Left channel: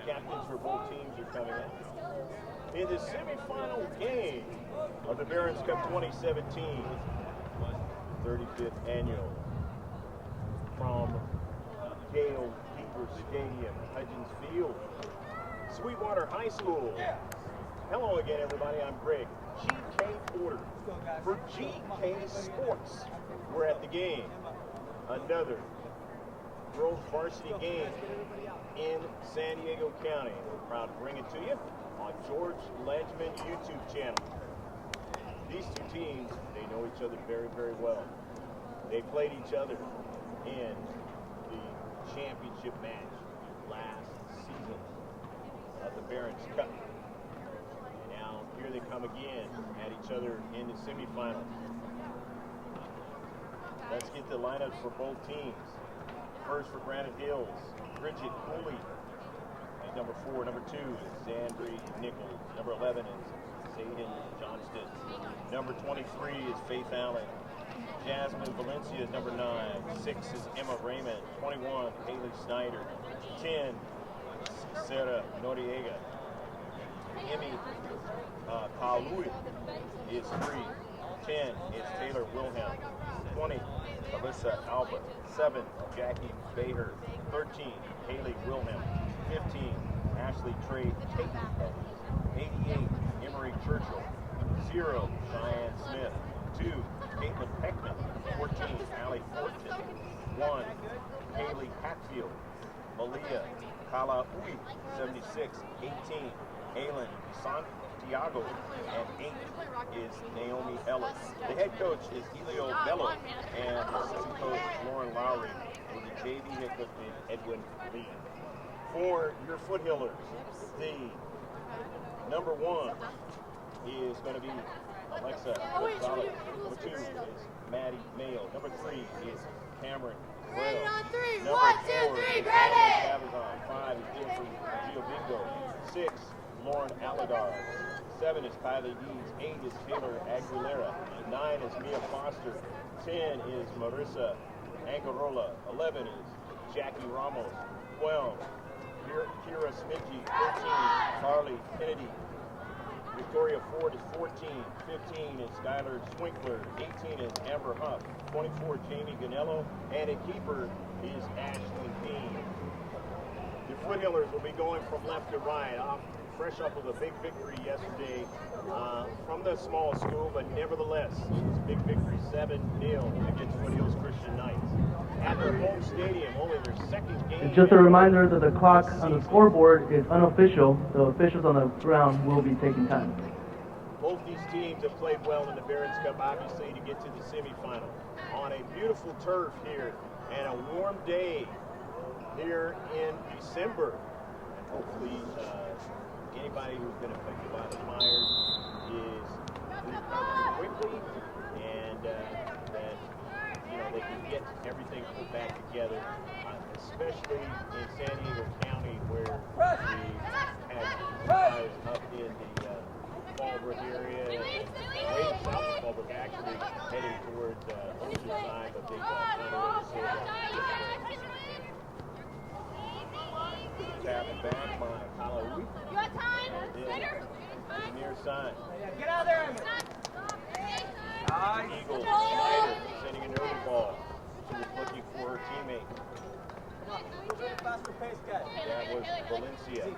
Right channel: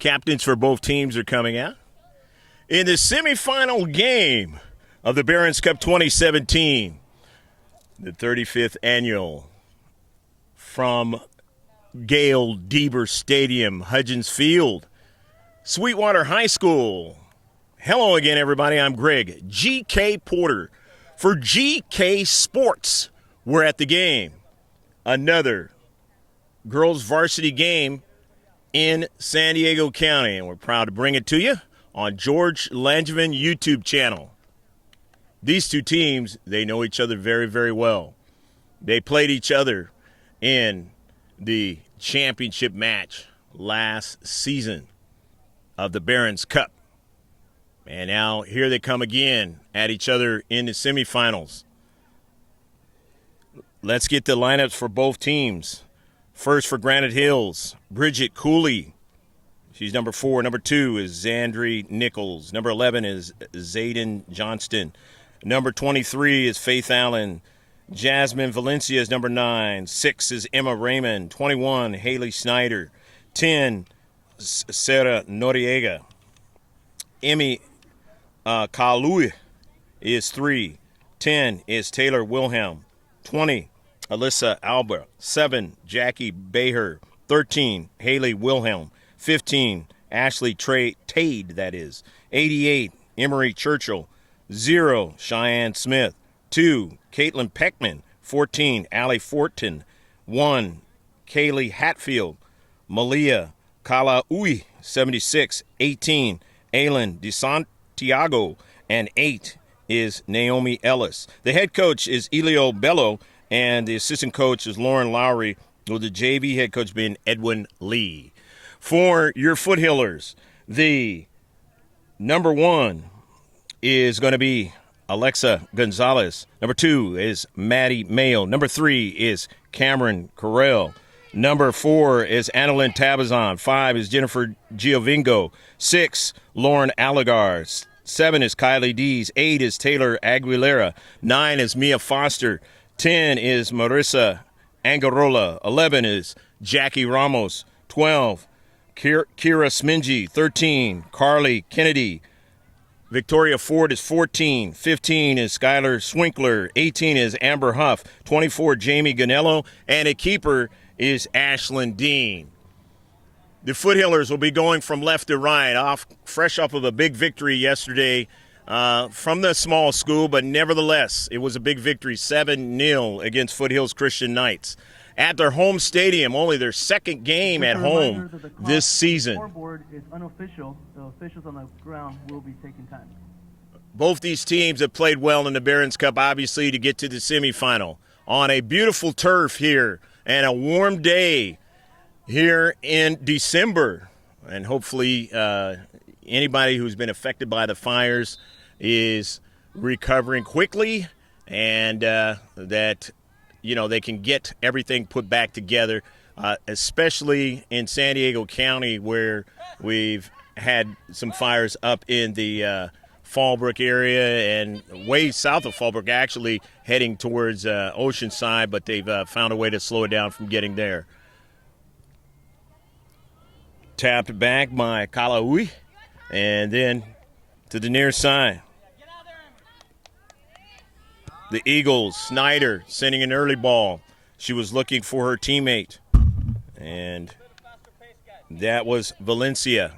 Captains for both teams are coming out. In the semifinal game of the Barron's Cup 2017, the 35th annual, from Gail Deber Stadium, Hudgens Field, Sweetwater High School. Hello again, everybody. I'm Greg G.K. Porter for GK Sports. We're at the game. Another girls varsity game in San Diego County, and we're proud to bring it to you on George Langevin YouTube channel. These two teams, they know each other very, very well. They played each other in the championship match last season of the Barron's Cup. And now here they come again at each other in the semifinals. Let's get the lineups for both teams. First for Granite Hills, Bridget Cooley. She's number 4. Number 2 is Zandri Nichols. Number 11 is Zayden Johnston. Number 23 is Faith Allen. Jasmine Valencia is number 9. 6 is Emma Raymond. 21, Haley Snyder. 10, Sarah Noriega. Emmy Kalui is 3. 10 is Taylor Wilhelm. 20, Alyssa Alba. 7, Jackie Beher. 13, Haley Wilhelm. 15, Ashley Tade, that is. 88, Emery Churchill. 0, Cheyenne Smith. 2, Caitlin Peckman. 14, Allie Fortin. 1, Kaylee Hatfield. Malia Kalaui, 76. 18, Aylin DeSantiago. And 8 is Naomi Ellis. The head coach is Elio Bello, and the assistant coach is Lauren Lowry, with the JV head coach being Edwin Lee. For your Foothillers, the number 1 is going to be Alexa Gonzalez. Number 2 is Maddie Mayo. Number 3 is Cameron Carell. Number 4 is Annalyn Tabazon. 5 is Jennifer Giovingo. 6, Lauren Allegar. 7 is Kylie Dees. 8 is Taylor Aguilera. 9 is Mia Foster. 10 is Marissa Angarola. 11 is Jackie Ramos. 12, Kira Smingy. 13, Carly Kennedy. Victoria Ford is 14. 15 is Skylar Swinkler. 18 is Amber Huff. 24, Jamie Ganello. And a keeper is Ashlyn Dean. The Foothillers will be going from left to right, fresh off of a big victory yesterday from the small school, but nevertheless, it was a big victory, 7-0 against Foothills Christian Knights. At their home stadium, only their second game at home this season. The scoreboard is unofficial, so officials on the ground will be taking time. Both these teams have played well in the Barron's Cup, obviously, to get to the semifinal. On a beautiful turf here and a warm day here in December, and hopefully anybody who's been affected by the fires is recovering quickly, and that they can get everything put back together, especially in San Diego County, where we've had some fires up in the Fallbrook area and way south of Fallbrook, actually heading towards Oceanside, but they've found a way to slow it down from getting there. Tapped back by Kalaui, and then to the near side. The Eagles, Snyder sending an early ball. She was looking for her teammate, and that was Valencia.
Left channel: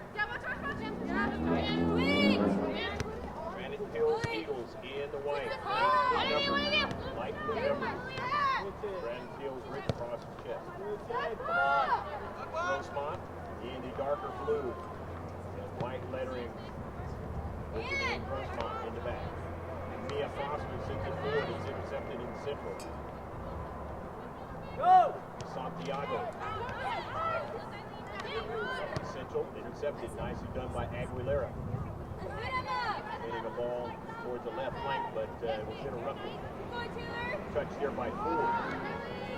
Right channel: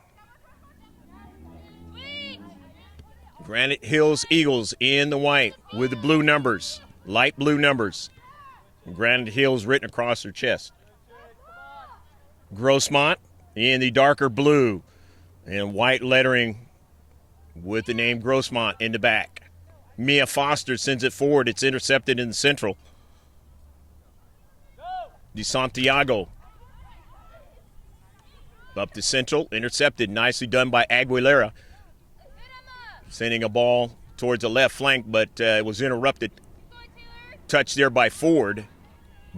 Granite Hills Eagles in the white with the blue numbers, light blue numbers. Granite Hills written across her chest. Grossmont in the darker blue and white lettering with the name Grossmont in the back. Mia Foster sends it forward. It's intercepted in the central. DeSantiago up to central, intercepted, nicely done by Aguilera. Sending a ball towards the left flank, but it was interrupted. Touched there by Ford,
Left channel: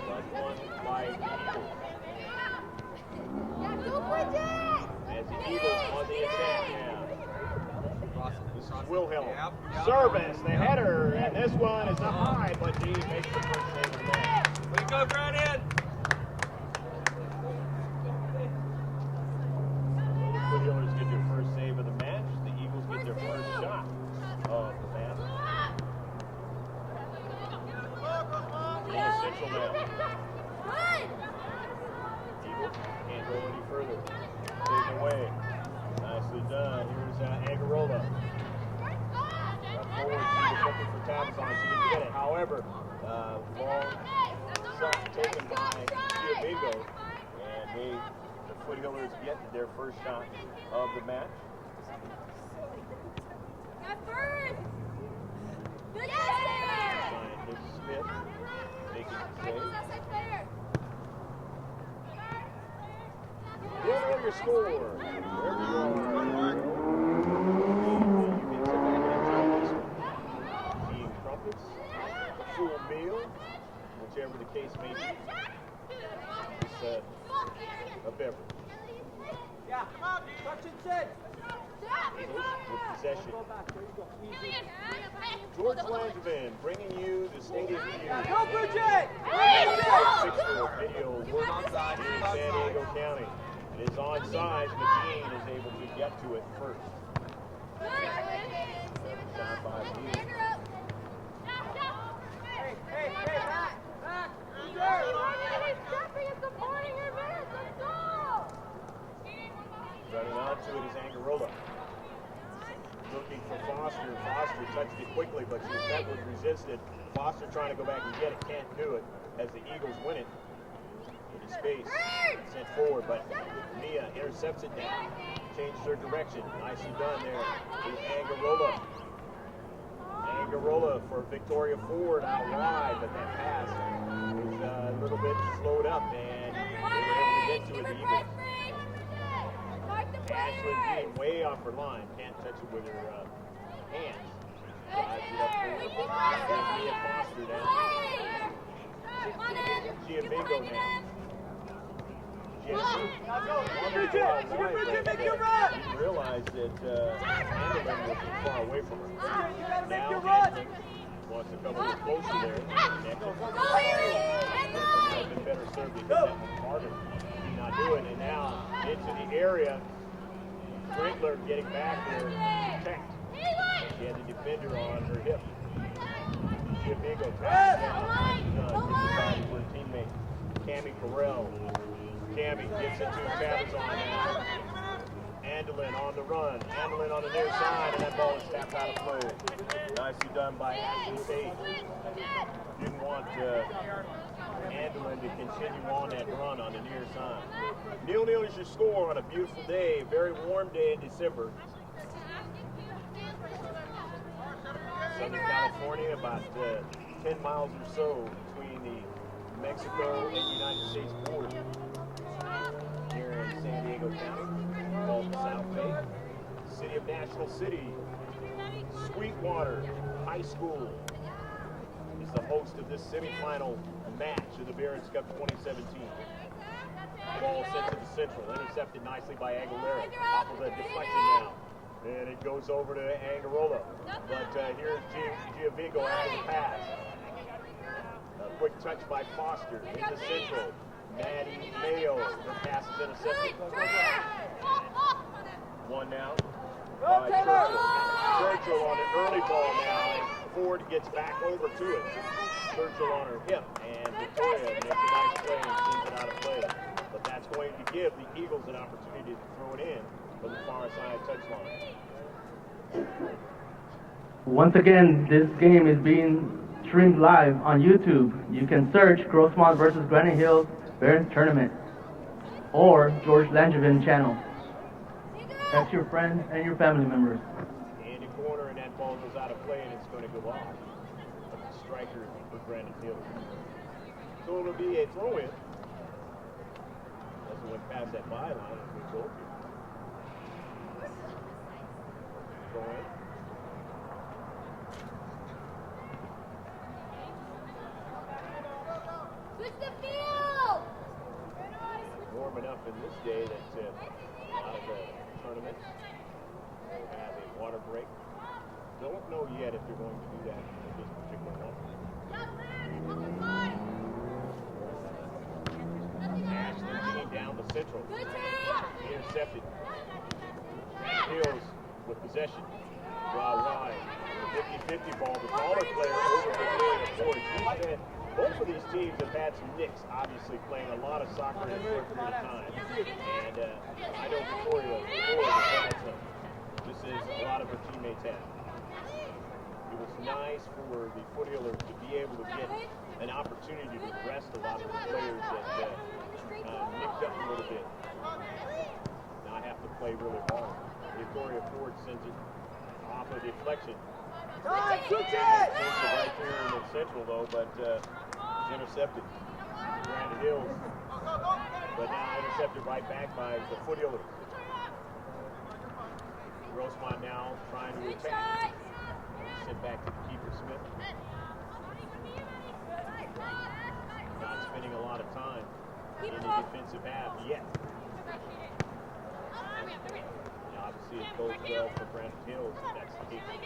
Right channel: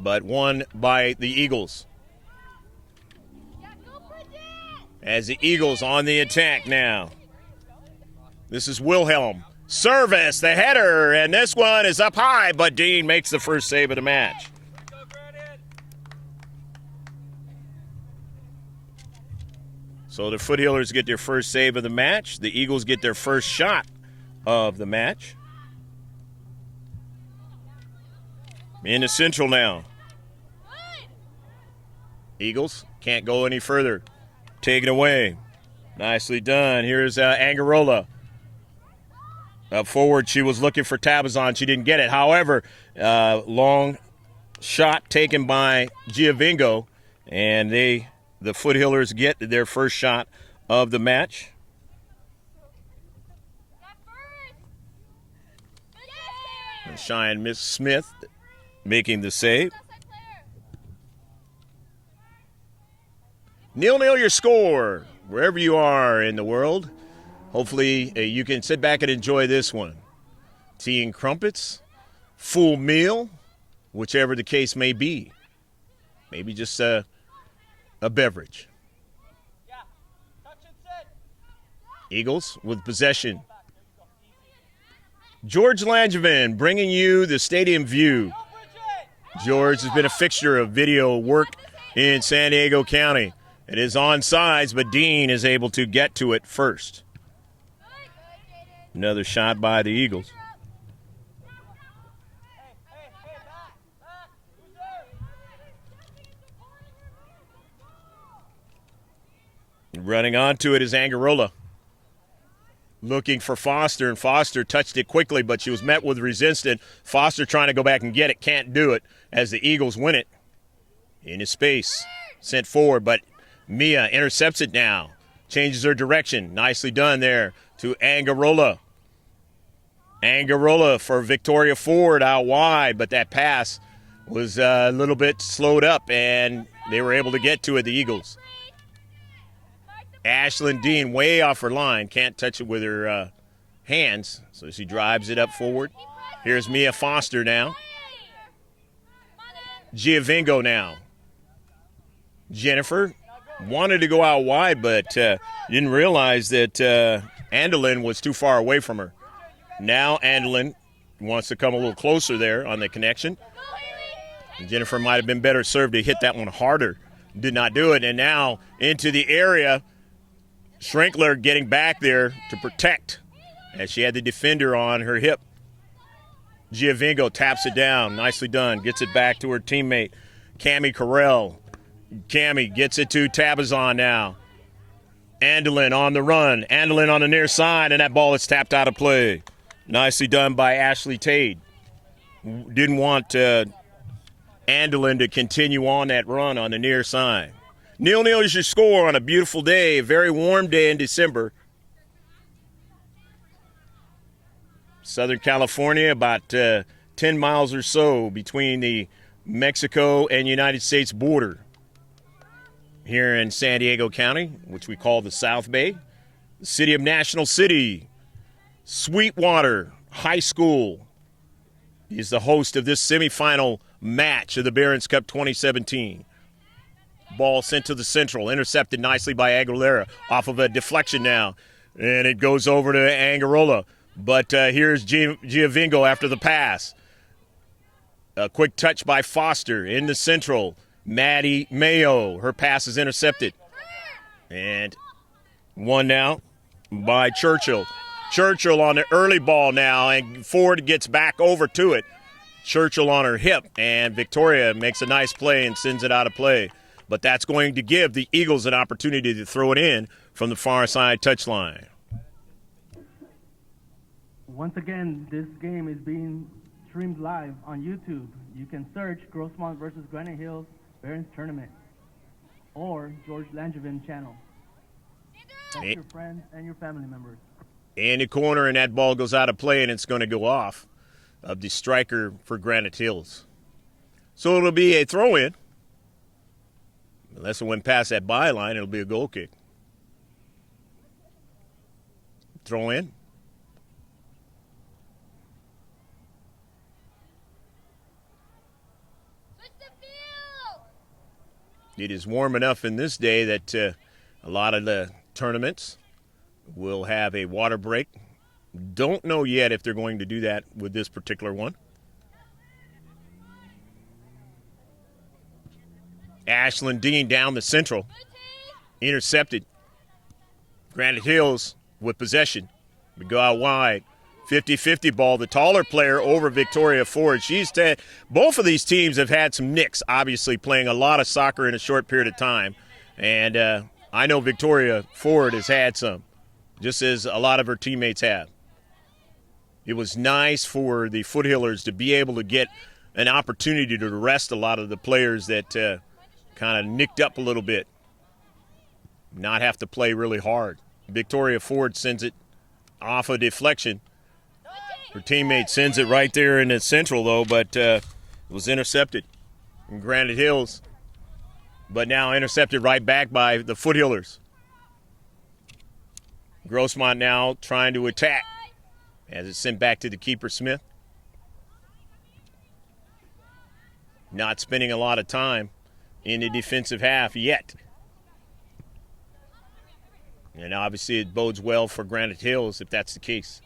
but won by the Eagles. As the Eagles on the attack now. This is Wilhelm. Service, the header, and this one is up high, but Dean makes the first save of the match. So the Foothillers get their first save of the match. The Eagles get their first shot of the match. In the Central now. Eagles can't go any further. Take it away. Nicely done. Here's Angarola. Up forward, she was looking for Tabazon. She didn't get it. However, long shot taken by Giovingo, and the Foothillers get their first shot of the match. Cheyenne Miss Smith making the save. 0-0 your score, wherever you are in the world. Hopefully you can sit back and enjoy this one. Tea and crumpets, full meal, whichever the case may be. Maybe just a beverage. Eagles with possession. George Langevin bringing you the stadium view. George has been a fixture of video work in San Diego County. It is onside, but Dean is able to get to it first. Another shot by the Eagles. Running onto it is Angarola. Looking for Foster, and Foster touched it quickly, but she was met with resistance. Foster trying to go back and get it, can't do it as the Eagles win it. In his space, sent forward, but Mia intercepts it now. Changes her direction. Nicely done there to Angarola. Angarola for Victoria Ford out wide, but that pass was a little bit slowed up, and they were able to get to it, the Eagles. Ashlyn Dean way off her line, can't touch it with her hands, so she drives it up forward. Here's Mia Foster now. Giovingo now. Jennifer wanted to go out wide, but didn't realize that Andelin was too far away from her. Now Andelin wants to come a little closer there on the connection. Jennifer might have been better served to hit that one harder. Did not do it, and now into the area. Schrinkler getting back there to protect as she had the defender on her hip. Giovingo taps it down. Nicely done. Gets it back to her teammate, Cammie Carell. Cammie gets it to Tabazon now. Andelin on the run. Andelin on the near side, and that ball is tapped out of play. Nicely done by Ashley Tate. Didn't want Andelin to continue on that run on the near side. 0-0 is your score on a beautiful day, a very warm day in December. Southern California, about 10 miles or so between the Mexico and United States border. Here in San Diego County, which we call the South Bay, the city of National City, Sweetwater High School is the host of this semifinal match of the Barron's Cup 2017. Ball sent to the Central, intercepted nicely by Aguilera off of a deflection now. And it goes over to Angarola. But here's Giovingo after the pass. A quick touch by Foster in the Central. Maddie Mayo, her pass is intercepted. And one now by Churchill. Churchill on the early ball now, and Ford gets back over to it. Churchill on her hip, and Victoria makes a nice play and sends it out of play. But that's going to give the Eagles an opportunity to throw it in from the far side touchline. Once again, this game is being streamed live on YouTube. You can search Grossmont versus Granite Hills Barron's Tournament or George Langevin channel. That's your friends and your family members. In the corner, and that ball goes out of play, and it's going to go off of the striker for Granite Hills. So it'll be a throw-in. Unless it went past that byline, it'll be a goal kick. Throw in. It is warm enough in this day that a lot of the tournaments will have a water break. Don't know yet if they're going to do that with this particular one. Ashlyn Dean down the Central. Intercepted. Granite Hills with possession. We go out wide. 50-50 ball. The taller player over Victoria Ford. Both of these teams have had some nicks, obviously, playing a lot of soccer in a short period of time. And I know Victoria Ford has had some, just as a lot of her teammates have. It was nice for the Foothillers to be able to get an opportunity to rest a lot of the players that kind of nicked up a little bit. Not have to play really hard. Victoria Ford sends it off a deflection. Her teammate sends it right there in the central, though, but was intercepted from Granite Hills. But now intercepted right back by the Foothillers. Grossmont now trying to attack. And it's sent back to the keeper, Smith. Not spending a lot of time in the defensive half yet. And obviously it bodes well for Granite Hills if that's the case.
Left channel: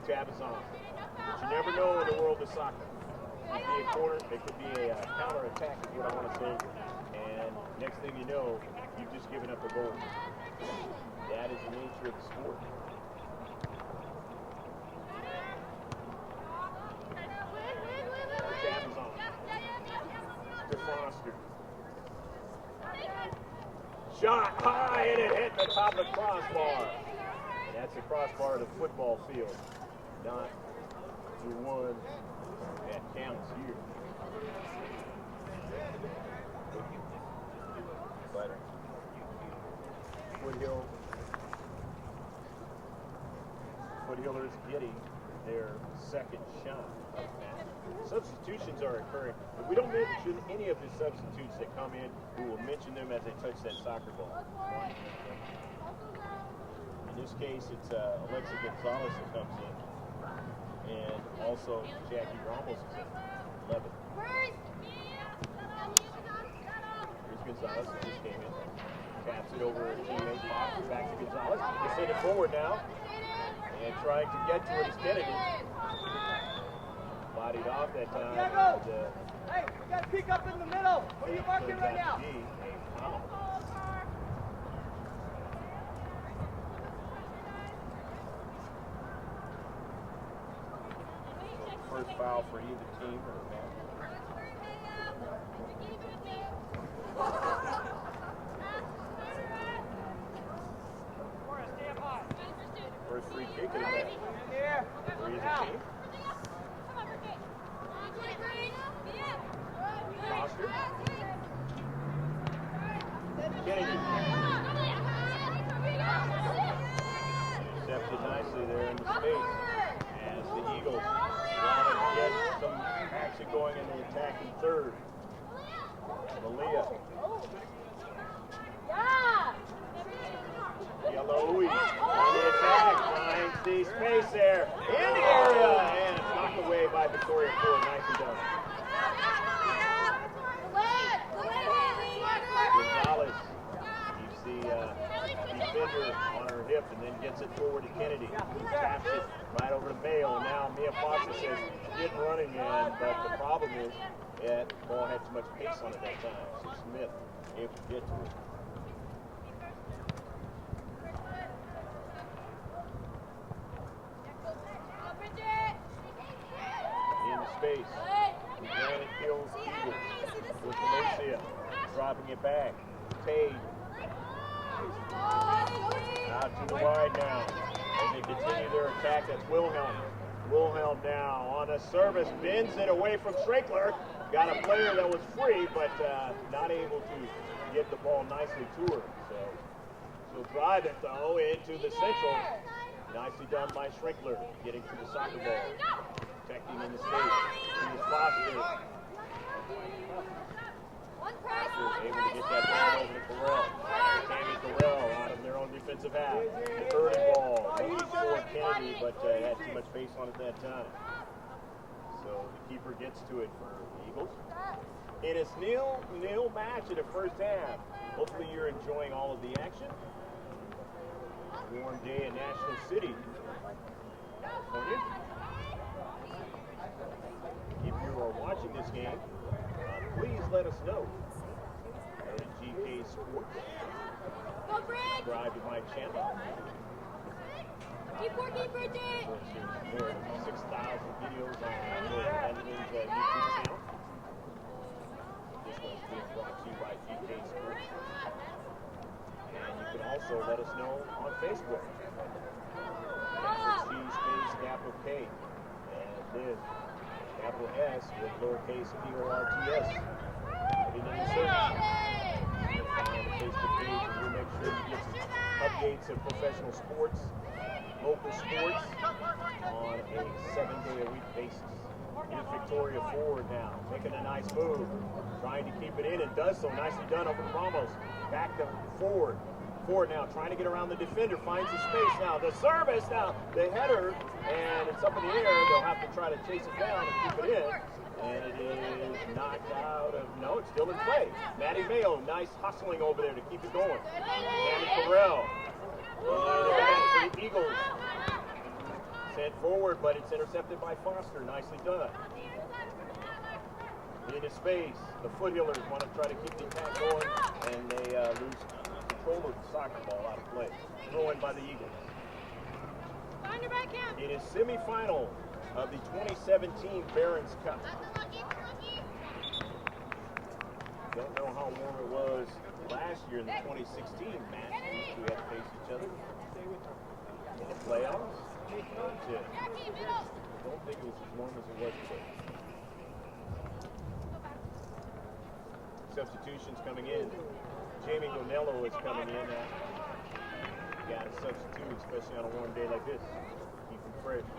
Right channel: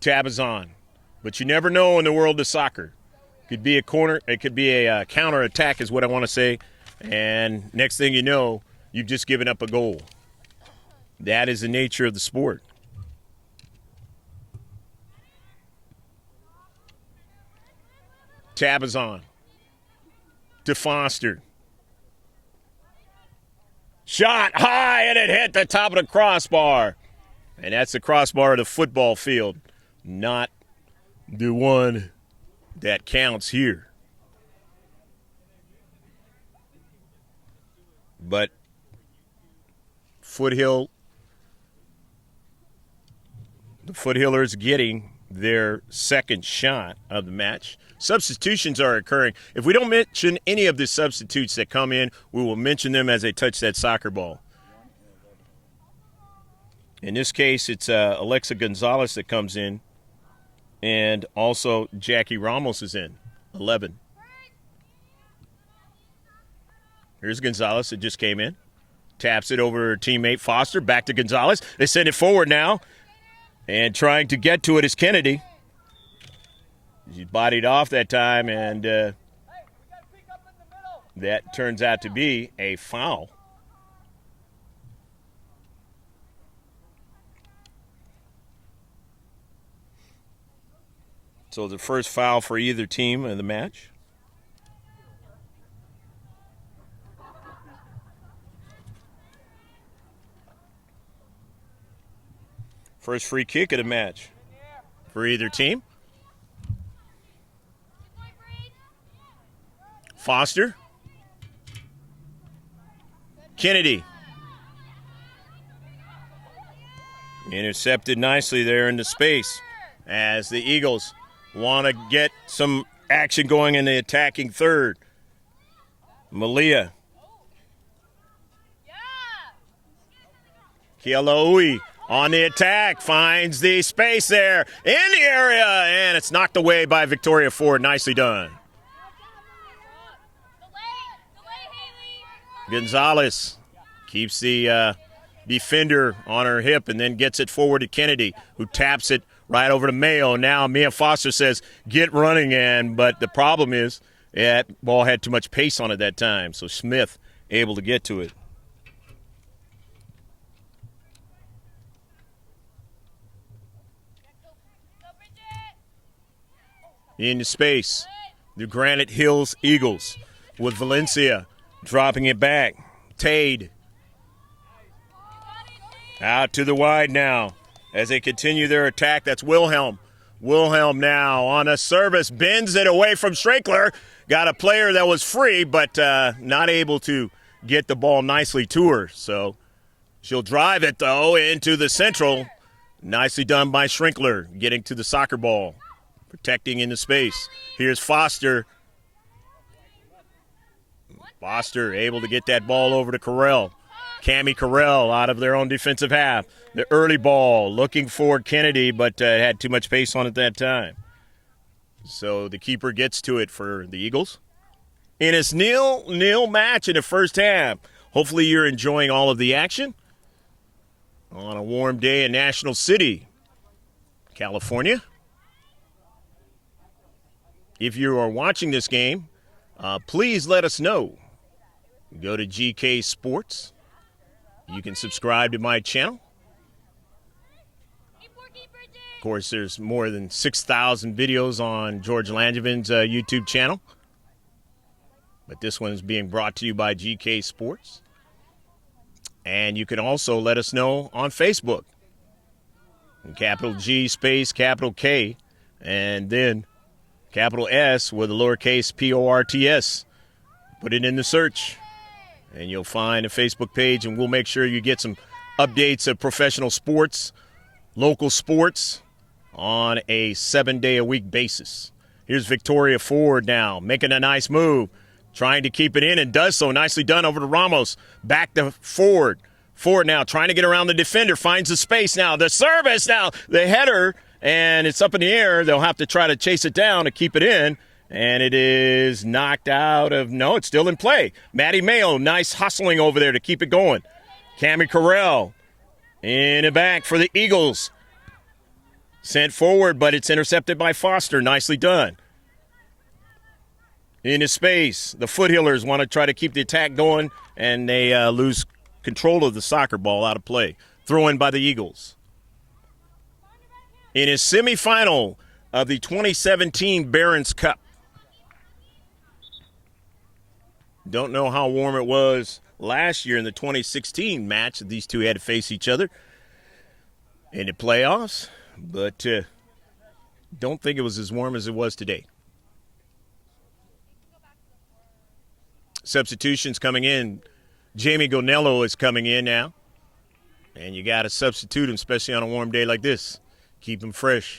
Tabazon. But you never know in the world of soccer. It could be a corner, it could be a counter attack is what I want to say. And next thing you know, you've just given up a goal. That is the nature of the sport. Tabazon to Foster. Shot high, and it hit the top of the crossbar. And that's the crossbar of the football field, not the one that counts here. But the Foothillers getting their second shot of the match. Substitutions are occurring. If we don't mention any of the substitutes that come in, we will mention them as they touch that soccer ball. In this case, it's Alexa Gonzalez that comes in, and also Jackie Ramos is in, 11. Here's Gonzalez that just came in. Taps it over her teammate Foster, back to Gonzalez. They send it forward now, and trying to get to it is Kennedy. She bodied off that time, and that turns out to be a foul. So the first foul for either team in the match. First free kick of the match for either team. Foster. Kennedy. Intercepted nicely there in the space as the Eagles want to get some action going in the attacking third. Malia. Kialaui on the attack, finds the space there in the area, and it's knocked away by Victoria Ford. Nicely done. Gonzalez keeps the defender on her hip and then gets it forward to Kennedy, who taps it right over to Mayo. Now Mia Foster says, get running, but the problem is that ball had too much pace on it that time, so Smith able to get to it. Into space, the Granite Hills Eagles with Valencia dropping it back. Tade out to the wide now as they continue their attack. That's Wilhelm. Wilhelm now on a service, bends it away from Schrankler. Got a player that was free, but not able to get the ball nicely to her. So she'll drive it, though, into the central. Nicely done by Schrankler, getting to the soccer ball. Protecting into space. Here's Foster. Foster able to get that ball over to Carell. Cammie Carell out of their own defensive half. The early ball looking for Kennedy, but had too much pace on it that time. So the keeper gets to it for the Eagles. And it's 0-0 match in the first half. Hopefully you're enjoying all of the action on a warm day in National City, California. If you are watching this game, please let us know. Go to GK Sports You can subscribe to my channel. Of course, there's more than 6,000 videos on George Langevin's YouTube channel. But this one is being brought to you by GK Sports. And you can also let us know on Facebook. Capital G space capital K, and then capital S with a lowercase PORTS. Put it in the search, and you'll find a Facebook page, and we'll make sure you get some updates of professional sports, local sports, on a 7-day-a-week basis. Here's Victoria Ford now, making a nice move, trying to keep it in, and does so. Nicely done over to Ramos. Back to Ford. Ford now trying to get around the defender, finds the space now. The service now, the header, and it's up in the air. They'll have to try to chase it down to keep it in, and it is knocked out of, no, it's still in play. Maddie Mayo, nice hustling over there to keep it going. Cami Carell in the back for the Eagles. Sent forward, but it's intercepted by Foster. Nicely done. Into space. The Foothillers want to try to keep the attack going, and they lose control of the soccer ball out of play. Throw in by the Eagles. In his semifinal of the 2017 Barron's Cup. Don't know how warm it was last year in the 2016 match. These two had to face each other in the playoffs. But don't think it was as warm as it was today. Substitutions coming in. Jamie Gonello is coming in now. And you got to substitute him, especially on a warm day like this. Keep him fresh.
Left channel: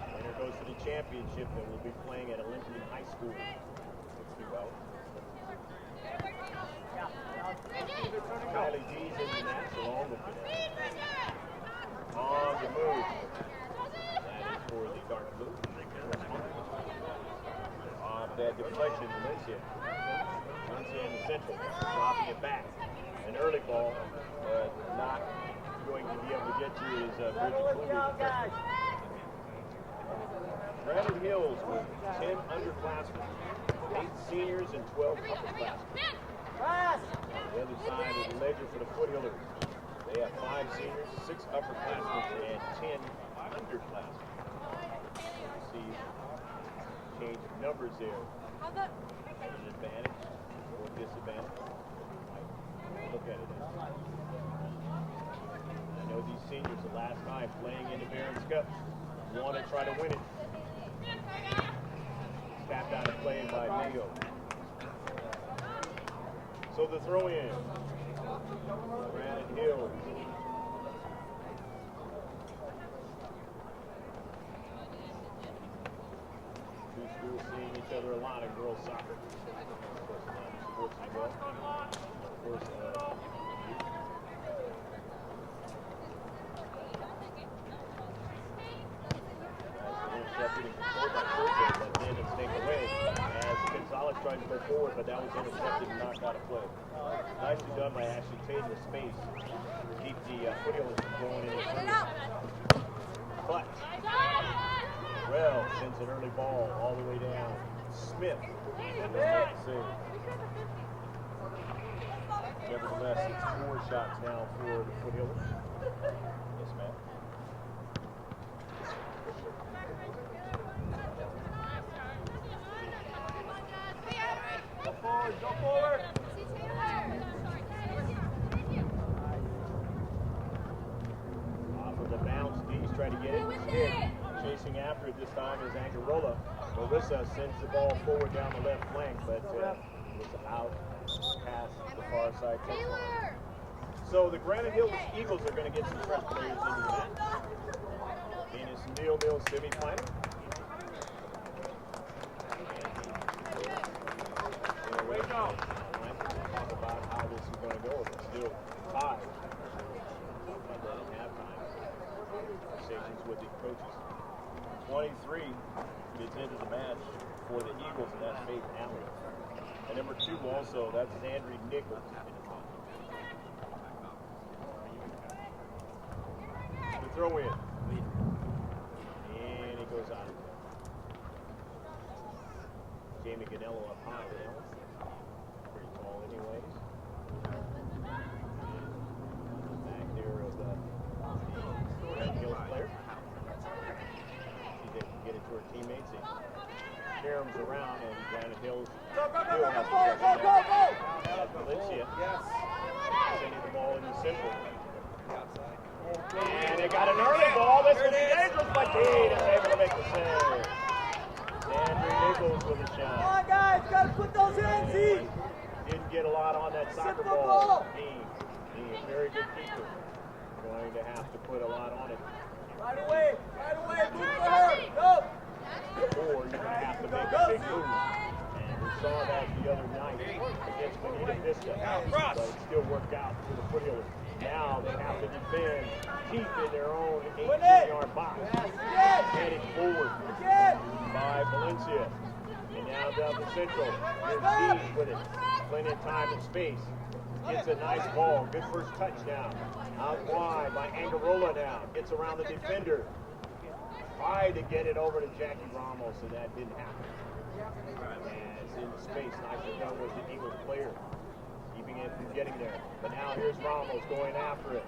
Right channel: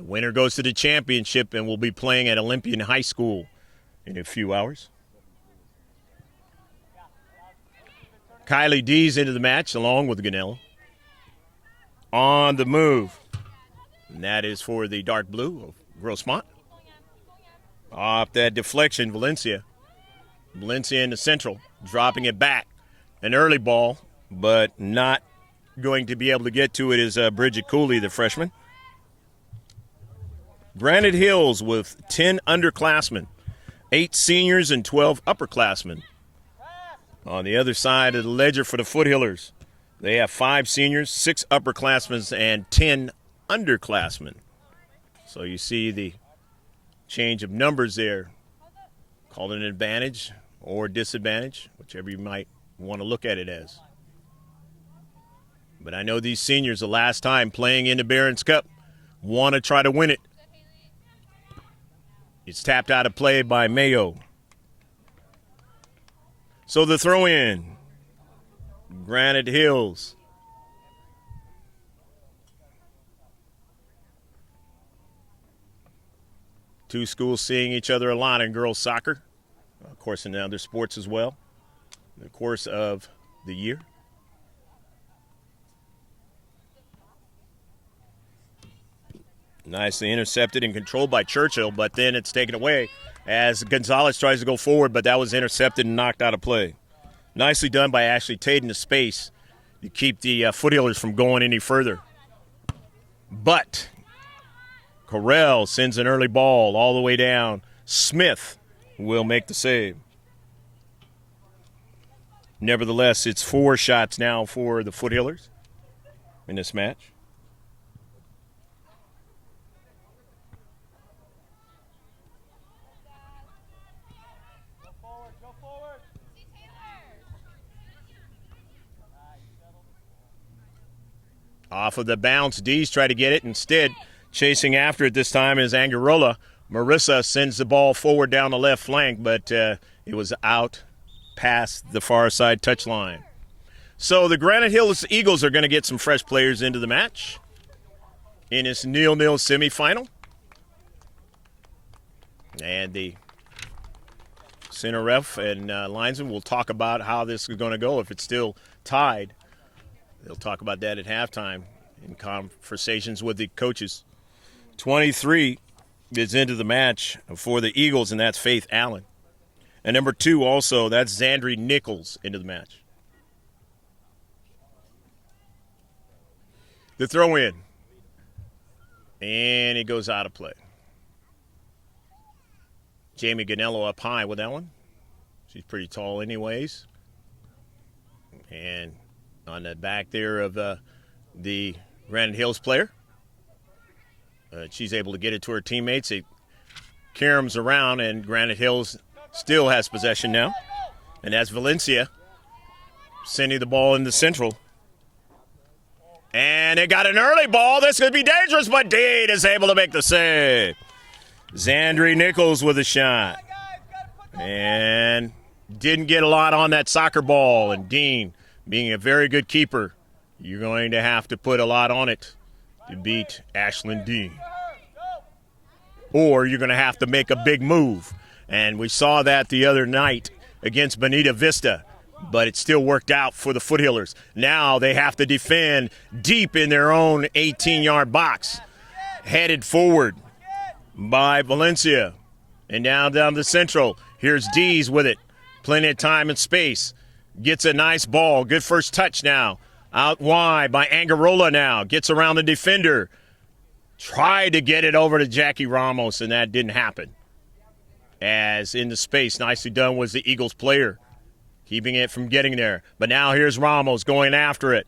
The winner goes to the championship and will be playing at Olympian High School in a few hours. Kylie D's into the match along with Gonello. On the move. And that is for the dark blue, Grossmont. Off that deflection, Valencia. Valencia in the central, dropping it back. An early ball, but not going to be able to get to it is Bridget Cooley, the freshman. Granite Hills with 10 underclassmen, 8 seniors and 12 upperclassmen. On the other side of the ledger for the Foothillers, they have 5 seniors, 6 upperclassmen, and 10 underclassmen. So you see the change of numbers there. Call it an advantage or disadvantage, whichever you might want to look at it as. But I know these seniors, the last time playing in the Barron's Cup, want to try to win it. It's tapped out of play by Mayo. So the throw in. Granite Hills. Two schools seeing each other a lot in girls soccer. Of course, in other sports as well. In the course of the year. Nicely intercepted and controlled by Churchill, but then it's taken away as Gonzalez tries to go forward, but that was intercepted and knocked out of play. Nicely done by Ashley Tate in the space to keep the Foothillers from going any further. But Correll sends an early ball all the way down. Smith will make the save. Nevertheless, it's 4 shots now for the Foothillers in this match. Off of the bounce, D's try to get it. Instead, chasing after it this time is Angarola. Marissa sends the ball forward down the left flank, but it was out past the far side touchline. So the Granite Hills Eagles are going to get some fresh players into the match in this 0-0 semifinal. And the center ref and linesman will talk about how this is going to go if it's still tied. They'll talk about that at halftime in conversations with the coaches. 23 is into the match for the Eagles, and that's Faith Allen. And number 2 also, that's Zandri Nichols into the match. The throw in. And it goes out of play. Jamie Ganello up high with that one. She's pretty tall anyways. the back there of the Granite Hills player. She's able to get it to her teammates. It caroms around, and Granite Hills still has possession now. And that's Valencia sending the ball in the central. And they got an early ball. This could be dangerous, but Dean is able to make the save. Zandri Nichols with a shot. And didn't get a lot on that soccer ball. And Dean, being a very good keeper, you're going to have to put a lot on it to beat Ashlyn Dean. Or you're going to have to make a big move. And we saw that the other night against Bonita Vista, but it still worked out for the Foothillers. Now they have to defend deep in their own 18-yard box. Headed forward by Valencia. And down the central. Here's Dees with it. Plenty of time and space. Gets a nice ball. Good first touch now. Out wide by Angarola now. Gets around the defender. Tried to get it over to Jackie Ramos, and that didn't happen. As in the space, nicely done was the Eagles player, keeping it from getting there. But now here's Ramos going after it.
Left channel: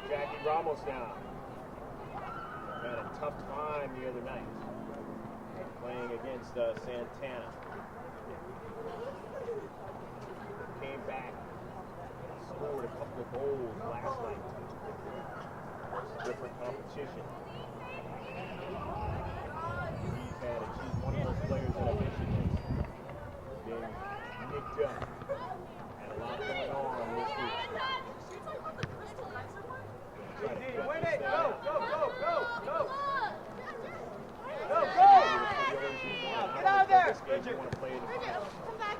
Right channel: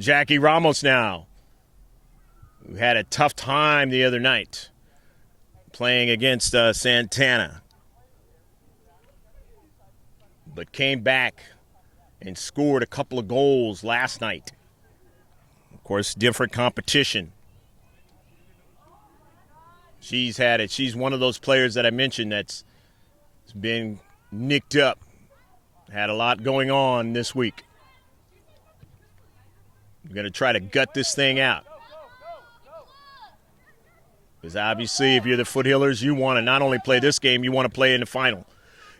Jackie Ramos now, who had a tough time the other night playing against Santana, but came back and scored a couple of goals last night. Of course, different competition. She's had it. She's one of those players that I mentioned that's been nicked up. Had a lot going on this week. I'm going to try to gut this thing out. Because obviously, if you're the Foothillers, you want to not only play this game, you want to play in the final.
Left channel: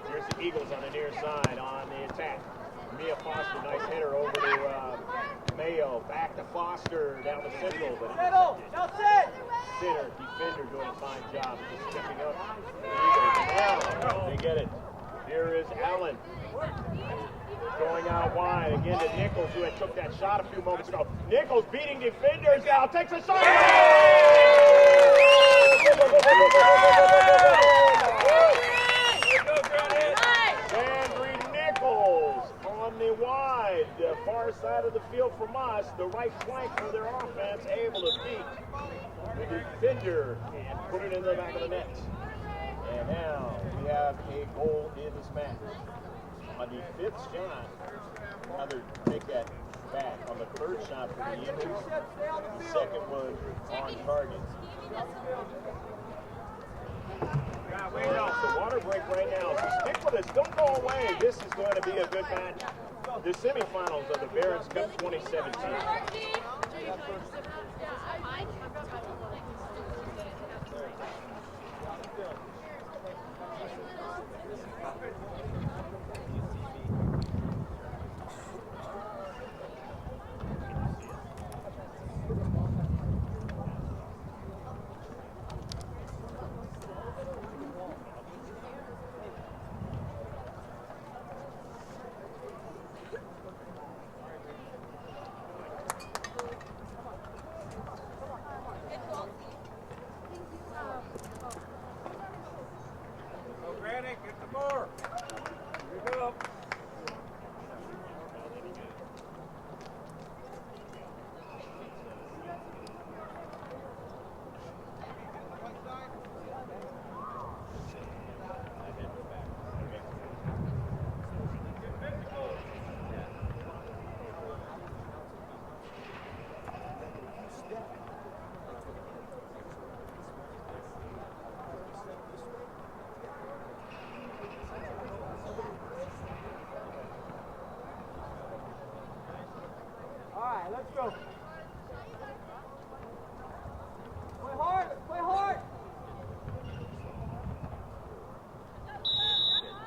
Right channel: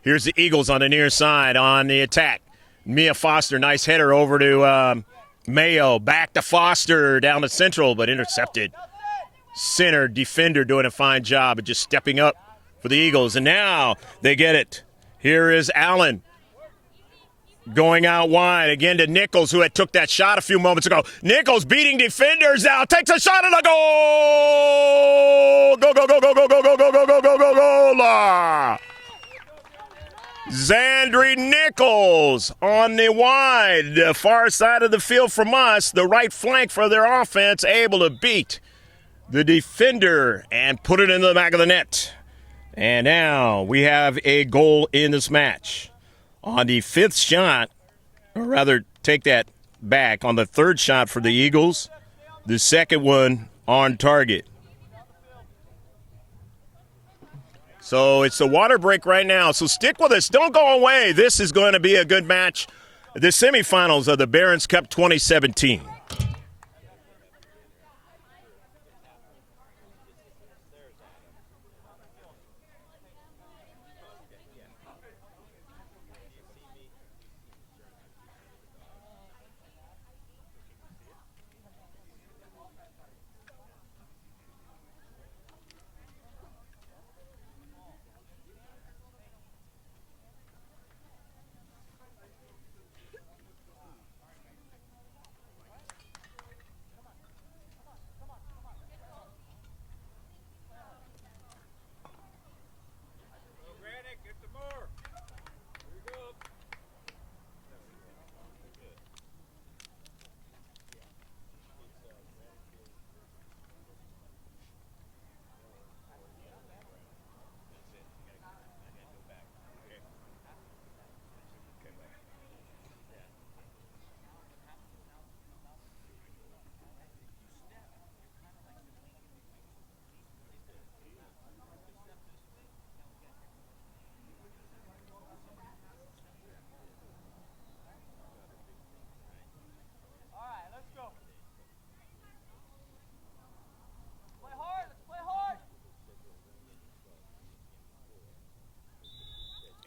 Here's the Eagles on the near side on the attack. Mia Foster, nice header over to Mayo. Back to Foster down the central, but intercepted. Center defender doing a fine job of just stepping up for the Eagles. And now they get it. Here is Allen going out wide again to Nichols, who had took that shot a few moments ago. Nichols beating defenders now. Takes a shot and a goal! Go, go, go, go, go, go, go, go, go, go, go, go! Zandri Nichols on the wide, the far side of the field from us, the right flank for their offense, able to beat the defender and put it into the back of the net. And now we have a goal in this match. On the fifth shot, or rather take that back, on the third shot for the Eagles, the second one on target. So it's the water break right now, so stick with us. Don't go away. This is going to be a good match. The semifinals of the Barron's Cup 2017.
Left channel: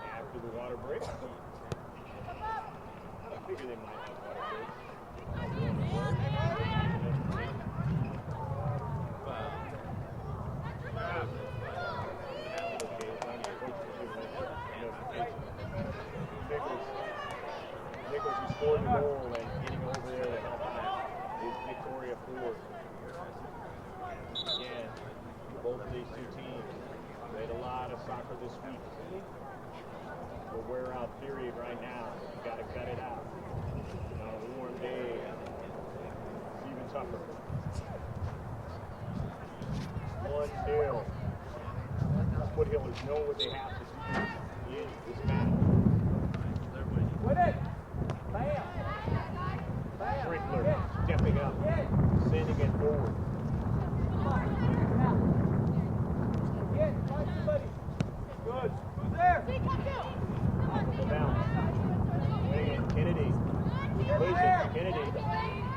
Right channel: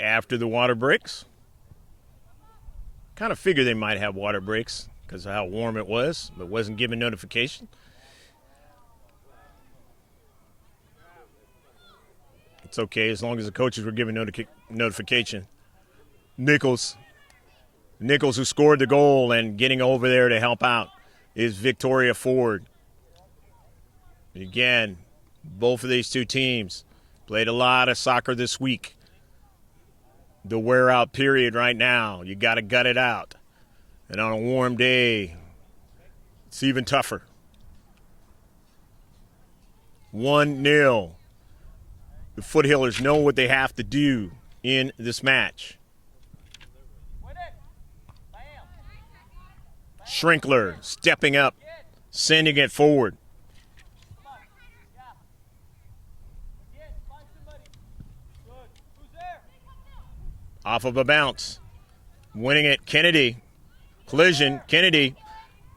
After the water breaks. Kind of figured they might have water breaks because of how warm it was. It wasn't given notification. It's okay as long as the coaches were given notification. Nichols, who scored the goal and getting over there to help out, is Victoria Ford. And again, both of these two teams played a lot of soccer this week. The wear-out period right now. You got to gut it out. And on a warm day, it's even tougher. 1-0. The Foothillers know what they have to do in this match. Schrinkler stepping up, sending it forward. Off of a bounce. Winning it, Kennedy. Collision, Kennedy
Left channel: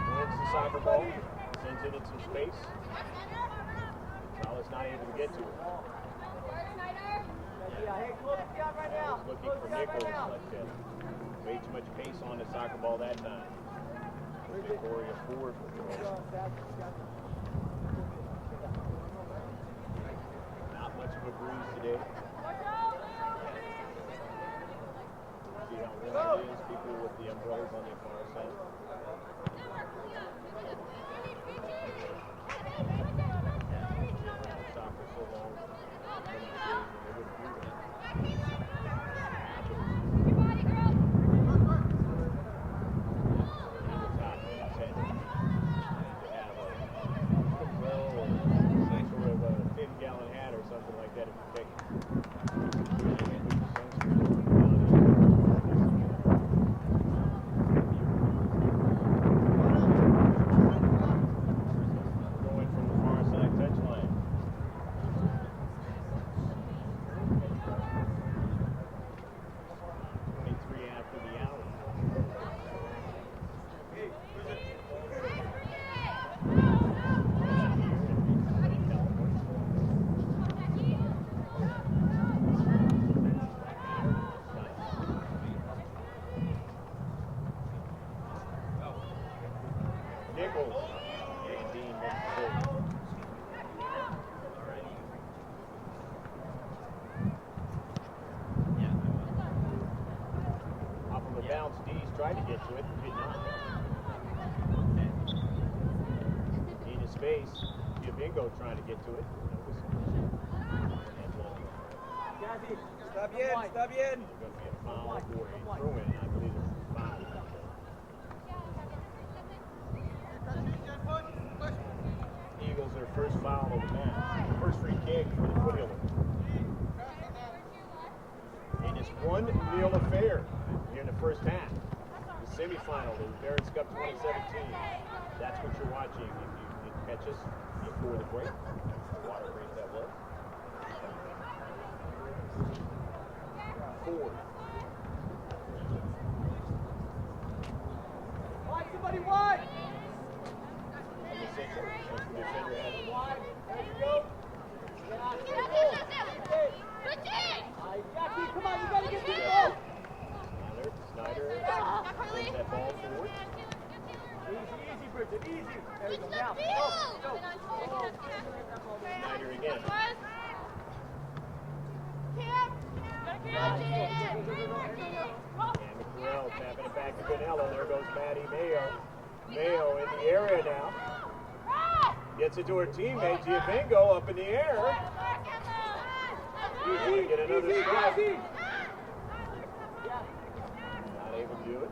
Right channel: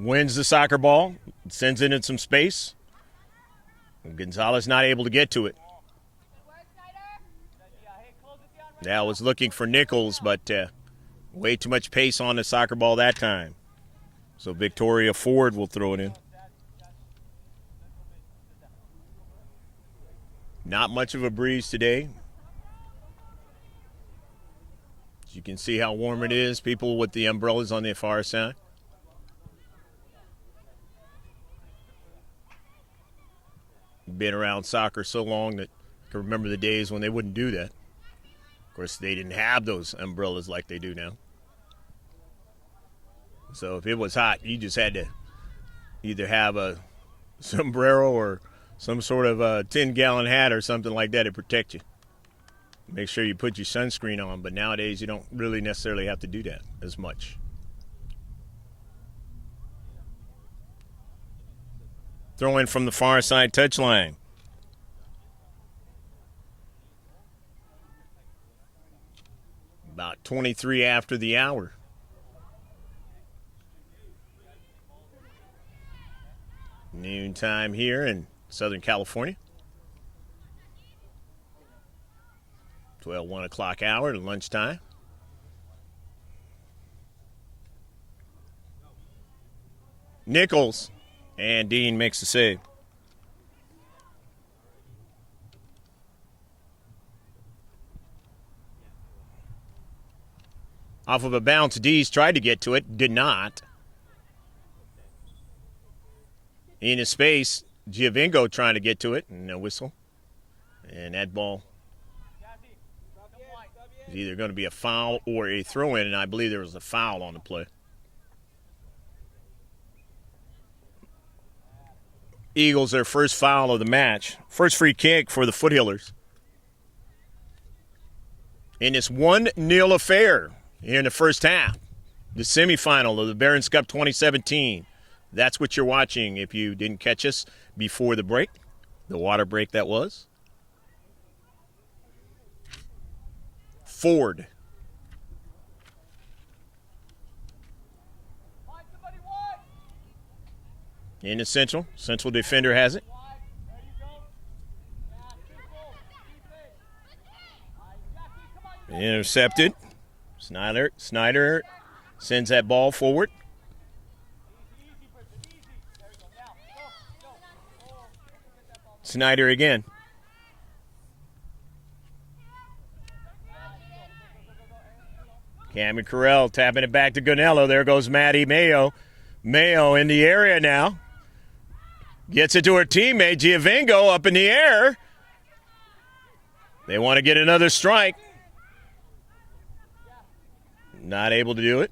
wins the soccer ball, sends it in some space. Gonzalez not able to get to it. Now was looking for Nichols, but way too much pace on the soccer ball that time. So Victoria Ford will throw it in. Not much of a breeze today. As you can see how warm it is. People with the umbrellas on the far side. Been around soccer so long that I remember the days when they wouldn't do that. Of course, they didn't have those umbrellas like they do now. So if it was hot, you just had to either have a sombrero or some sort of a 10-gallon hat or something like that to protect you. Make sure you put your sunscreen on, but nowadays you don't really necessarily have to do that as much. Throw in from the far side touchline. About 23 after the hour. Noon time here in Southern California. 1 o'clock hour to lunchtime. Nichols. And Dean makes the save. Off of a bounce, Dees tried to get to it, did not. In his space, Giovinco trying to get to it, no whistle. And that ball is either going to be a foul or a throw-in, and I believe there was a foul on the play. Eagles their first foul of the match. First free kick for the Foothillers. In this 1-0 affair here in the first half. The semifinal of the Barron's Cup 2017. That's what you're watching if you didn't catch us before the break. The water break that was. Ford. In the central defender has it. Intercepted. Snyder sends that ball forward. Snyder again. Cameron Carell tapping it back to Gonello. There goes Maddie Mayo. Mayo in the area now. Gets it to her teammate, Giovinco, up in the air. They want to get another strike. Not able to do it.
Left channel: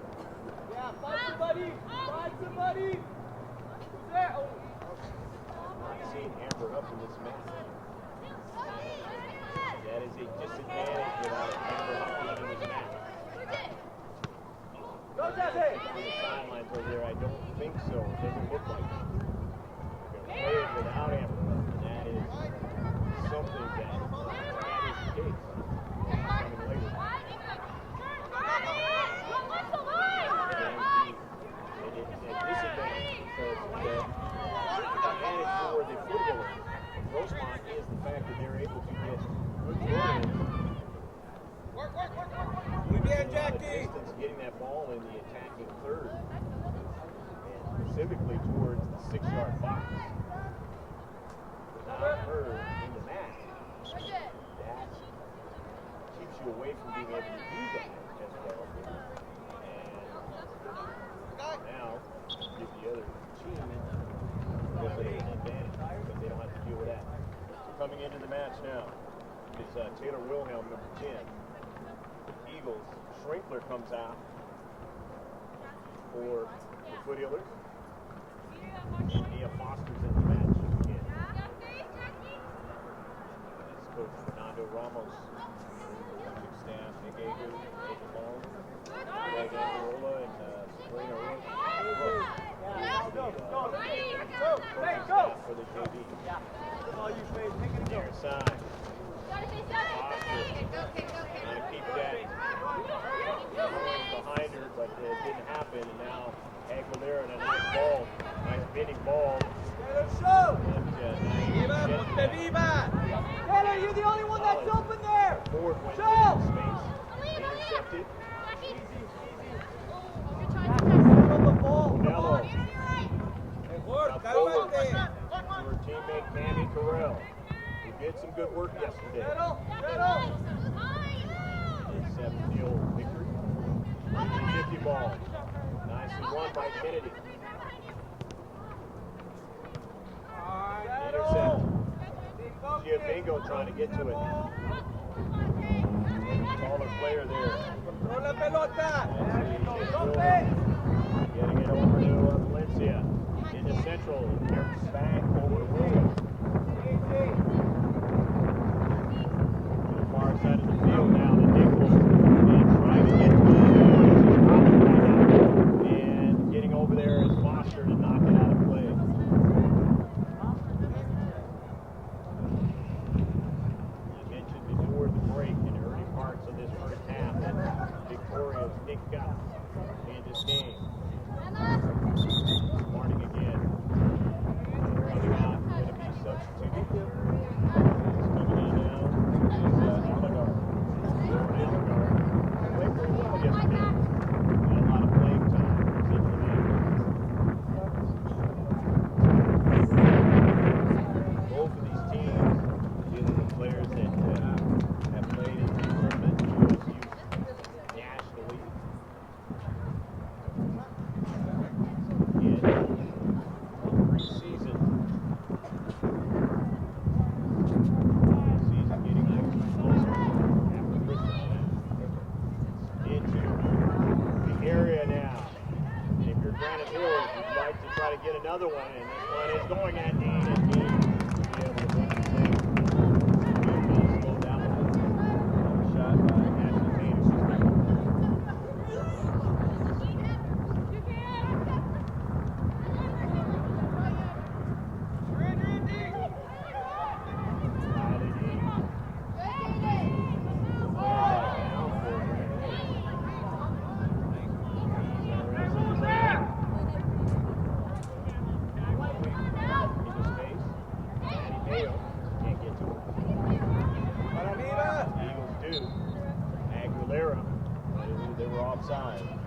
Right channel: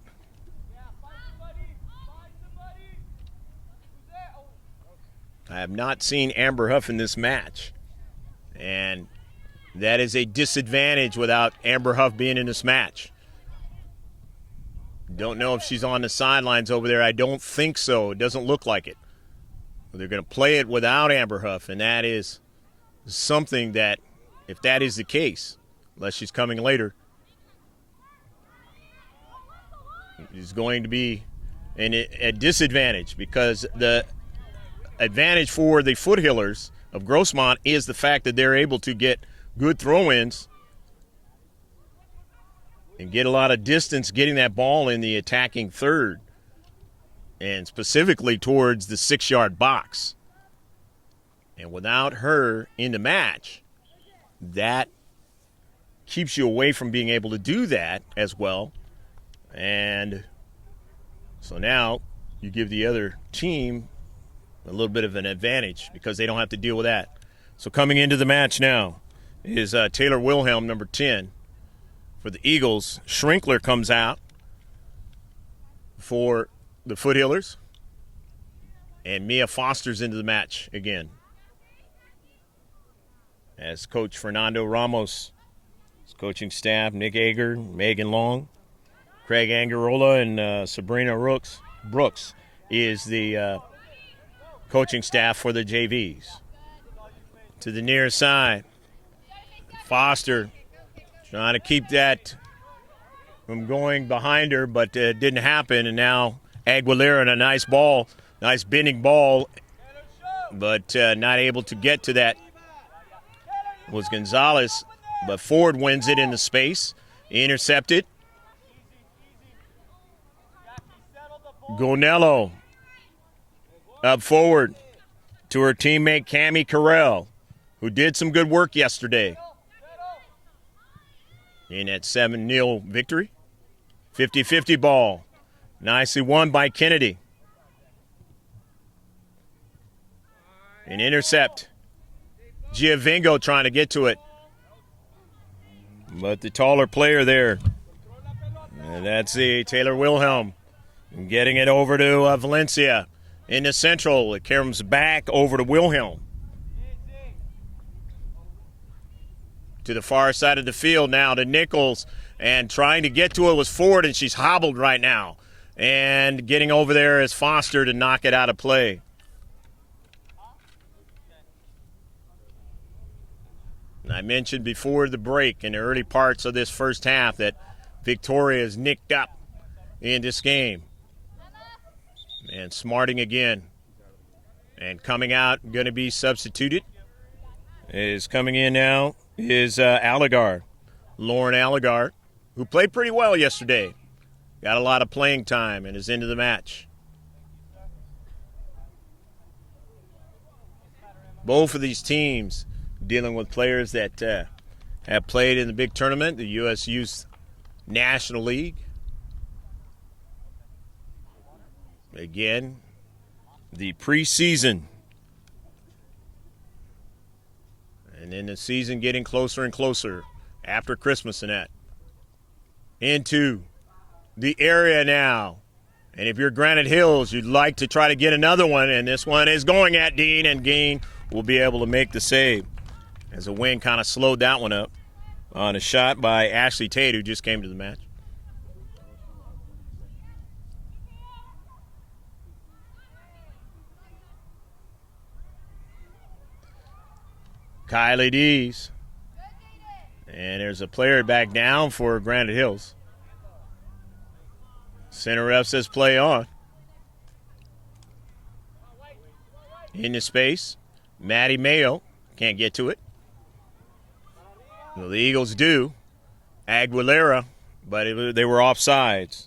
I have not seen Amber Huff in this match. And that is a disadvantage without Amber Huff being in this match. Don't know if she's on the sidelines over there. I don't think so. It doesn't look like it. They're going to play it without Amber Huff, and that is something that, if that is the case, unless she's coming later, is going to be a disadvantage, because the advantage for the Foothillers of Grossmont is the fact that they're able to get good throw-ins and get a lot of distance getting that ball in the attacking third, and specifically towards the 6-yard box. And without her in the match, that keeps you away from being able to do that as well. And so now you give the other team a little bit of an advantage because they don't have to deal with that. So coming into the match now is Taylor Wilhelm, number 10. For the Eagles, Schrinkler comes out. for the Foothillers. And Mia Foster's into the match again, as Coach Fernando Ramos, his coaching staff, Nick Ager, Megan Long, Craig Angarola, and Sabrina Brooks is the coaching staff for the JVs. To the near side, Foster trying to keep that from going behind her, but it didn't happen. And now Aguilera in a nice ball, nice bending ball, but not able to get to that. It was Gonzalez, but Ford wins it in the space, intercepted. Gonello up forward to her teammate Cammie Carell, who did some good work yesterday in that 7-0 victory. 50-50 ball. Nicely won by Kennedy. An intercept. Giovingo trying to get to it, but the taller player there, and that's the Taylor Wilhelm, getting it over to Valencia. In the central, it comes back over to Wilhelm. To the far side of the field now to Nichols, and trying to get to it was Ford, and she's hobbled right now. And getting over there is Foster to knock it out of play. I mentioned before the break in the early parts of this first half that Victoria is nicked up in this game. And Smarting again. And coming out, going to be substituted. Is coming in now is Allegar, Lauren Allegar, who played pretty well yesterday. Got a lot of playing time and is into the match. Both of these teams dealing with players that have played in the big tournament, the U.S. Youth National League. Again, the preseason. And then the season getting closer and closer after Christmas and that. Into the area now. And if you're Granite Hills, you'd like to try to get another one, and this one is going at Dean, and Dean will be able to make the save. So Wayne kind of slowed that one up on a shot by Ashley Tate, who just came to the match. Kylie Dees. And there's a player back down for Granite Hills. Center ref says play on. Into space. Maddie Mayo can't get to it. Well, the Eagles do. Aguilera, but they were offsides.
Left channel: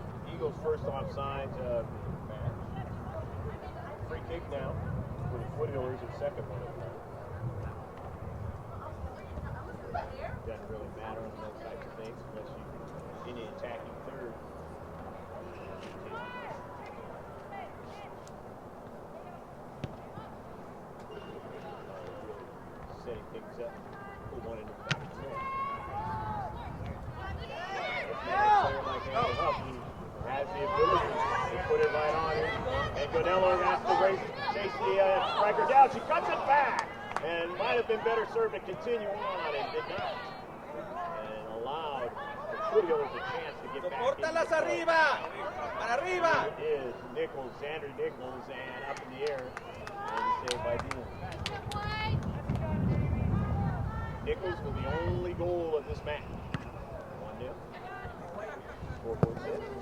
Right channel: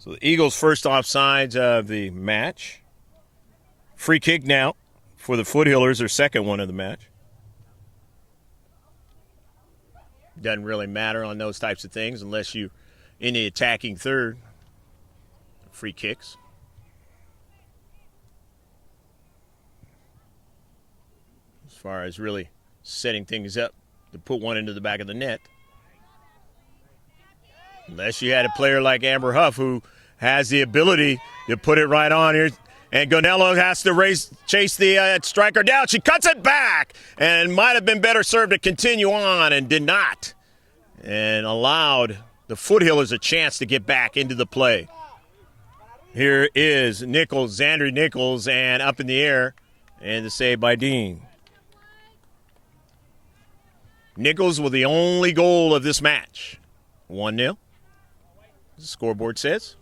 So the Eagles' first offsides of the match. Free kick now for the Foothillers, their second one of the match. Doesn't really matter on those types of things unless you in the attacking third. Free kicks. As far as really setting things up to put one into the back of the net. Unless you had a player like Amber Huff who has the ability to put it right on here. And Gonello has to chase the striker down. She cuts it back, and might have been better served to continue on, and did not. And allowed the Foothillers a chance to get back into the play. Here is Nichols, Xandri Nichols, and up in the air, and the save by Dean. Nichols with the only goal of this match. 1-0. Scoreboard says.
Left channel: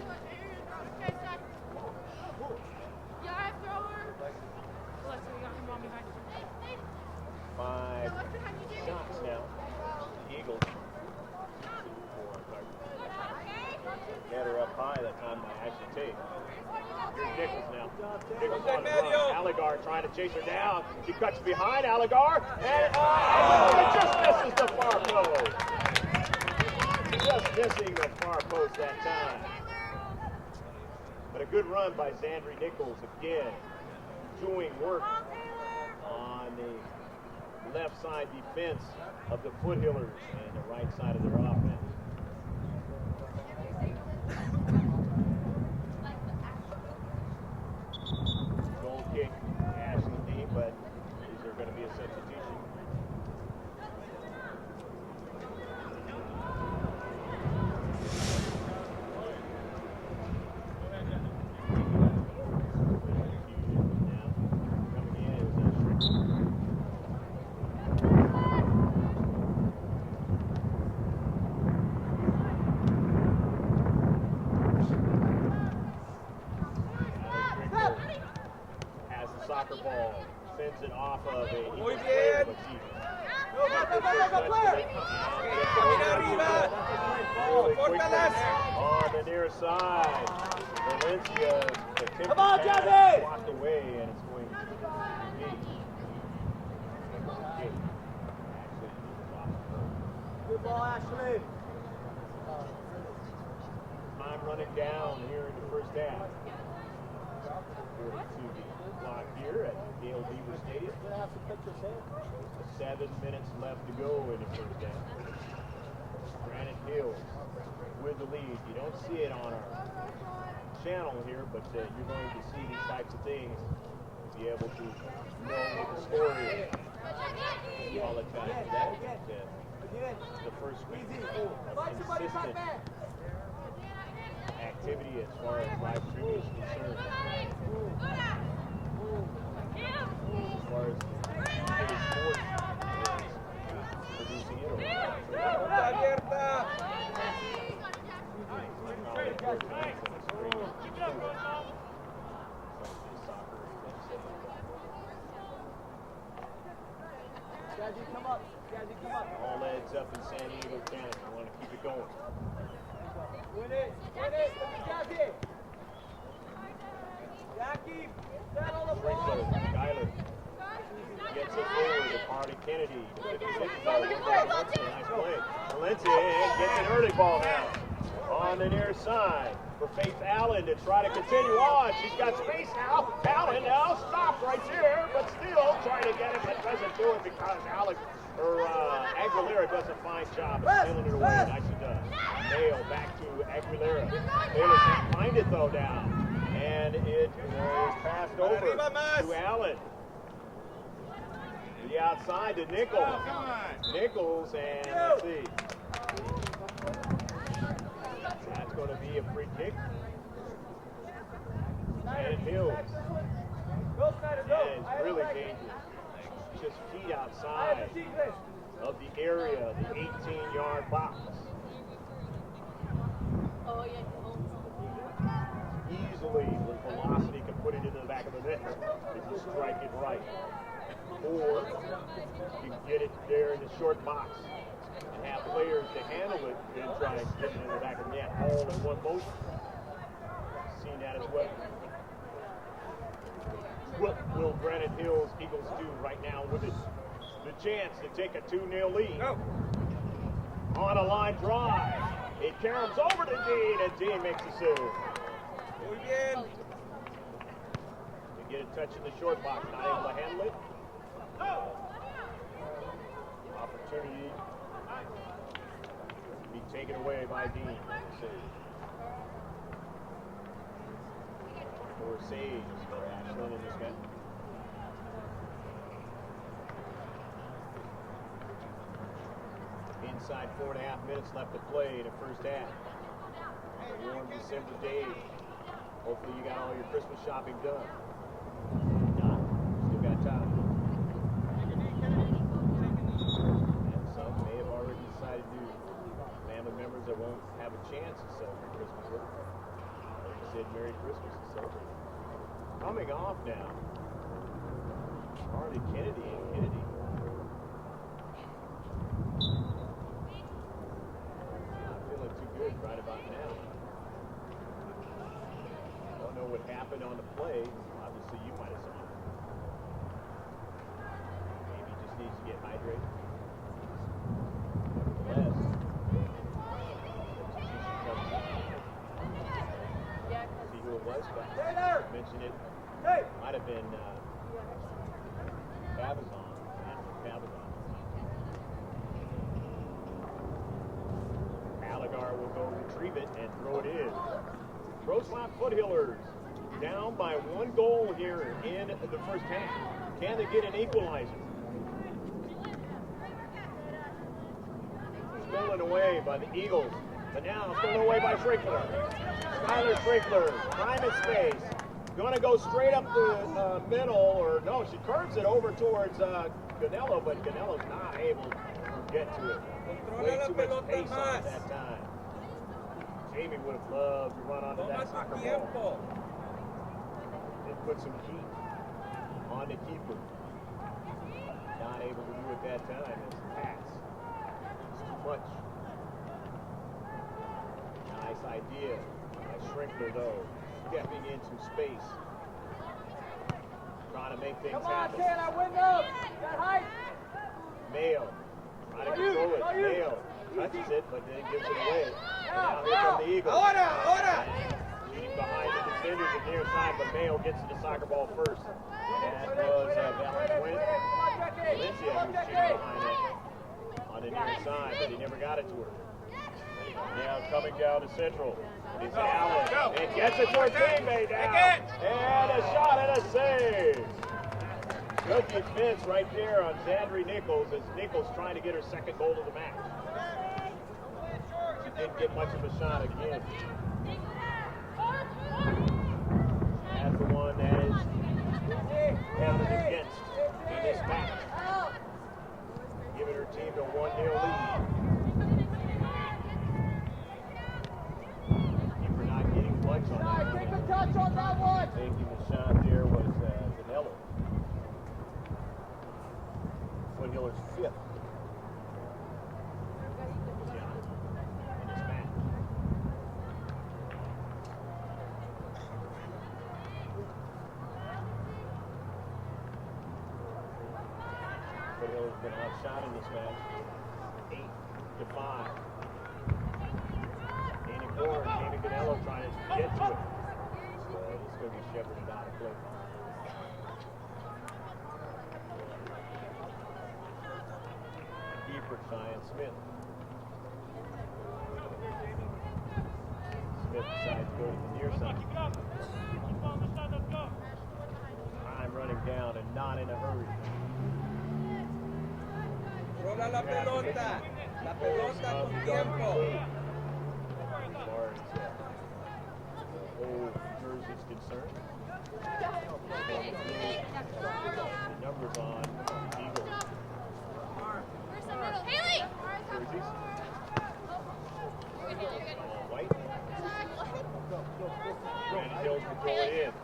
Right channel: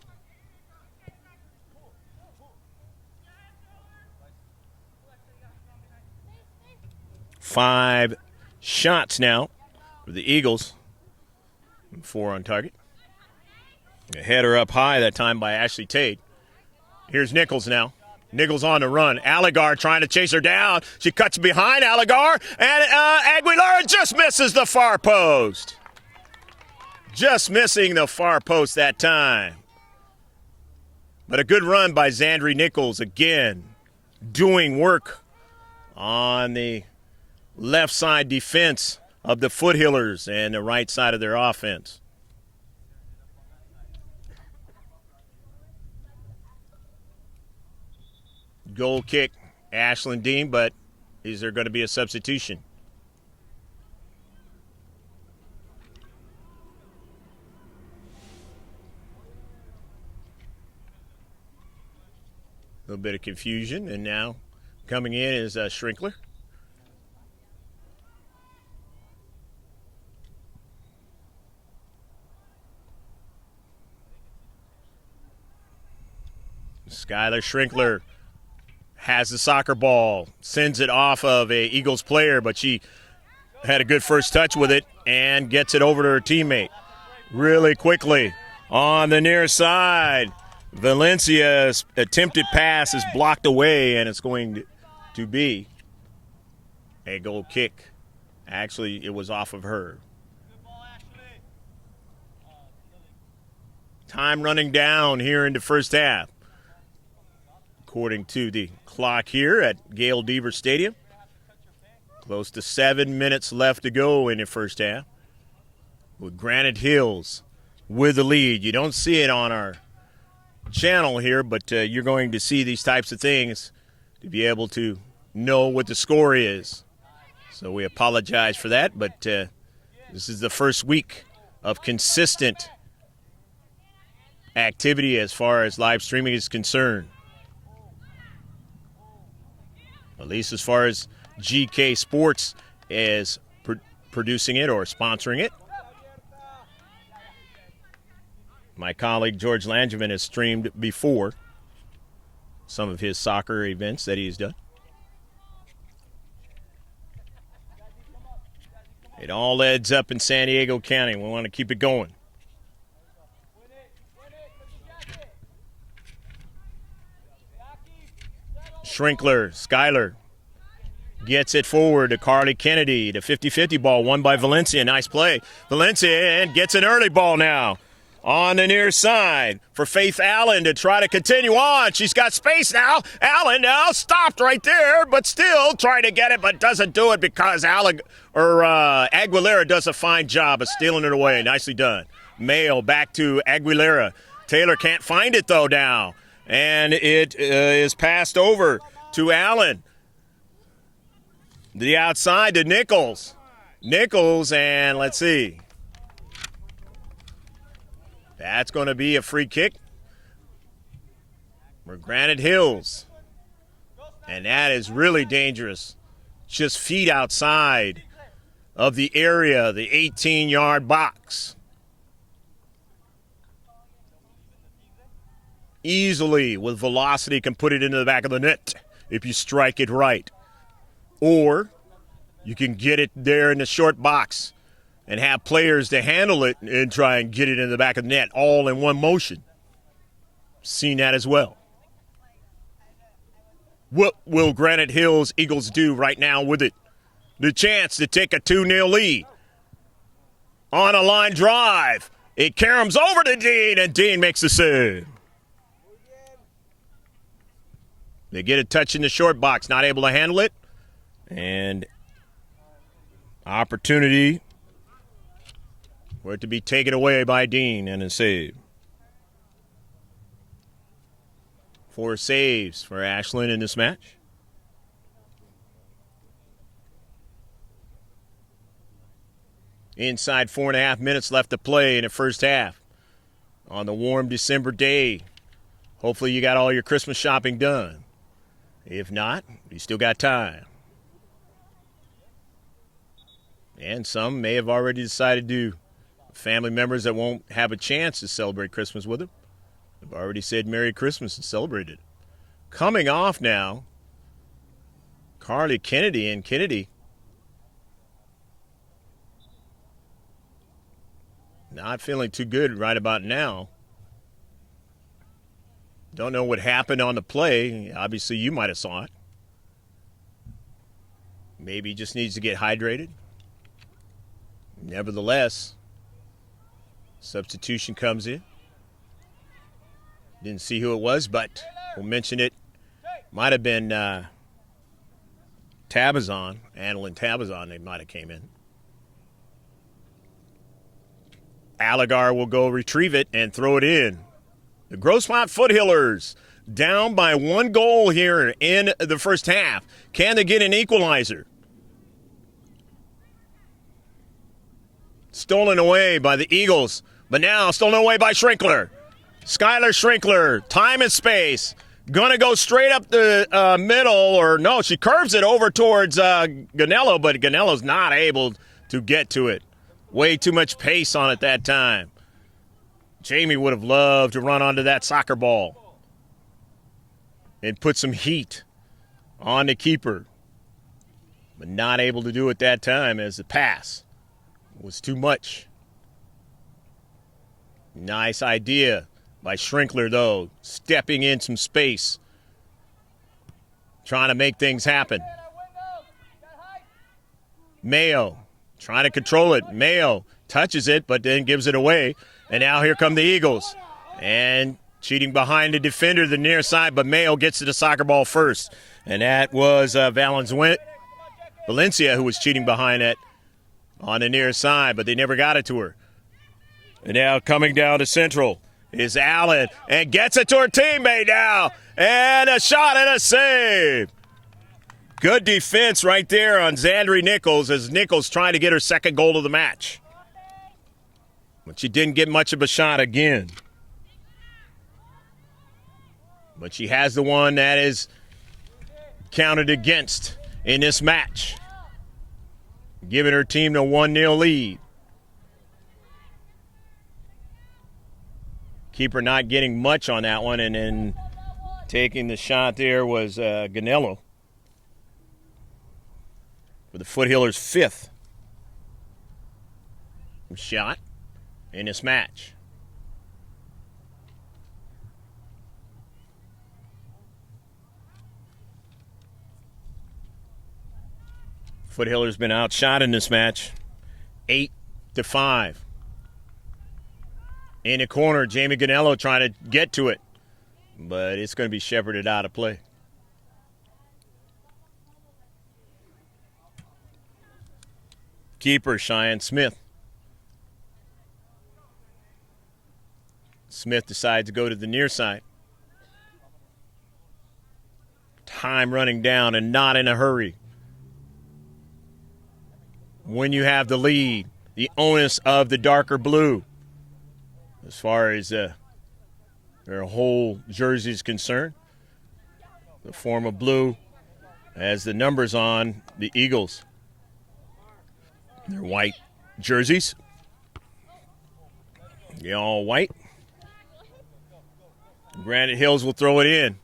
5 shots now for the Eagles. 4 on target. A header up high that time by Ashley Tate. Here's Nichols now. Nichols on the run. Allegar trying to chase her down. She cuts behind Allegar, and Aguilera just misses the far post. Just missing the far post that time. But a good run by Xandri Nichols again, doing work on the left side defense of the Foothillers and the right side of their offense. Goal kick, Ashlyn Dean, but is there going to be a substitution? A little bit of confusion, and now coming in is Schrinkler. Skylar Schrinkler has the soccer ball, sends it off of a Eagles player, but she had a good first touch with it and gets it over to her teammate really quickly on the near side. Valencia's attempted pass is blocked away, and it's going to be a goal kick. Actually, it was off of her. Time running down here in the first half. According to the clock here at Gail Deaver Stadium. Close to 7 minutes left to go in the first half. With Granite Hills with the lead. You don't see it on our channel here, but you're going to see these types of things to be able to know what the score is. So we apologize for that, but this is the first week of consistent activity as far as live streaming is concerned. At least as far as GK Sports is producing it or sponsoring it. My colleague George Langevin has streamed before some of his soccer events that he's done. It all adds up in San Diego County. We want to keep it going. Schrinkler, Skylar gets it forward to Carly Kennedy. The 50-50 ball won by Valencia. Nice play. Valencia gets an early ball now on the near side for Faith Allen to try to continue on. She's got space now. Allen now stopped right there, but still trying to get it, but doesn't do it because Aguilera does a fine job of stealing it away. Nicely done. Mail back to Aguilera. Taylor can't find it, though, now. And it is passed over to Allen. The outside to Nichols. Nichols, and let's see. That's going to be a free kick for Granite Hills. And that is really dangerous. Just feet outside of the area, the 18-yard box. Easily, with velocity, can put it into the back of the net if you strike it right. Or you can get it there in the short box and have players to handle it and try and get it in the back of the net all in one motion. Seen that as well. What will Granite Hills Eagles do right now with it? The chance to take a 2-0 lead. On a line drive. It caroms over to Dean, and Dean makes the save. They get a touch in the short box, not able to handle it. And opportunity for it to be taken away by Dean and a save. 4 saves for Ashlyn in this match. Inside 4.5 minutes left to play in the first half on the warm December day. Hopefully you got all your Christmas shopping done. If not, you still got time. And some may have already decided to. Family members that won't have a chance to celebrate Christmas with them have already said Merry Christmas and celebrated. Coming off now, Carly Kennedy, and Kennedy not feeling too good right about now. Don't know what happened on the play. Obviously, you might have saw it. Maybe just needs to get hydrated. Nevertheless, substitution comes in. Didn't see who it was, but we mentioned it. Might have been Tabazon, Annalyn Tabazon, they might have came in. Allegar will go retrieve it and throw it in. The Grossmont Foothillers down by 1 goal here in the first half. Can they get an equalizer? Stolen away by the Eagles, but now stolen away by Schrinkler. Skylar Schrinkler, time and space. Gonna go straight up the middle, or no, she curves it over towards Ganello, but Ganello's not able to get to it. Way too much pace on it that time. Jamie would have loved to run onto that soccer ball and put some heat on the keeper, but not able to do it that time as the pass was too much. Nice idea by Schrinkler, though, stepping in some space, trying to make things happen. Mayo trying to control it. Mayo touches it, but then gives it away. And now here come the Eagles. And cheating behind the defender, the near side, but Mayo gets to the soccer ball first. And that was Valencia who was cheating behind it on the near side, but they never got it to her. And now coming down to Central is Allen, and gets it to her teammate now. And a shot and a save. Good defense right there on Zandri Nichols as Nichols trying to get her second goal of the match. She didn't get much of a shot again. But she has the one that is counted against in this match, giving her team the 1-0 lead. Keeper not getting much on that one, and then taking the shot there was Ganello. With the Foothillers' 5th shot in this match. Foothillers been outshot in this match, 8-5. In the corner, Jamie Ganello trying to get to it, but it's going to be shepherded out of play. Keeper, Cheyenne Smith. Smith decides to go to the near side. Time running down and not in a hurry. When you have the lead, the onus of the darker blue, as far as their whole jersey is concerned. The form of blue as the numbers on the Eagles. White jerseys. The all white. Granite Hills will throw it in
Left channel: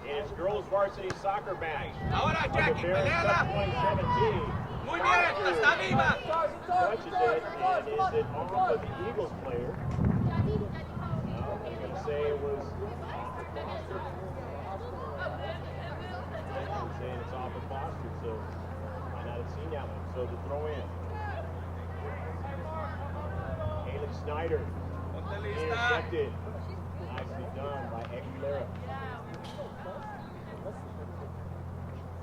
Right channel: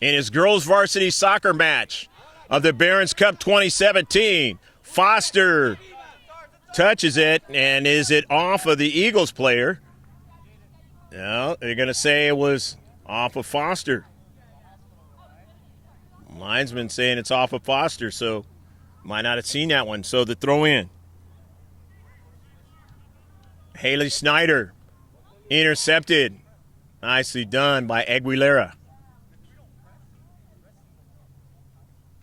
his girls varsity soccer match of the Barron's Cup 2017. Foster touches it, and is it off of the Eagles player? No, they're going to say it was off of Foster. Linesman saying it's off of Foster, so might not have seen that one. So the throw in. Haley Snyder intercepted. Nicely done by Aguilera.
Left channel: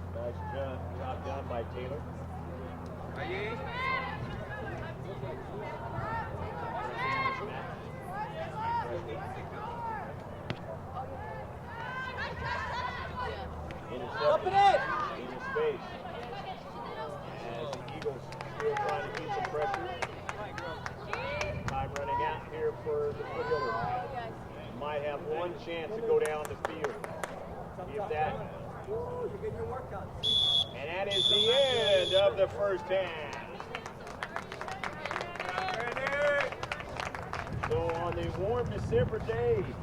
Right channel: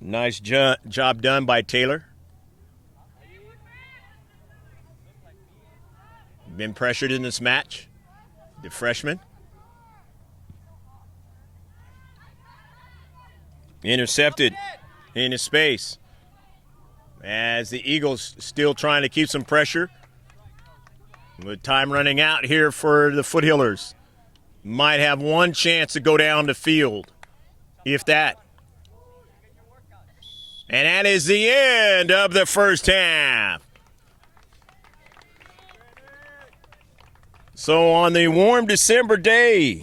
Nice job done by Taylor. Been pressured in this match, the freshman. Intercepted into space as the Eagles still trying to keep some pressure. With time running out here for the Foothillers. Might have one chance to go down the field, if that. And that is the end of the first half. So on the warm December day,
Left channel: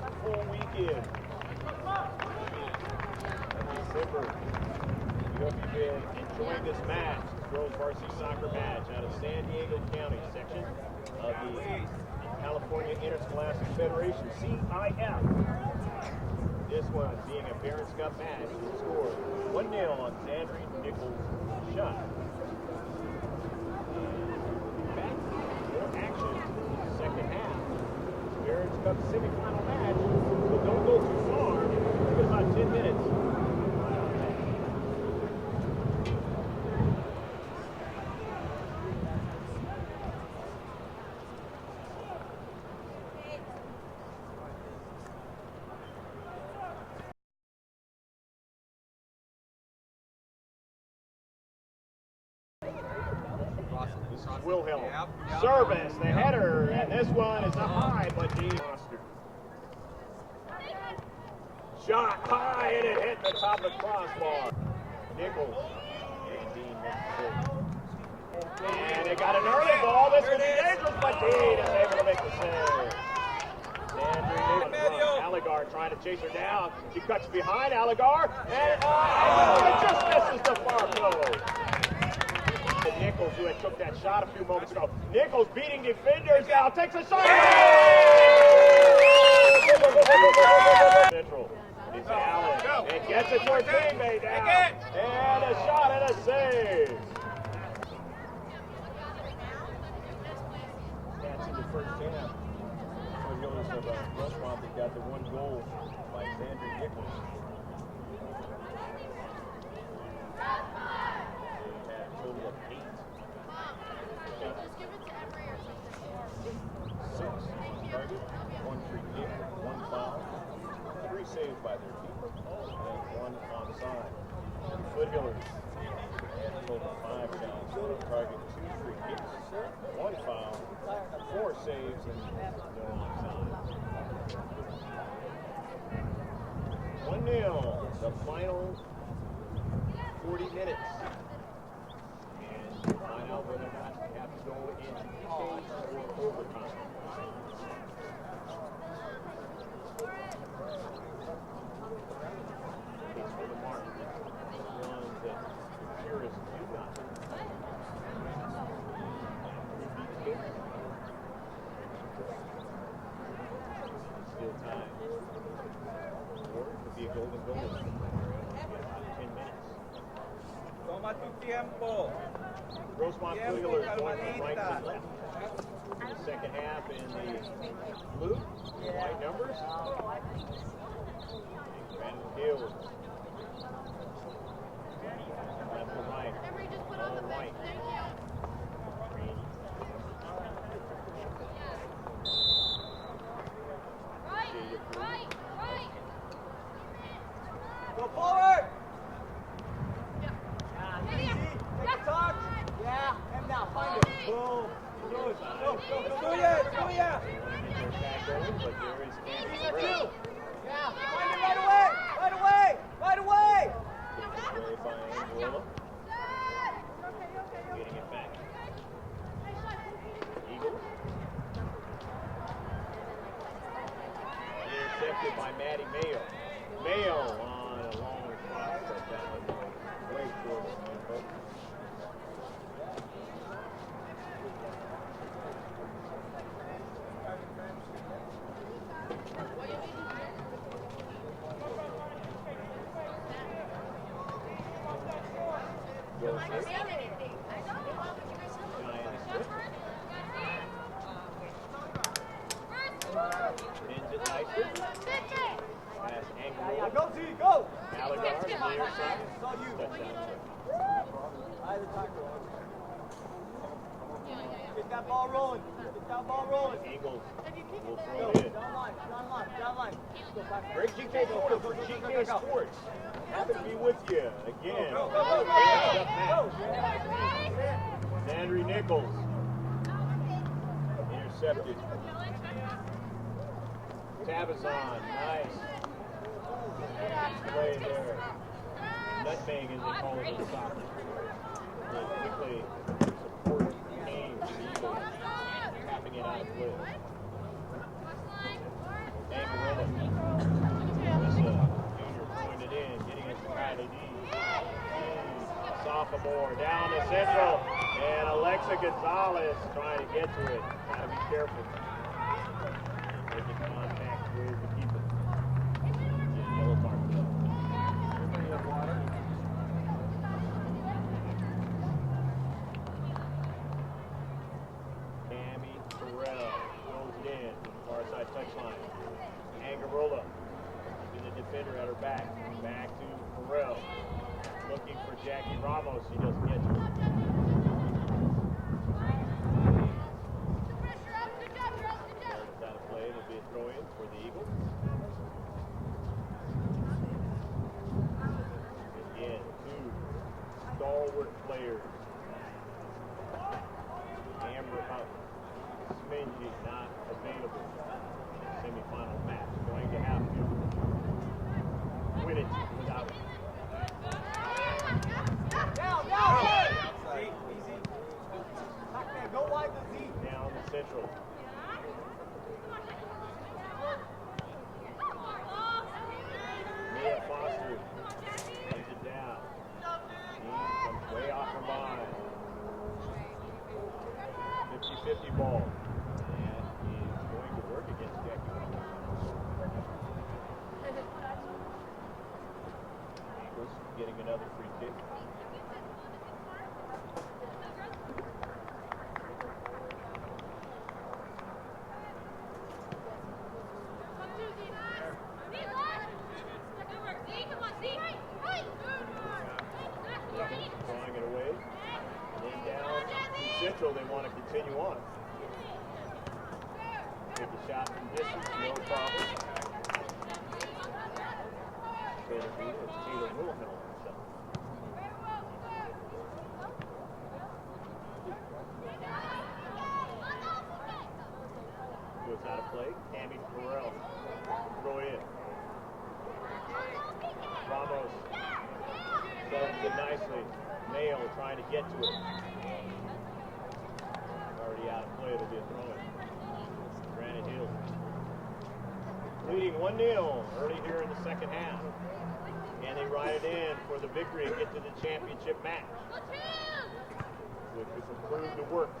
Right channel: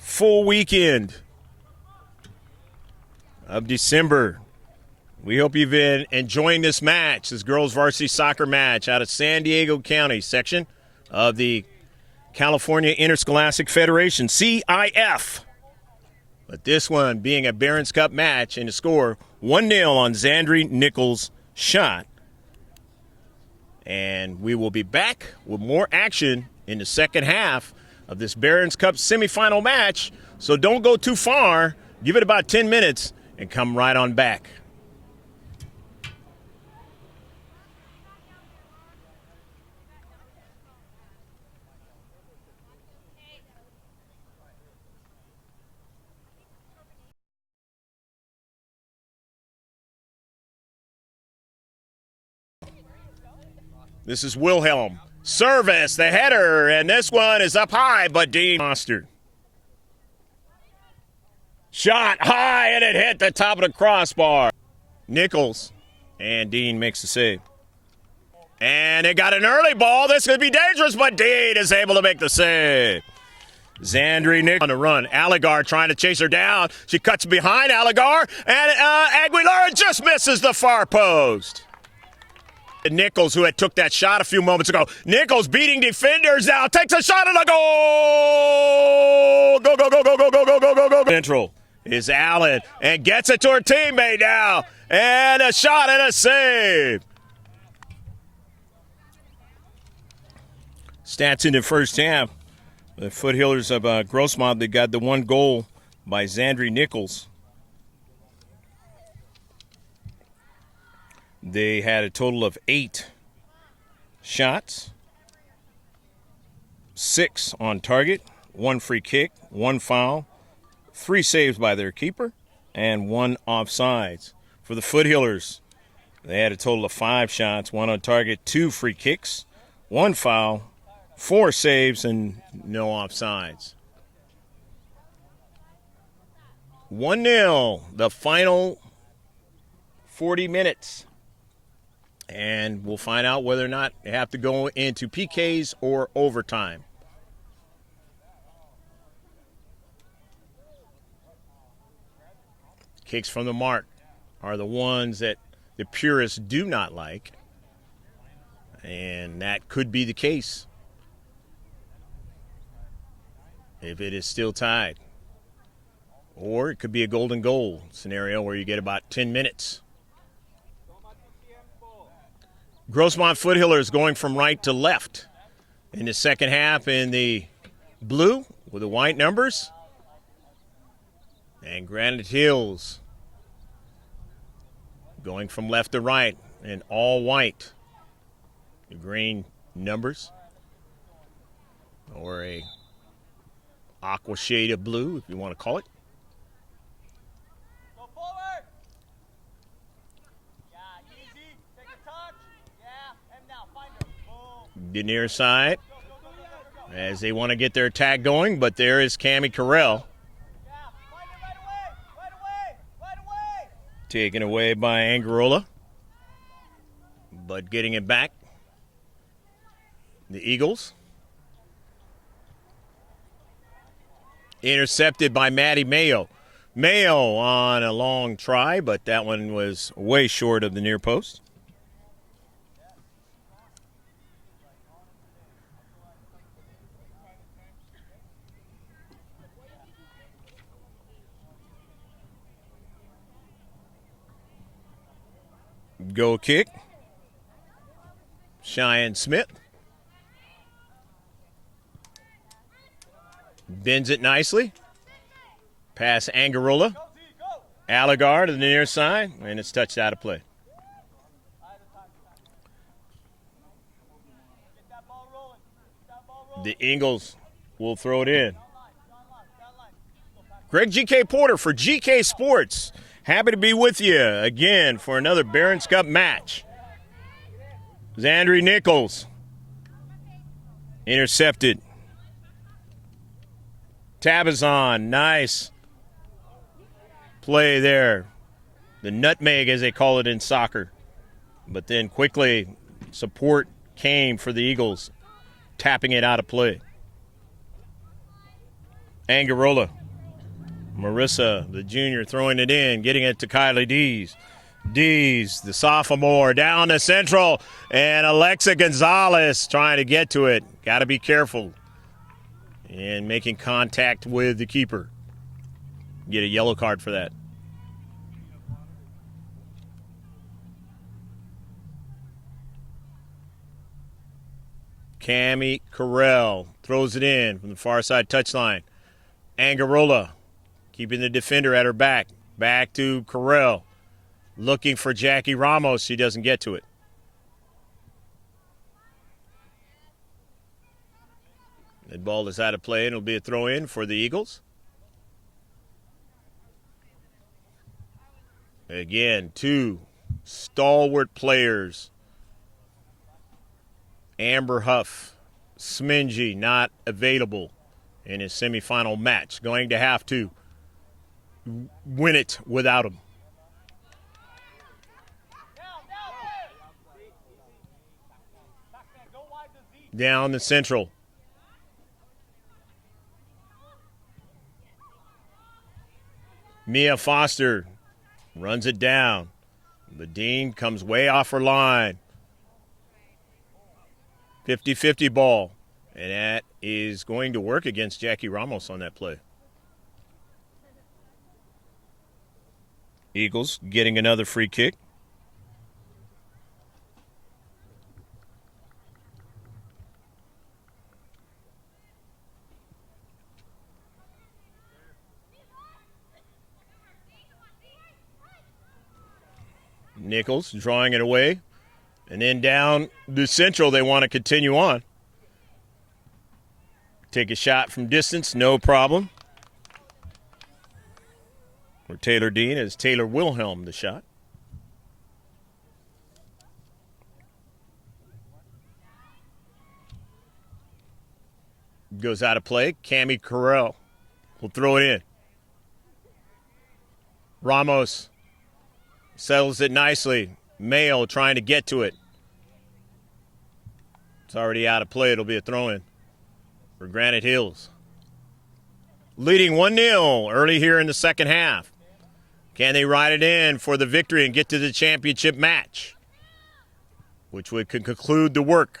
full weekend of December, we hope you've been enjoying this match, this girls varsity soccer match out of San Diego County section of the California Interscholastic Federation, CIF. But this one being a Barron's Cup match, and the score 1-0 on Zandri Nichols' shot. And we will be back with more action in the second half of this Barron's Cup semifinal match. So don't go too far. Give it about 10 minutes and come right on back. This is Wilhelm. Service, the header, and this one is up high, but Dean Foster. Shot high, and it hit the top of the crossbar. Nichols, and Dean makes the save. And it got an early ball. This could be dangerous, but Dean is able to make the save. Zandri Nichols on the run. Allegar trying to chase her down. She cuts behind Allegar, and Aguilar just misses the far post. And Nichols, who had took that shot a few moments ago. Nichols beating defenders now. Takes a shot and a goal! Go, go, go, go, go, go, go, go, go. Central is Allen and gets it to her teammate now. And a shot and a save. Stats in the first half. The Foothillers of Grossmont, they got the one goal by Zandri Nichols. They had a total of 8 shots, 6 on target, 1 free kick, 1 foul, 3 saves by their keeper, and 1 offsides. For the Foothillers, they had a total of 5 shots, 1 on target, 2 free kicks, 1 foul, 4 saves, and no offsides. 1-0, the final 40 minutes. And we'll find out whether or not they have to go into PKs or overtime. Kicks from the mark are the ones that the purists do not like. And that could be the case if it is still tied. Or it could be a golden goal scenario where you get about 10 minutes. Grossmont Foothillers going from right to left in the second half in the blue with the white numbers. And Granite Hills going from left to right in all white. Green numbers. Or a aqua shade of blue, if you want to call it. Go forward! The near side as they want to get their attack going, but there is Cammie Carell. Right away! Taken away by Angarola, but getting it back. The Eagles. Intercepted by Maddie Mayo. Mayo on a long try, but that one was way short of the near post. Goal kick. Cheyenne Smith. Bends it nicely. Pass Angarola. Allegar to the near side, and it's touched out of play. The Eagles will throw it in. Greg G.K. Porter for GK Sports. Happy to be with you again for another Barron's Cup match. Zandri Nichols intercepted. Tabazon, nice play there. The nutmeg, as they call it in soccer. But then quickly, support came for the Eagles, tapping it out of play. Angarola. Marissa, the junior, throwing it in, getting it to Kylie Dees. Dees, the sophomore, down the central, and Alexa Gonzalez trying to get to it. Got to be careful. And making contact with the keeper. Get a yellow card for that. Cammie Carell throws it in from the far side touchline. Angarola keeping the defender at her back. Back to Carell. Looking for Jackie Ramos. She doesn't get to it. The ball is out of play, and it'll be a throw in for the Eagles. Again, 2 stalwart players Amber Huff, Smingy not available in his semifinal match. Going to have to win it without him. Down the central. Mia Foster runs it down. The Dean comes way off her line. 50-50 ball. And that is going to work against Jackie Ramos on that play. Eagles getting another free kick. Nichols drawing it away. And then down the central, they want to continue on. Take a shot from distance, no problem. And Taylor Dean as Taylor Wilhelm the shot. Goes out of play. Cami Carell will throw it in. Ramos settles it nicely. Mayo trying to get to it. It's already out of play. It'll be a throw-in for Granite Hills. Leading 1-0 early here in the second half. Can they ride it in for the victory and get to the championship match, which would conclude the work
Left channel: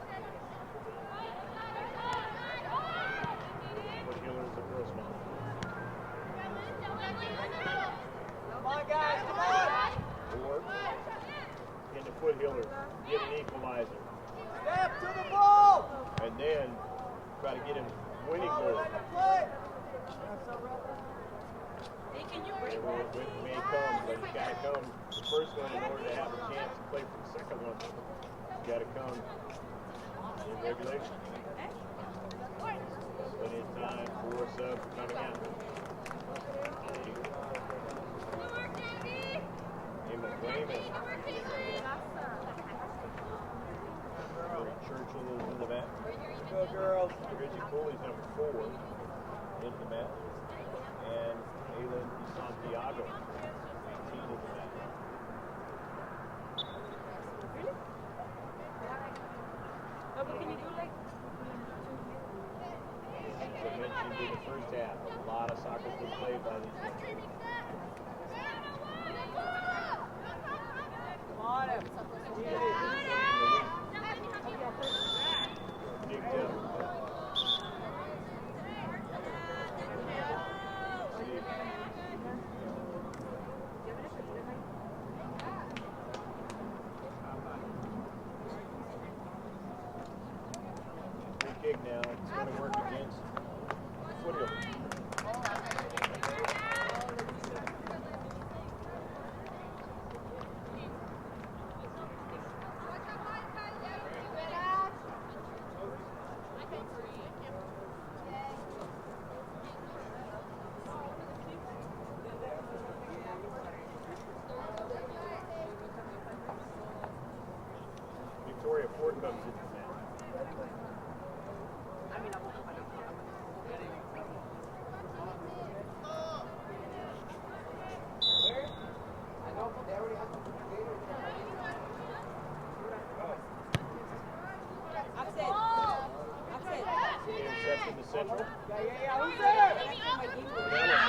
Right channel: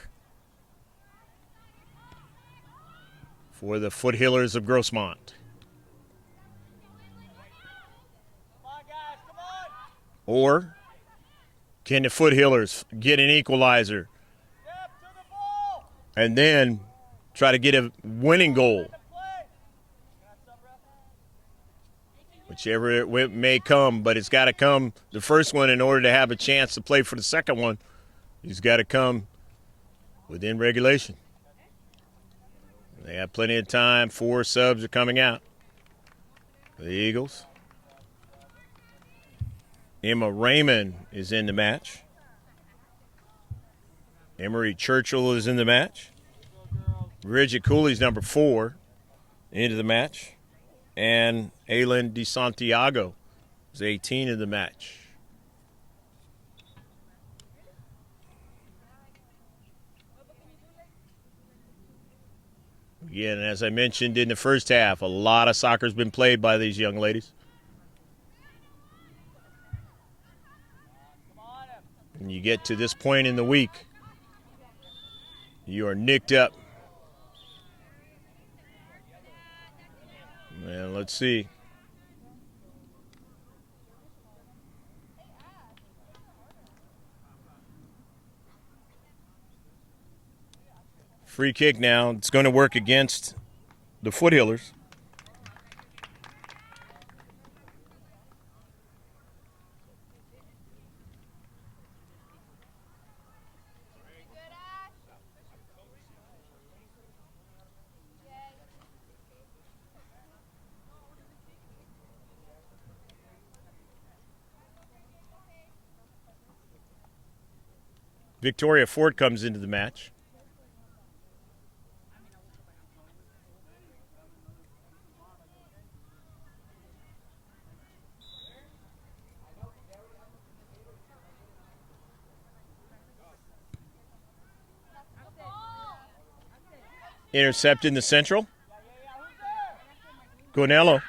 for the Foothillers of Grossmont? Or can the Foothillers get an equalizer and then try to get a winning goal? Whichever it may come, but it's got to come, the first one, in order to have a chance to play for the second one. He's got to come within regulation. They have plenty of time. 4 subs are coming out. The Eagles. Emma Raymond is in the match. Emery Churchill is in the match. Bridget Cooley's number 4 into the match. And Aylin DeSantiago is 18 in the match. Again, as I mentioned in the first half, a lot of soccer's been played by these young ladies. When you get to this point in the week, you are nicked up. And let's see. Free kick now. It's going to work against the Foothillers. Victoria Ford comes into the match. Intercept in the central. Gonello.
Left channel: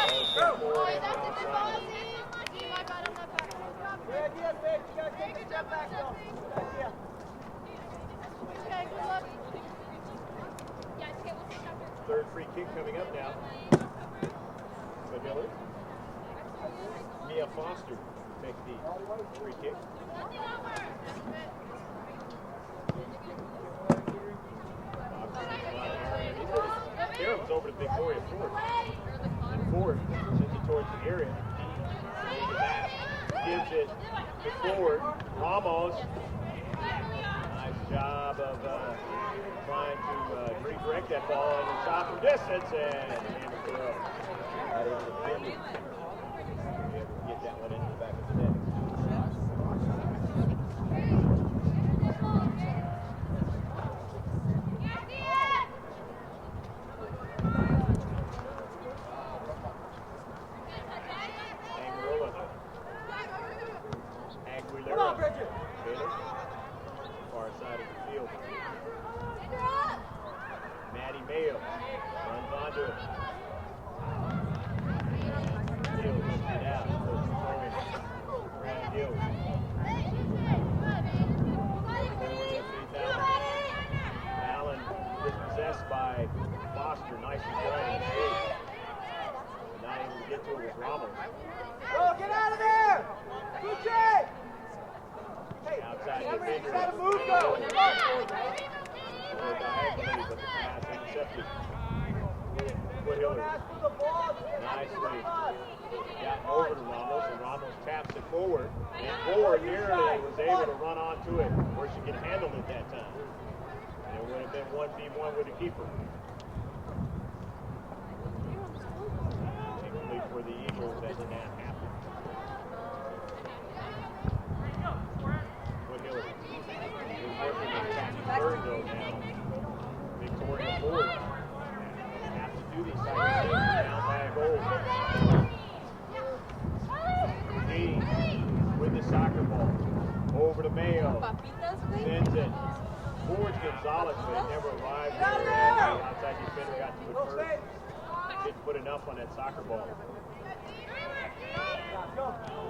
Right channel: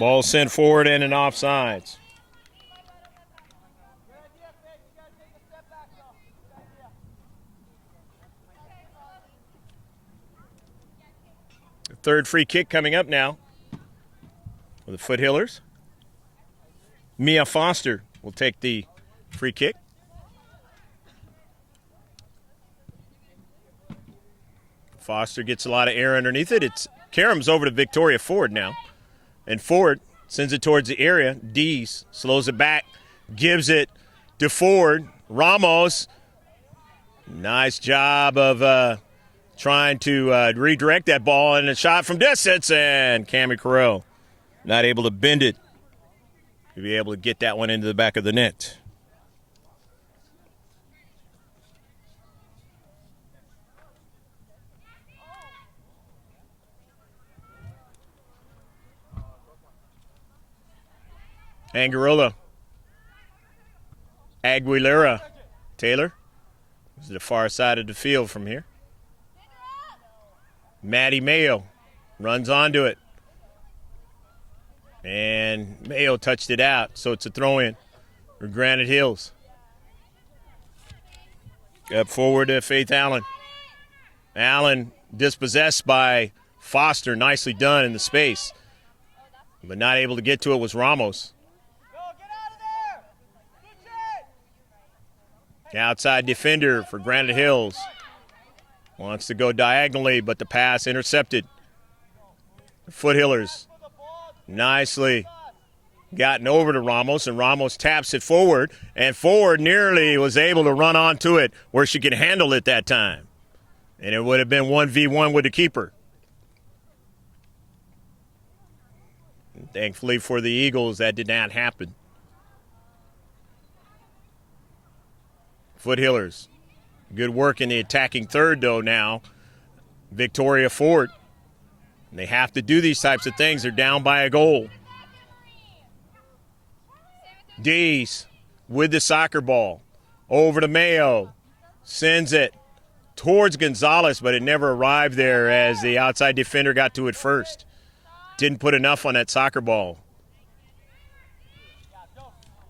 Ball sent forward and an offsides. Third free kick coming up now for the Foothillers. Mia Foster will take the free kick. Foster gets a lot of air underneath it. It's Karam's over to Victoria Ford now. And Ford sends it towards the area. Dees slows it back, gives it to Ford. Ramos. Nice job of trying to redirect that ball, and a shot from distance, and Cammie Carell not able to bend it to be able to get that one into the back of the net. Angarola. Aguilera. Taylor to the far side of the field from here. Maddie Mayo runs onto it. And Mayo touched it out, so it's a throw-in for Granite Hills. Up forward to Faith Allen. Allen dispossessed by Foster. Nicely done in the space. But not able to get to it was Ramos. The outside defender for Granite Hills. Wants to go diagonally, but the pass intercepted. Foothillers nicely gotten over to Ramos, and Ramos taps it forward, and Ford nearly was able to run onto it where she could handle it that time. And it would have been 1v1 with the keeper. Thankfully for the Eagles, that did not happen. Foothillers, good work in the attacking third though now. Victoria Ford. They have to do these types of things. They're down by a goal. Dees with the soccer ball. Over to Mayo. Sends it towards Gonzalez, but it never arrived there as the outside defender got to it first. Didn't put enough on that soccer ball.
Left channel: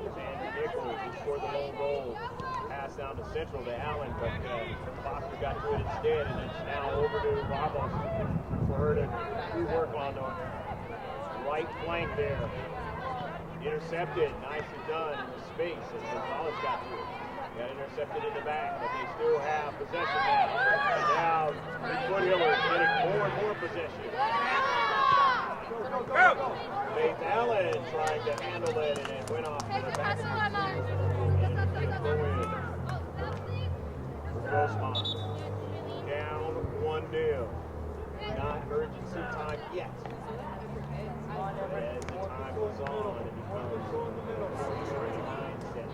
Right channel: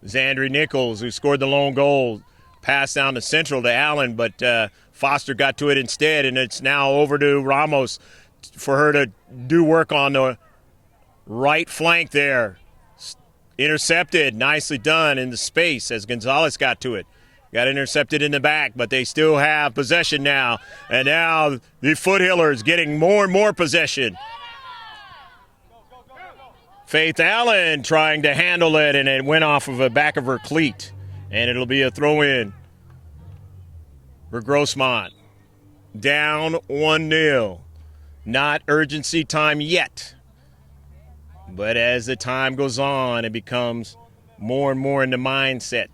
Zandri Nichols, who scored the lone goal, passed down the central to Allen, but Foster got to it instead, and it's now over to Ramos for her to do work on the right flank there. Intercepted, nicely done in the space as Gonzalez got to it. Got intercepted in the back, but they still have possession now. And now the Foothillers getting more and more possession. Faith Allen trying to handle it, and it went off of the back of her cleat. And it'll be a throw-in for Grossmont. Down 1-0. Not urgency time yet. But as the time goes on, it becomes more and more in the mindset.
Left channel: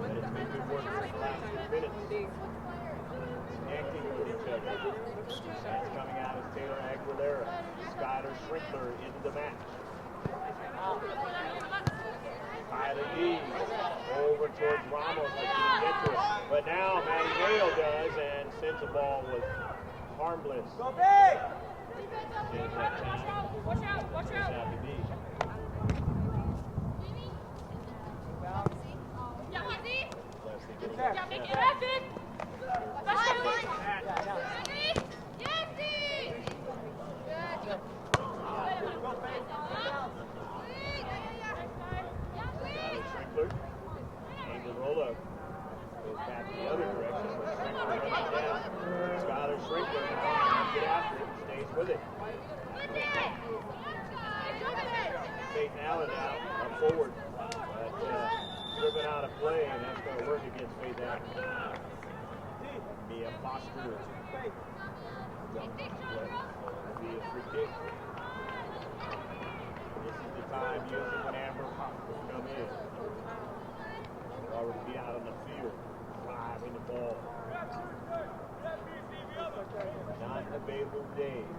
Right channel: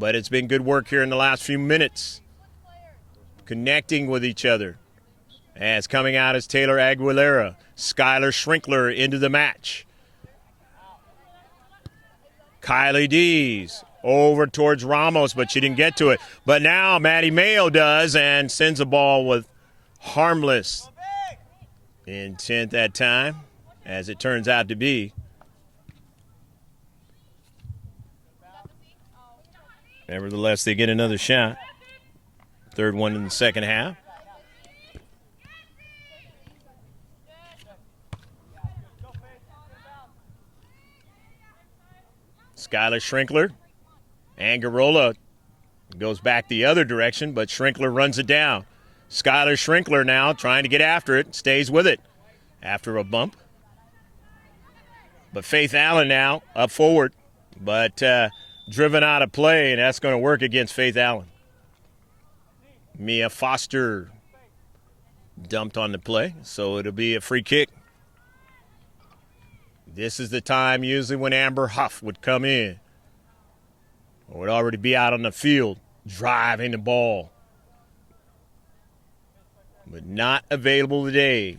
But it's been good work here in the last few minutes. Connecting with each other. As coming out is Taylor Aguilera. Skylar Schrinkler into the match. Kylie Dees over towards Ramos, but she didn't get to it. But now Maddie Mayo does and sends a ball with harmless intent that time, as it turns out to be. Nevertheless, they get another shot. Third one in the second half. Skylar Schrinkler. Angarola goes back the other direction, but Schrinkler runs it down. Skylar Schrinkler now trying to get after it, stays with it after a bump. But Faith Allen now up forward, but driven out of play, and that's going to work against Faith Allen. Mia Foster dumped on the play, so it'll be a free kick. This is the time usually when Amber Huff would come in. Would already be out on the field, driving the ball. But not available today.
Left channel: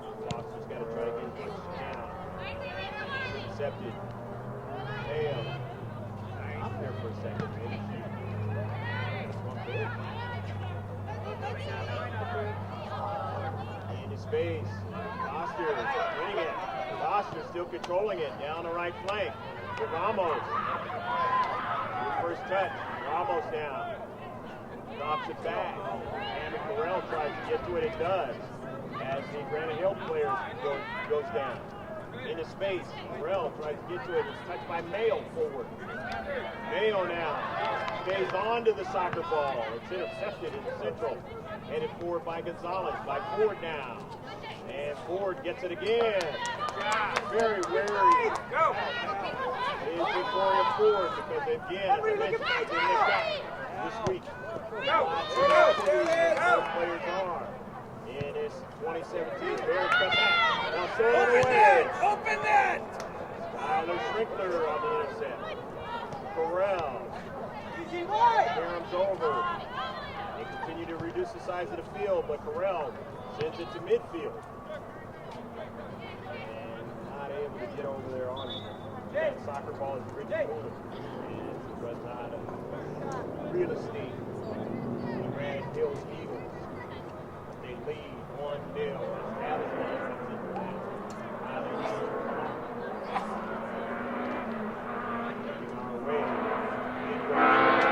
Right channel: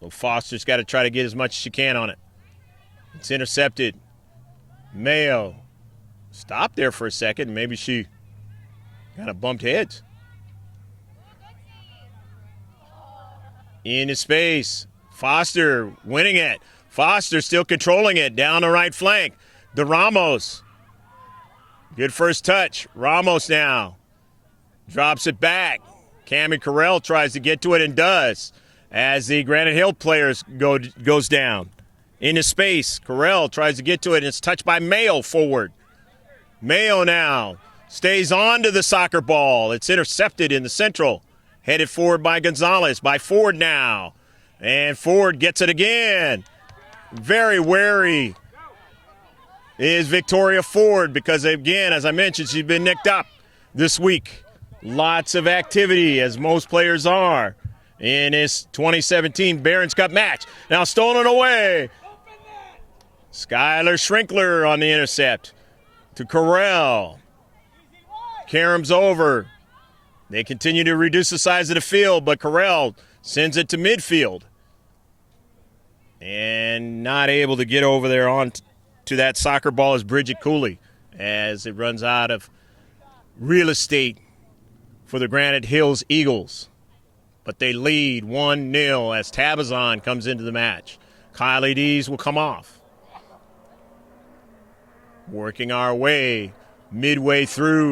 Well, Foster's got to try to get as much as she can on it. It's intercepted. Mayo stopped there for a second. Maybe she kind of bumped heads. Into space. Foster winning it. Foster still controlling it down the right flank. The Ramos. Good first touch. Ramos now drops it back. Cammie Carell tries to get to it and does, as the Granite Hill players goes down. Into space. Carell tries to get to it, and it's touched by Mayo forward. Mayo now stays on to the soccer ball. It's intercepted in the central. Headed forward by Gonzalez, by Ford now. And Ford gets it again. Very wary is Victoria Ford because, again, as I mentioned, she's been nicked up. this week. Lots of activity, as most players are, in this 2017 Barron's Cup match. Now stolen away. Skylar Schrinkler on the intercept to Corral. Karams over. They continue to reduce the size of the field, but Corral sends it to midfield. And not able to get over there on to that soccer ball is Bridget Cooley as it runs out of real estate for the Granite Hills Eagles. But they lead 1-0 as Tabazon comes into the match. Kylie Dees will come off. Working our way midway through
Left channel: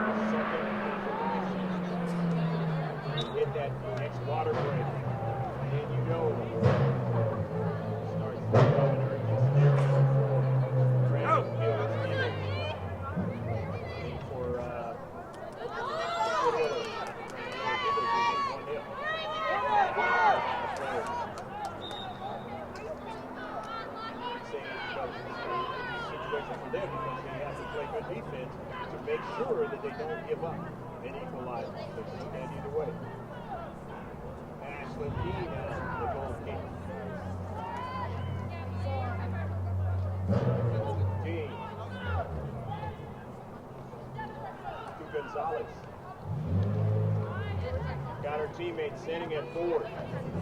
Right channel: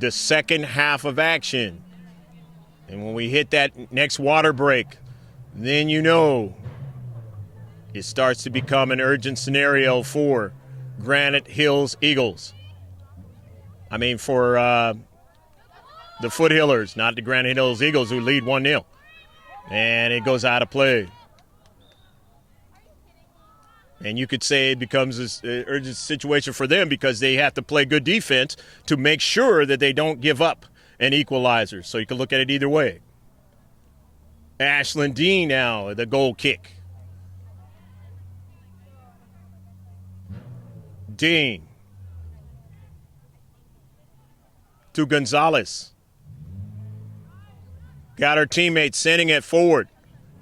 the second half of action. And when we hit that next water break, then you know it starts to become an urgent scenario for Granite Hills Eagles. I mean for the Foothillers, not the Granite Hills Eagles, who lead 1-0. And it goes out of play. And you could say it becomes an urgent situation for them because they have to play good defense to make sure that they don't give up an equalizer. So you can look at it either way. Ashlyn Dean now, the goal kick. Dean to Gonzalez. Got her teammates sending it forward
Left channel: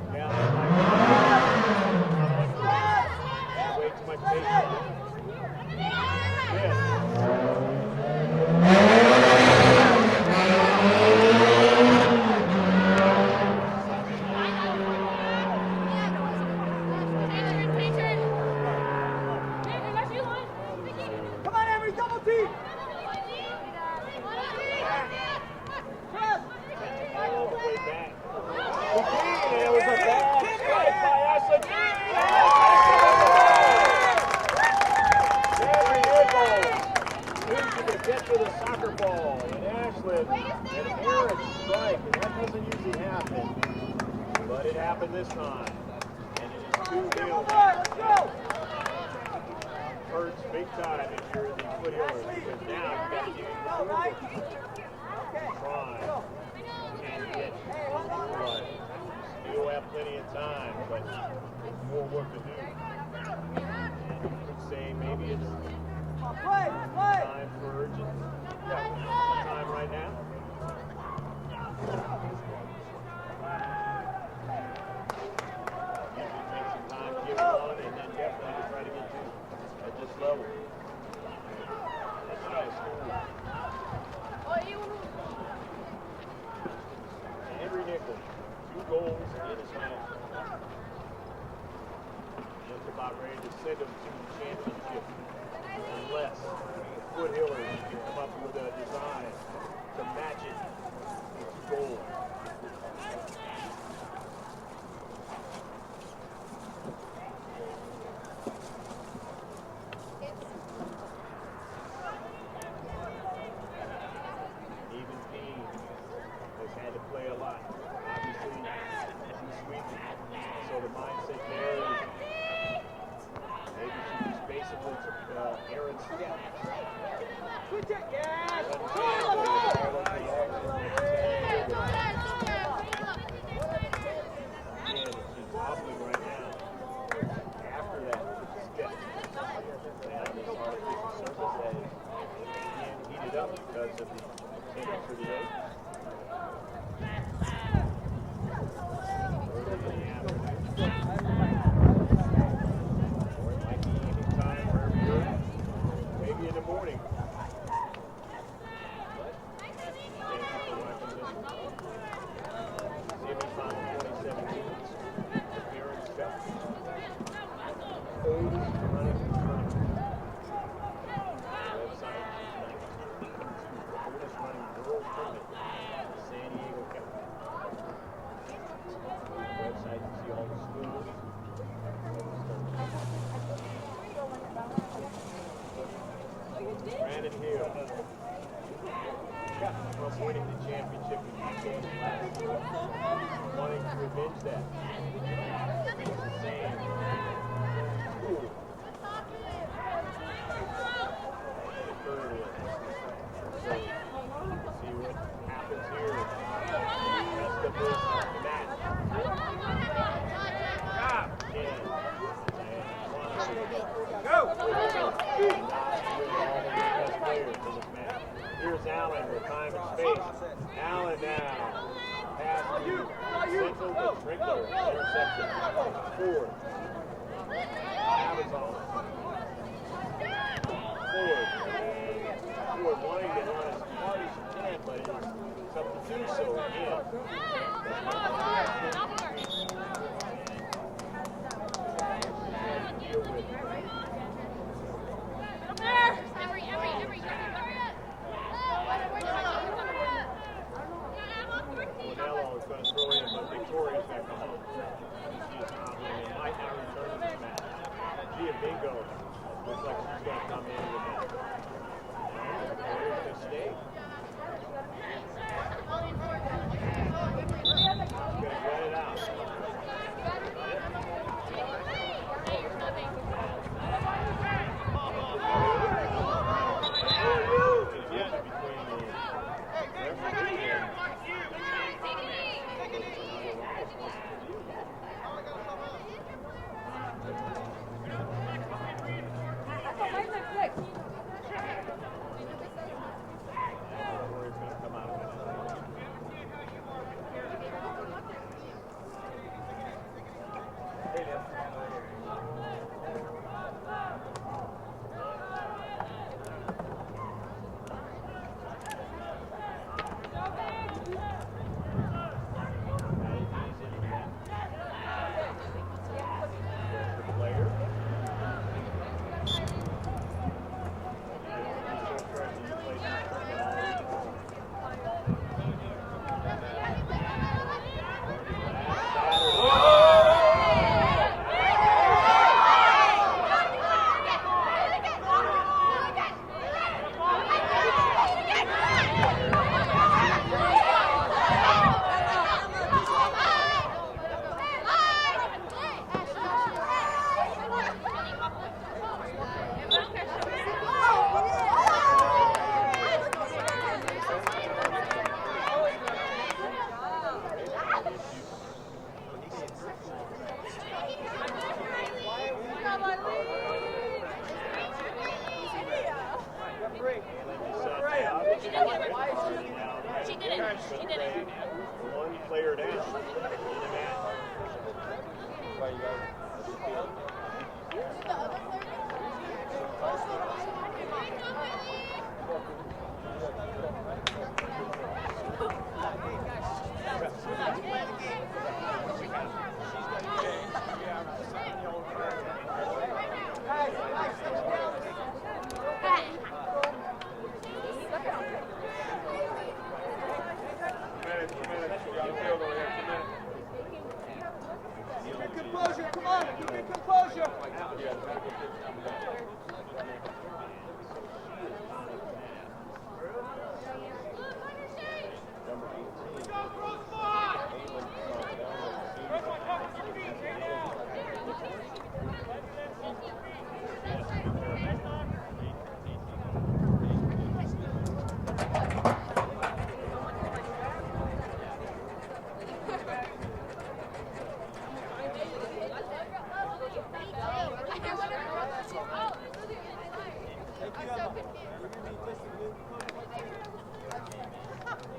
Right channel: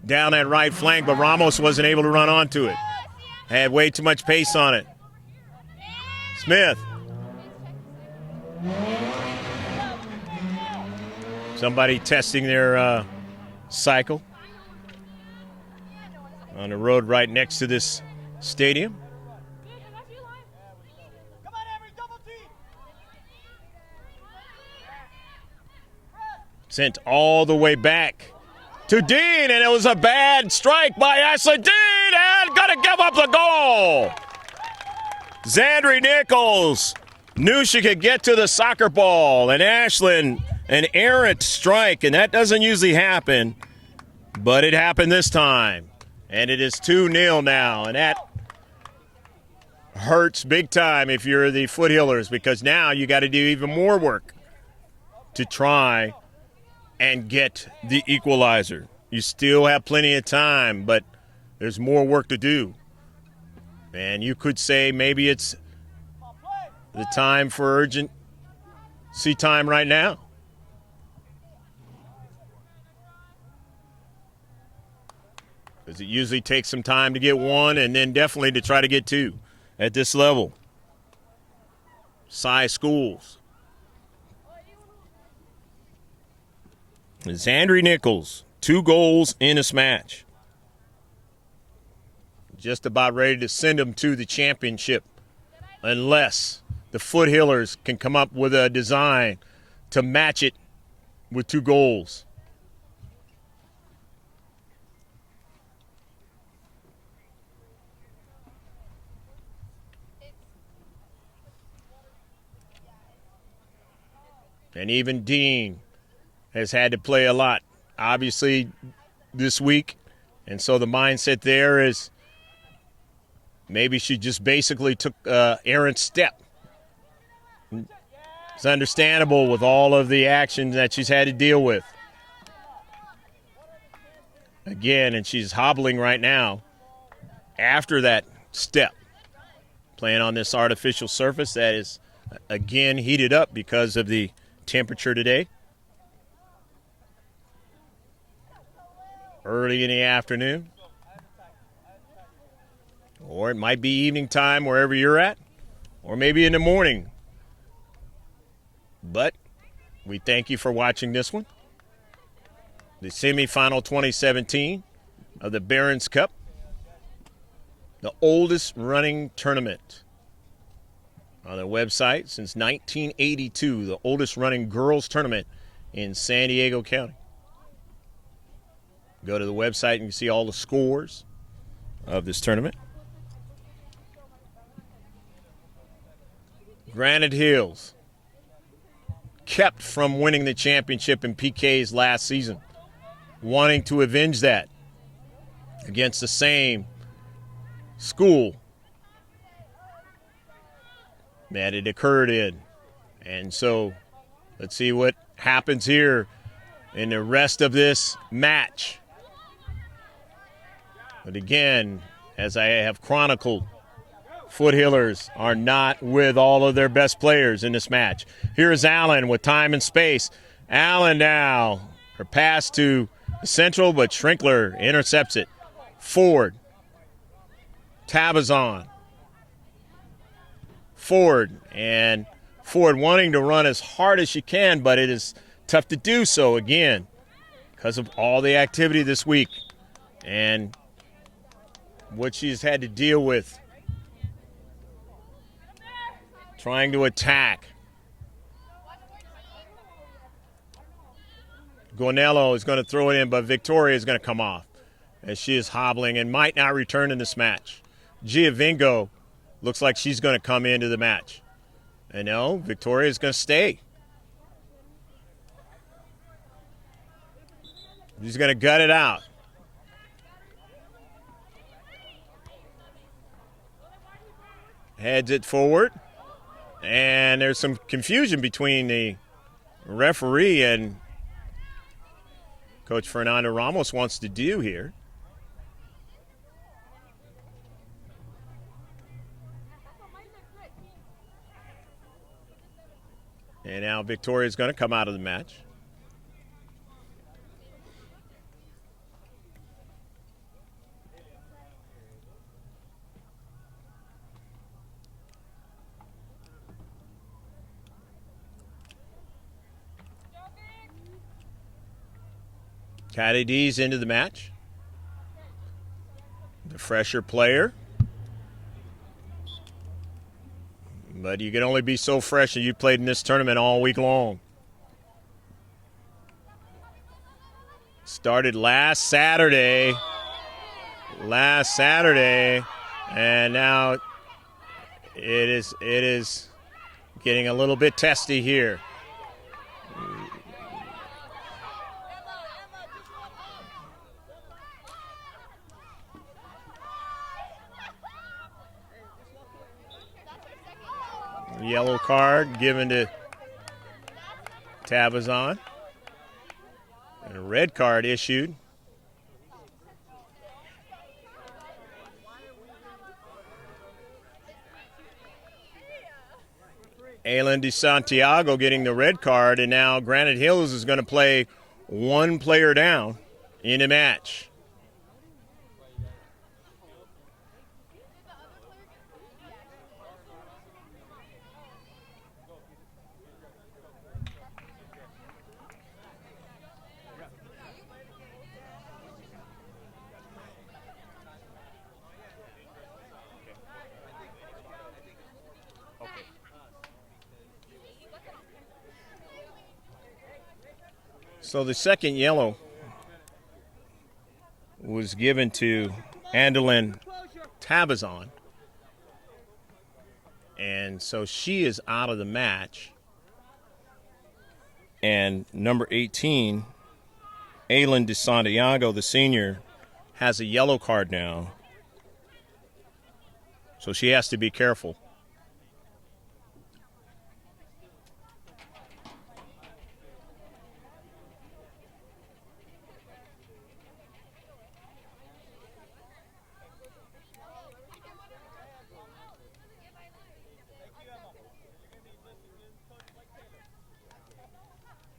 down that right flank, but Ramos wasn't able to run onto it. Had way too much pace on it. Smith. Somebody testing their cycle on the road right next to this stadium. Come on, Avery, double team. Sent all the way back to Dean, and it was a bad strike by Ashley Dean, and gonna give up the goal. Zandri Nichols knew she could get to the soccer ball, and Ashlyn, an errant strike, and that doesn't usually happen, but it happened this time, and it is 2-0 now, and that hurts big time if you're the Foothillers, because now you got to do even more work to try and get the equalizer. You still have plenty of time, but there's more work to do. And you could say maybe it's the time for urgency time right now. Because it usually takes some time to get one and then definitely to try to get two at this level. Cy Schools. Zandri Nichols, 2 goals in this match. Just about ready to send them to the championship unless the Foothillers can come up with a design to match it with 2 goals. And even Dean has had to play a lot, obviously, this week. And so the mindset there is maybe she just basically took errant step. It's understandable with all of the actions that she's had to deal with. Again, and she's hobbling right now after that step. Playing on this artificial surface that is, again, heated up because of the temperature today. Early in the afternoon, or it might be evening time wherever you're at, or maybe in the morning. But we thank you for watching this one, the semifinal 2017 of the Barron's Cup, the oldest running tournament on the website since 1982, the oldest running girls tournament in San Diego County. Go to the website and you see all the scores of this tournament. Granite Hills kept from winning the championship in PKs last season, wanting to avenge that against the same school that it occurred in. And so Let's see what happens here in the rest of this match. But again, as I have chronicled, Foothillers are not with all of their best players in this match. Here's Allen with time and space. Allen now, her pass to Central, but Schrinkler intercepts it. Ford, Tabazon, Ford, and Ford wanting to run as hard as she can, but it is tough to do so again because of all the activity this week and what she's had to deal with trying to attack. Guanello is going to throw it in, but Victoria is going to come off as she is hobbling and might not return in this match. Giovingo looks like she's going to come into the match. And no, Victoria is going to stay. He's going to gut it out. Heads it forward. And there's some confusion between the referee and Coach Fernando Ramos wants to do here. And now Victoria's going to come out of the match. Caddy D's into the match. Fresher player. But you can only be so fresh and you played in this tournament all week long. Started last Saturday. And now it is getting a little bit testy here. Yellow card given to Tabazon. A red card issued. Aylin DeSantiago getting the red card, and now Granite Hills is going to play one player down in a match. So the second yellow was given to Andolin Tabazon. And so she is out of the match. And number 18, Aylin DeSantiago, the senior, has a yellow card now. So she has to be careful.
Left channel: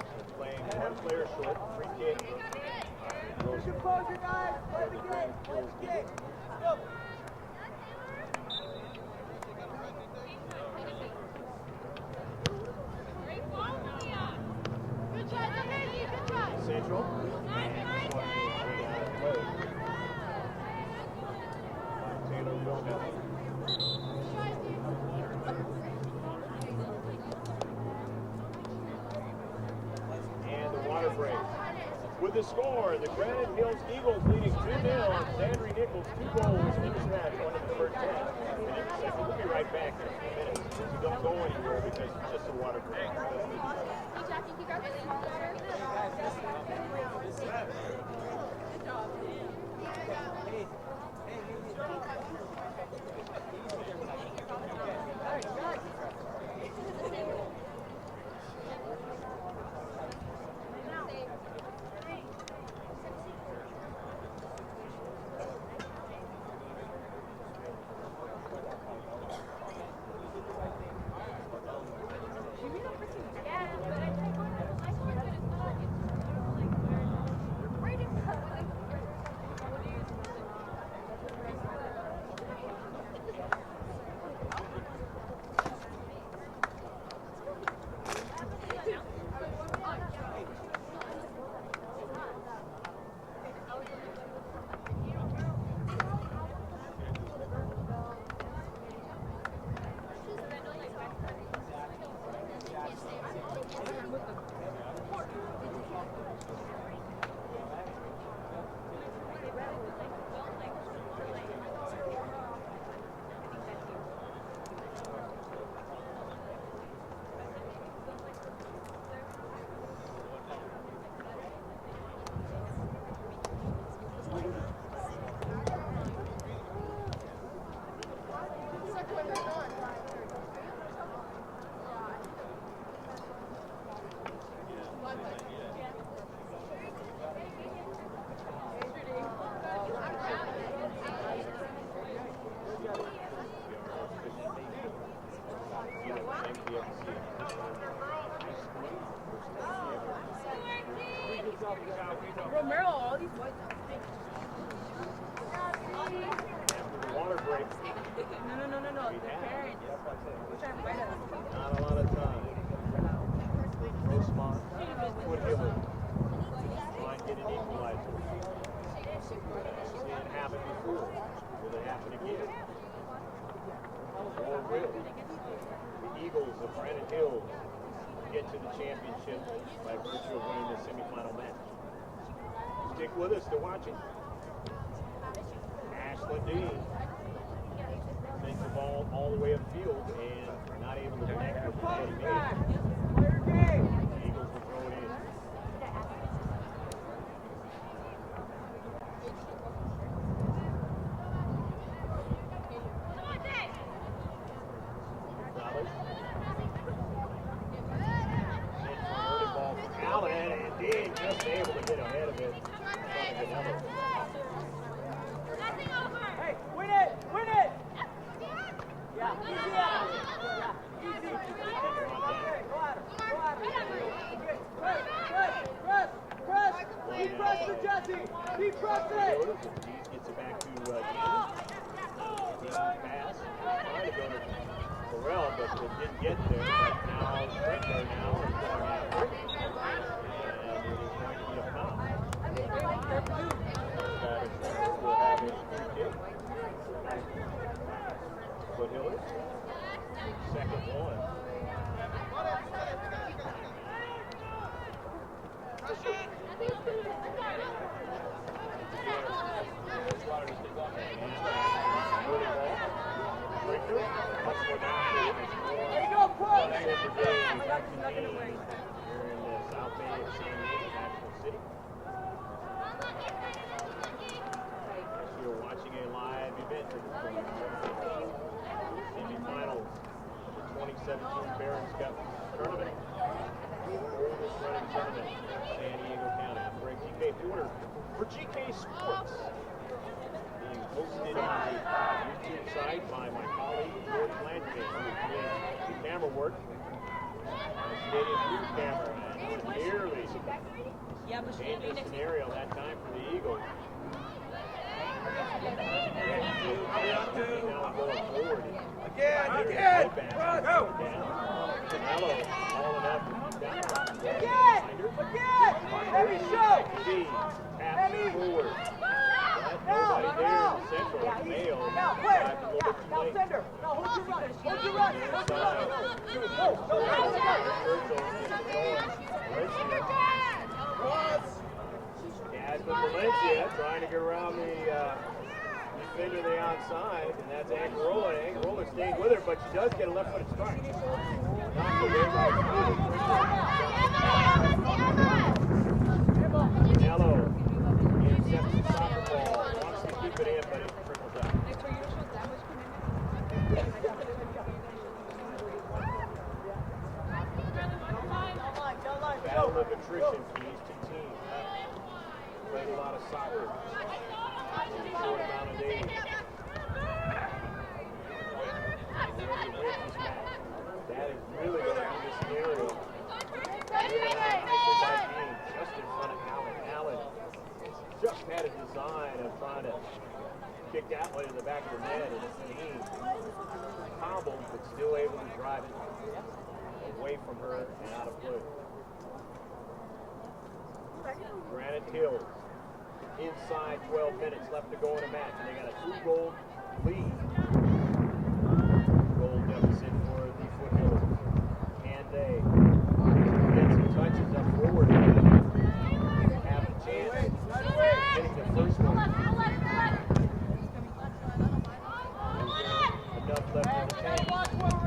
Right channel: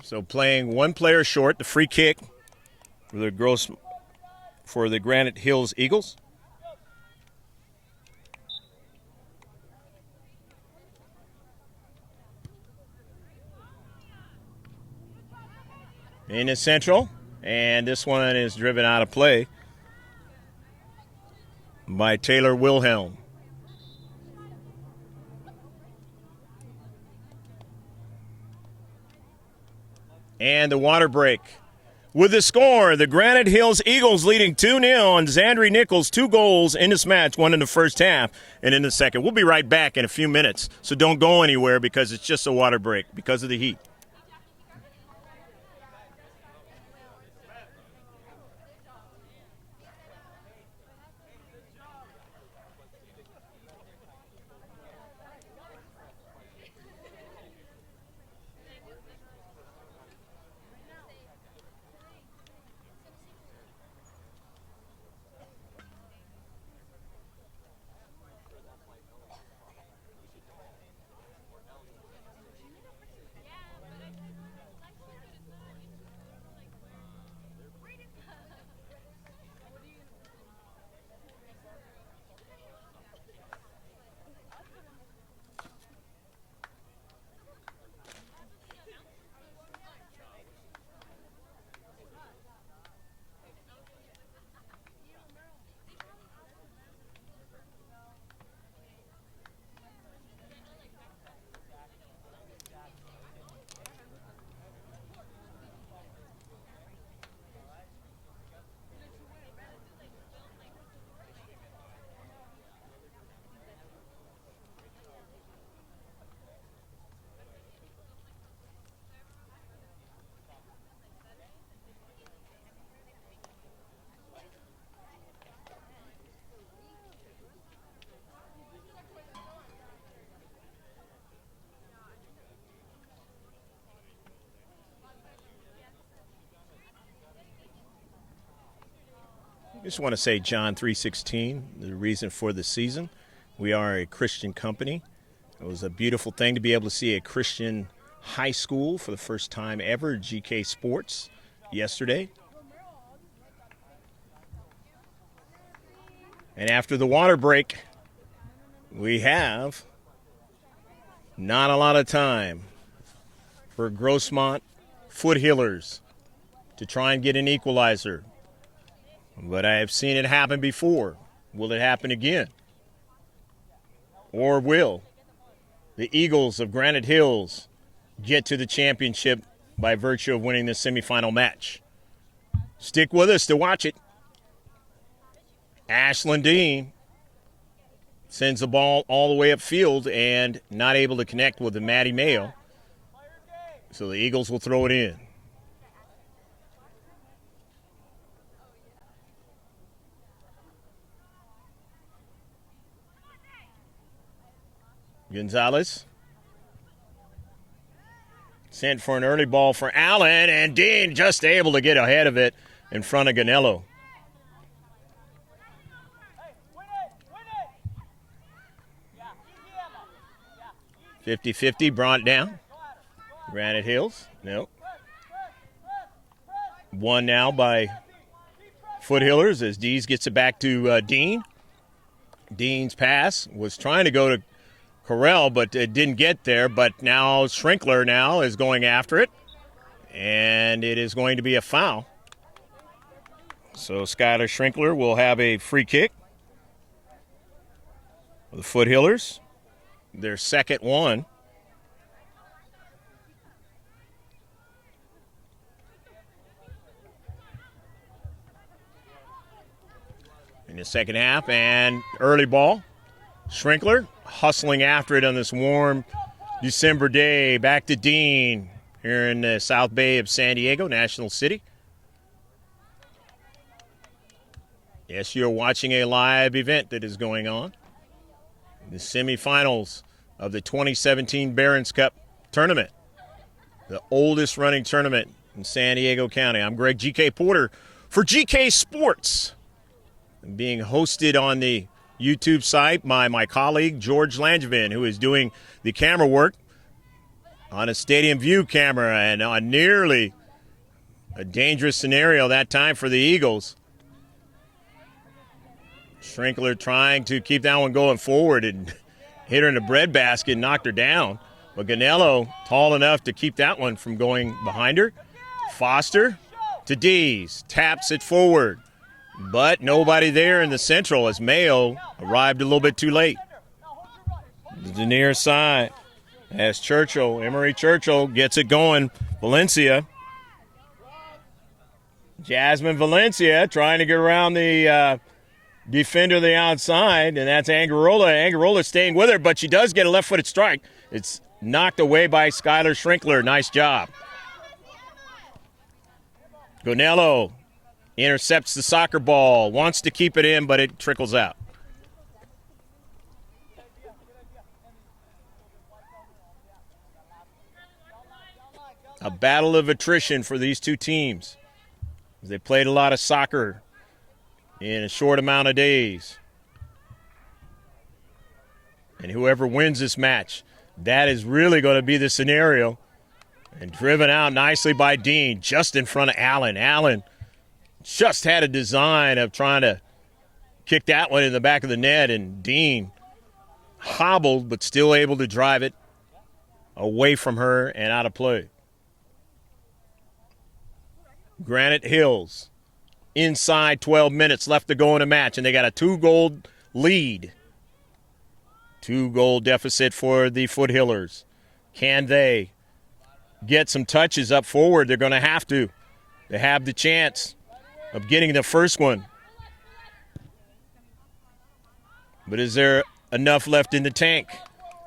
So playing one player short, the free kick for the Granite Hills Eagles. In the central, and this one is driven out of play by Taylor Wilhelm. And the water break. With the score, the Granite Hills Eagles leading 2-0 on Zandri Nichols. 2 goals in this match, one in the first half and in the second. We'll be right back in a few minutes, so don't go anywhere because it's just a water break because of the heat. Just want to say John 3:16, the reason for the season. We are a Christian company. It was a beautiful thing to be able to see a Christian high school for the first time ever, GK Sports, yesterday. And after the water break, we have not a lot of time for Grossmont Foothillers to try and get an equalizer. But I have seen it happen before. Will it happen again? Or will the Eagles of Granite Hills get to the championship by virtue of winning this semifinal match? Stick with us to watch it. Ashlyn Dean sends the ball all the way upfield and not able to connect with the Maddie Mayo. So the Eagles will throw it in. Gonzalez sent for an early ball for Allen, and Dean just able to get ahead of it in front of Ganello. Hey, win it! 50-50 brought down. Granite Hills, no. One now by Foothillers as Dees gets it back to Dean. Dean's pass was trying to go to Correll, but it didn't get there. But now Schrinkler now is going after it, and it is going to be a foul. So Skylar Schrinkler will have a free kick. The Foothillers, their second one. In the second half, and early ball. Schrinkler hustling after it on this warm December day. Back to Dean here in the South Bay of San Diego, National City. Yes, you're watching a live event that is going on. The semifinals of the 2017 Barron's Cup tournament, the oldest running tournament in San Diego County. I'm Greg GK Porter for GK Sports, being hosted on the YouTube site by my colleague George Langevin, who is doing the camera work on a stadium view camera, and on nearly a dangerous scenario that time for the Eagles. Schrinkler trying to keep that one going forward and hit her in the breadbasket, knocked her down. But Ganello tall enough to keep that one from going behind her. Foster to Dees, taps it forward. But nobody there in the central as Mayo arrived a little bit too late. The near side as Churchill, Emery Churchill gets it going. Valencia. Jasmine Valencia trying to get around the defender the outside, and that's Angarola. Angarola staying with her, but she does get a left-footed strike. It's knocked away by Skylar Schrinkler. Nice job. Ganello intercepts the soccer ball, wants to keep it in, but it trickles out. A battle of attrition for these two teams. They played a lot of soccer in a short amount of days. And whoever wins this match, that is really going to be the scenario. And driven out nicely by Dean, just in front of Allen. Allen just had a design of trying to kick that one in the back of the net, and Dean hobbled but still able to drive it away from her and out of play. Granite Hills, inside 12 minutes left to go in a match, and they got a 2-goal lead. 2-goal deficit for the Foothillers. Can they get some touches up forward? They're going to have to. They have the chance of getting the first one. But is there enough left in the tank?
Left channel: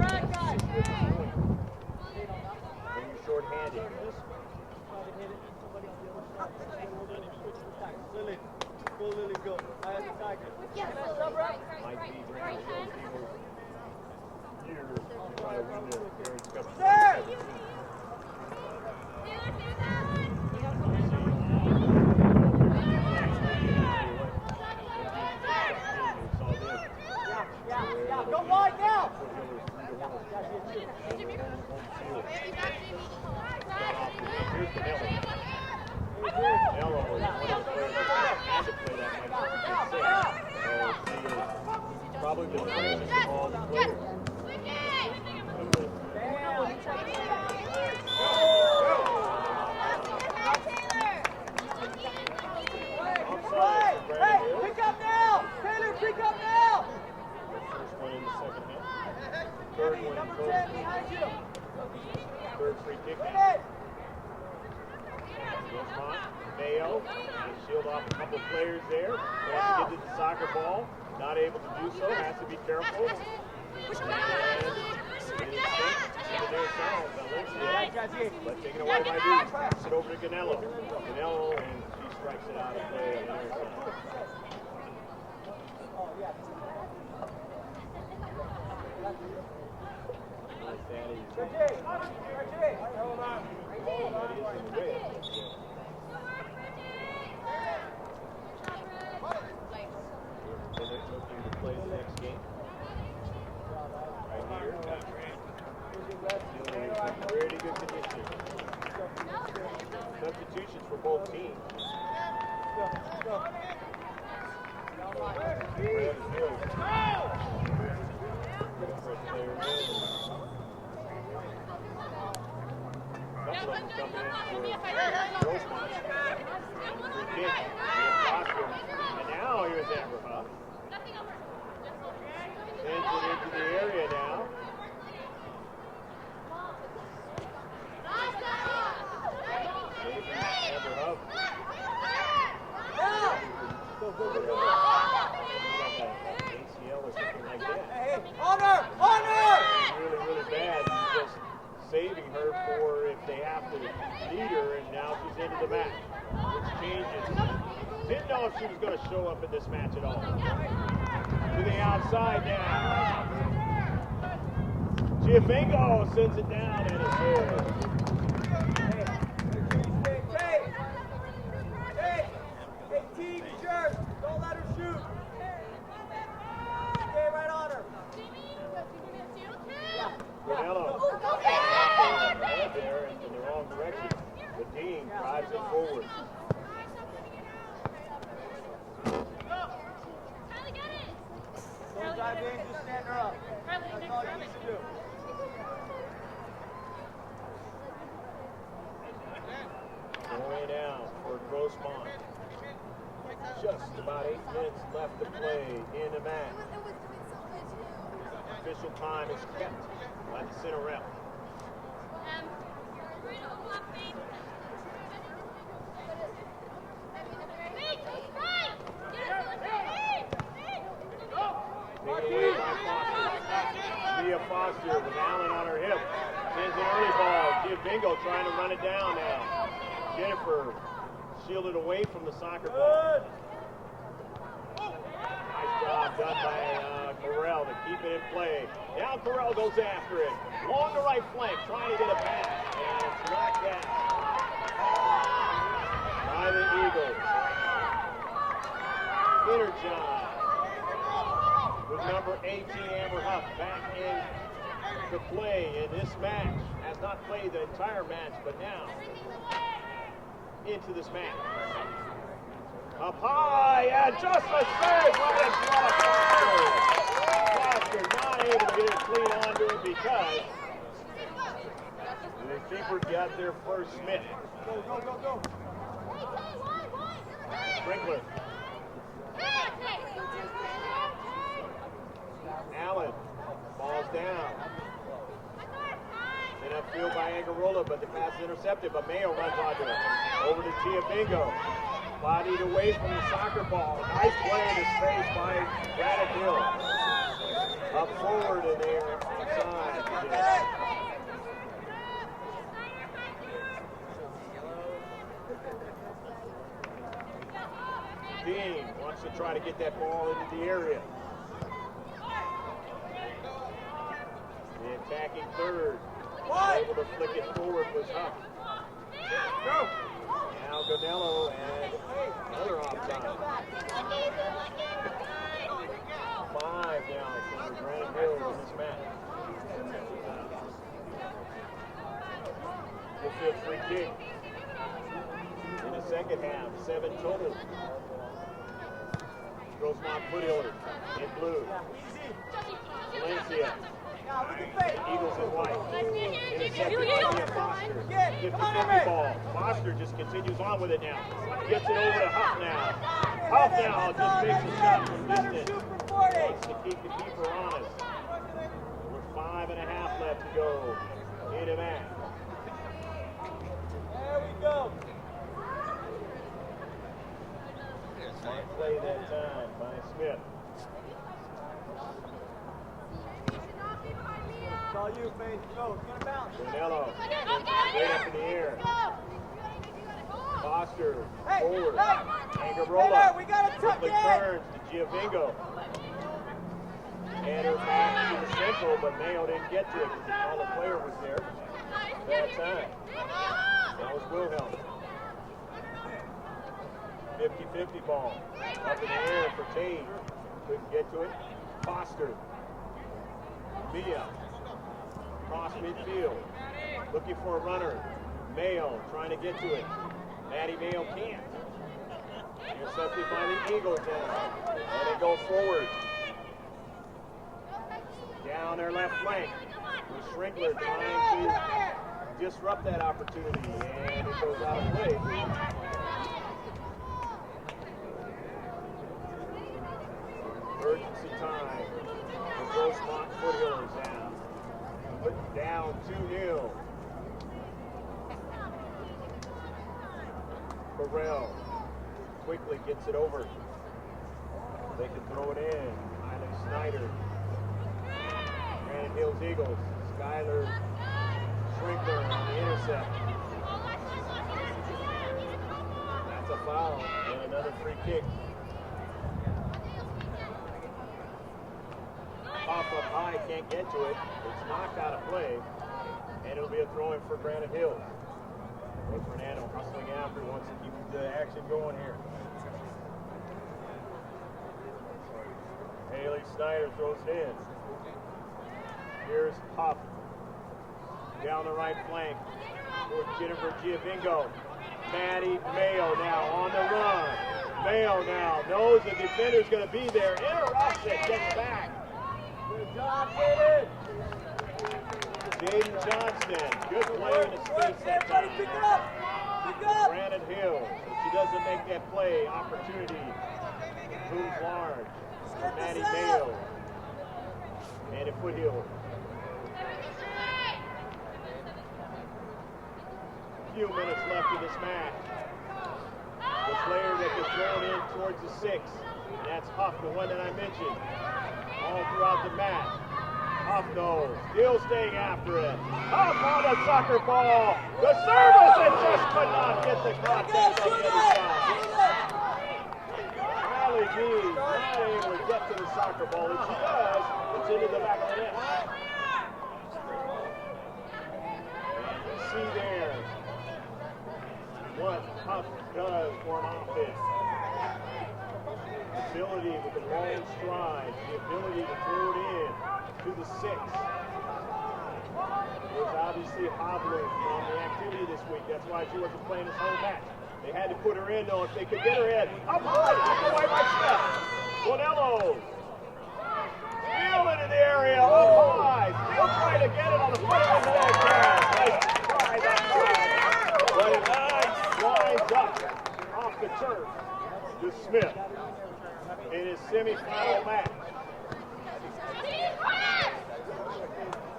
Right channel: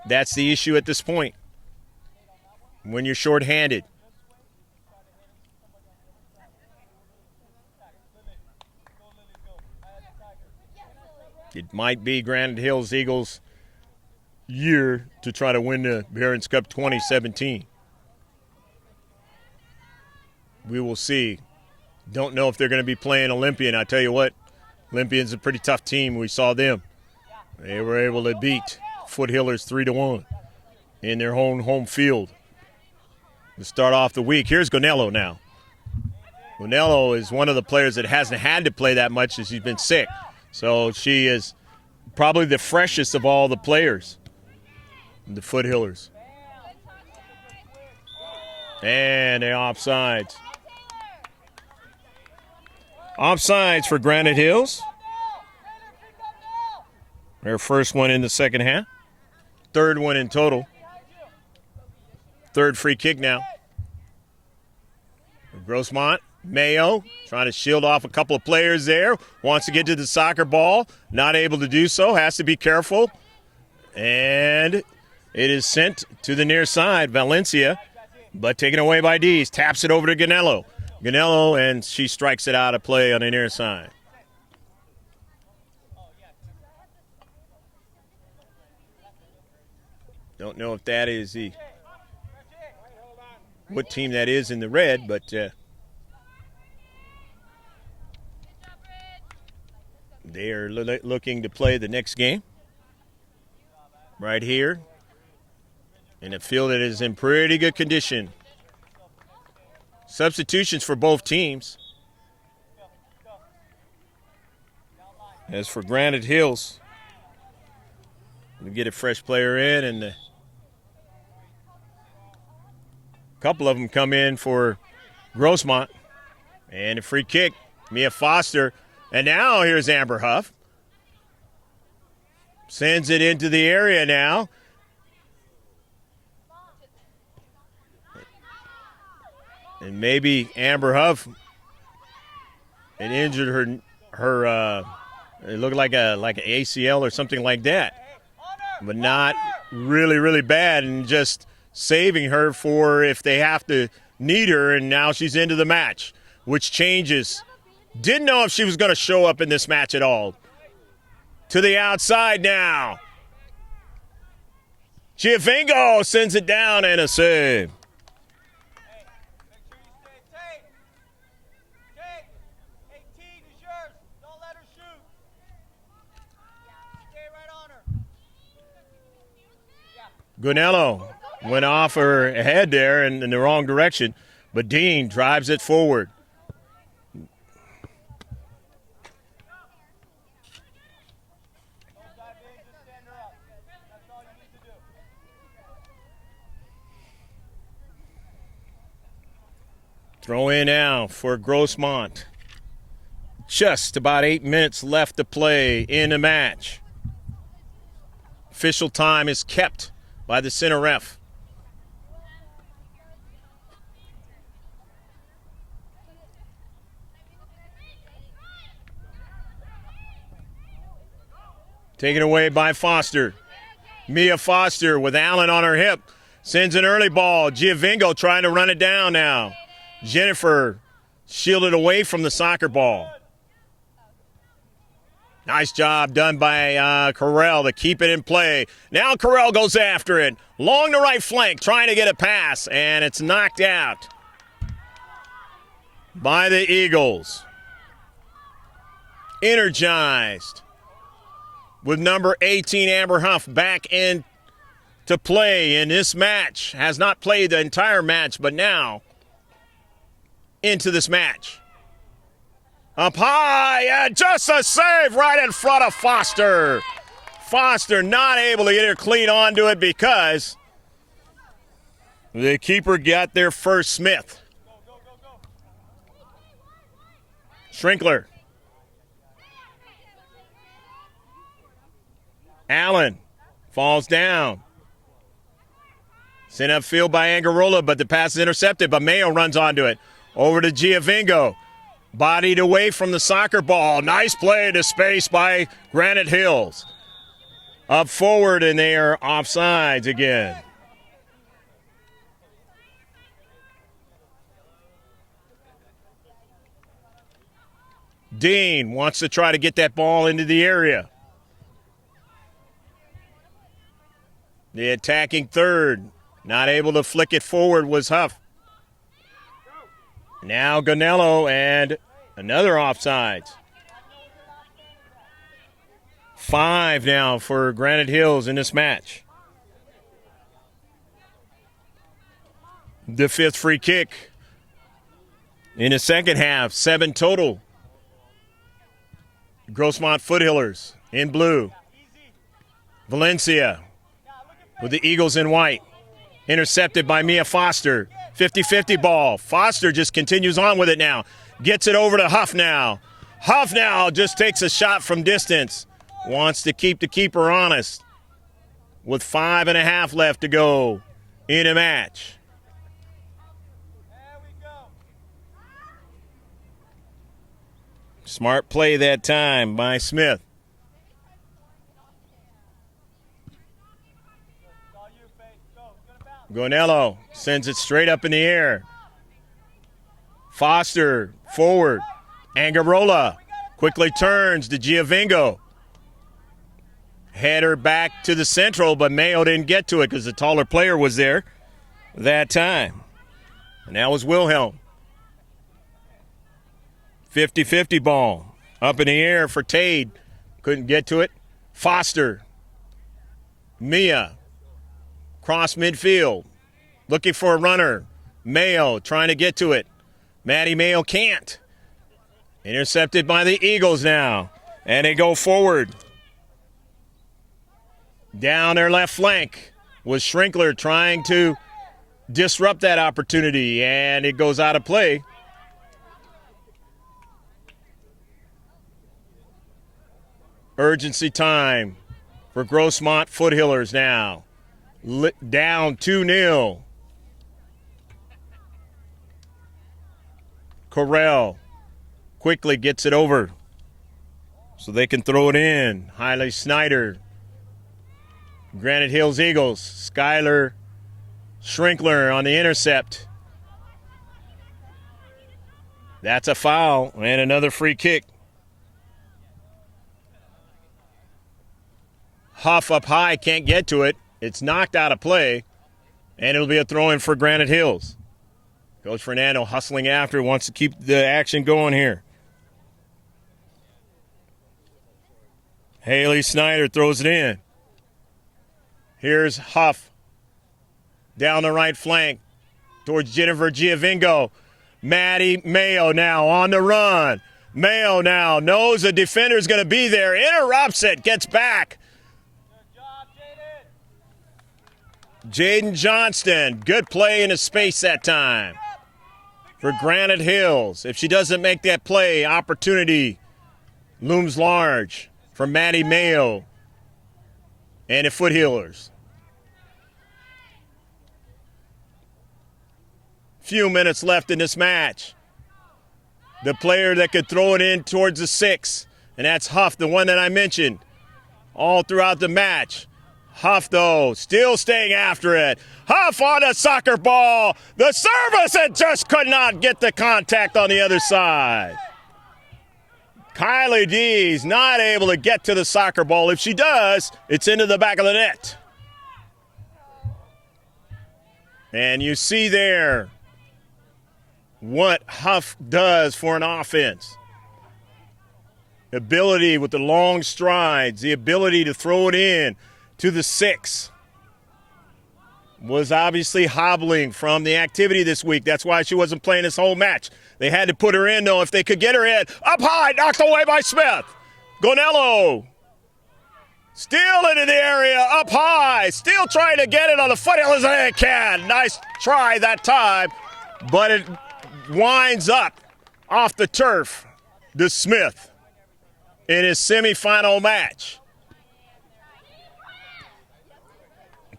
That's the issue at this point. When you're shorthanded. It might be Granite Hills Eagles' year to try to win the Barron's Cup 2017. We will see. Don't know if they're going to be playing Olympian. I tell you what, Olympians a pretty tough team. We saw them. They were able to beat Foothillers 3-1 in their home field. To start off the week, here's Gonello now. Gonello is one of the players that hasn't had to play that much as he's been sick. So she is probably the freshest of all the players, the Foothillers. And the offsides. Offsides for Granite Hills. Their first one in the second half. Third one in total. Third free kick now. Grossmont, Mayo, trying to shield off a couple of players there. Wants to get to the soccer ball. Not able to do so. Has to be careful. And it is sent to the near side. Valencia, but taken away by Dees. Taps it over to Gonello. Gonello, and she strikes it out of play on the near side. Don't know if that is the what team that is in the red, but they are looking to play the next game right here in a field that is in pretty good condition. Substitutions for both teams. As for Granite Hills, we get a fresh player in, and a couple of them come in for Grossmont. And a free kick, Mia Foster. And now here's Amber Huff. Sends it into the area now. And maybe Amber Huff had injured her it looked like an ACL or something like that, but not really bad, and just saving her for if they have to need her. And now she's into the match, which changes. Didn't know if she was going to show up in this match at all. To the outside now. Giovinco sends it down, and a save. Gonello went off her head there in the wrong direction, but Dean drives it forward. Throw in now for Grossmont. Just about 8 minutes left to play in the match. Official time is kept by the center ref. Taken away by Foster. Mia Foster with Allen on her hip. Sends an early ball. Giovinco trying to run it down now. Jennifer shielded away from the soccer ball. Nice job done by Carell to keep it in play. Now Carell goes after it. Along the right flank, trying to get a pass, and it's knocked out by the Eagles. Energized with number 18, Amber Huff, back in to play in this match. Has not played the entire match, but now into this match. Up high, and just a save right in front of Foster. Foster not able to get her clean onto it because the keeper got there first, Smith. Schrinkler. Allen falls down. Sent upfield by Angarola, but the pass is intercepted, but Mayo runs onto it. Over to Giovinco. Bodied away from the soccer ball. Nice play into space by Granite Hills. Up forward, and they are offsides again. Dean wants to try to get that ball into the area. The attacking third, not able to flick it forward, was Huff. Now Gonello, and another offside. 5 now for Granite Hills in this match. The 5th free kick in the second half, 7 total. Grossmont Foothillers in blue. Valencia with the Eagles in white. Intercepted by Mia Foster. 50-50 ball. Foster just continues on with it now. Gets it over to Huff now. Huff now just takes a shot from distance. Wants to keep the keeper honest. With 5.5 left to go in a match. Smart play that time by Smith. Gonello sends it straight up in the air. Foster forward. Angarola quickly turns to Giovingo. Header back to the central, but Mayo didn't get to it because the taller player was there that time. Now is Wilhelm. 50-50 ball. Up in the air for Tade. Couldn't get to it. Foster. Mia. Cross midfield. Looking for a runner. Mayo trying to get to it. Maddie Mayo can't. Intercepted by the Eagles now. And they go forward. Down their left flank was Schrinkler trying to disrupt that opportunity. And it goes out of play. Urgency time for Grossmont Foothillers now. Down 2-0. Correll quickly gets it over so they can throw it in. Hailey Snyder. Granite Hills Eagles. Skylar Schrinkler on the intercept. That's a foul and another free kick. Huff up high, can't get to it. It's knocked out of play, and it'll be a throw-in for Granite Hills. Coach Fernando hustling after, wants to keep the action going here. Hailey Snyder throws it in. Here's Huff down the right flank towards Jennifer Giovingo. Maddie Mayo now on the run. Mayo now knows the defender's going to be there, interrupts it, gets back. Jaden Johnston, good play in his space that time for Granite Hills. If she doesn't make that play, opportunity looms large for Maddie Mayo and the Foothillers. Few minutes left in this match. The player that could throw it in towards the 6, and that's Huff, the one that I mentioned all throughout the match. Huff, though, still staying after it. Huff on a soccer ball. The service, and just could not get the contact on the other side. Kylie D's not able to get to the soccer ball. If she does, it's into the back of the net. And you see there what Huff does for an offense. The ability with the long strides, the ability to throw it in to the 6. Was obviously hobbling from the activity this week. That's why she wasn't playing this whole match. They had to put her in, though, if they could get her in. Up high, knocked away by Smith. Gonello. Still into the area, up high. Still trying to get it on the Foothillers, and it can. Nice try that time. But it winds up off the turf to Smith in his semifinal match.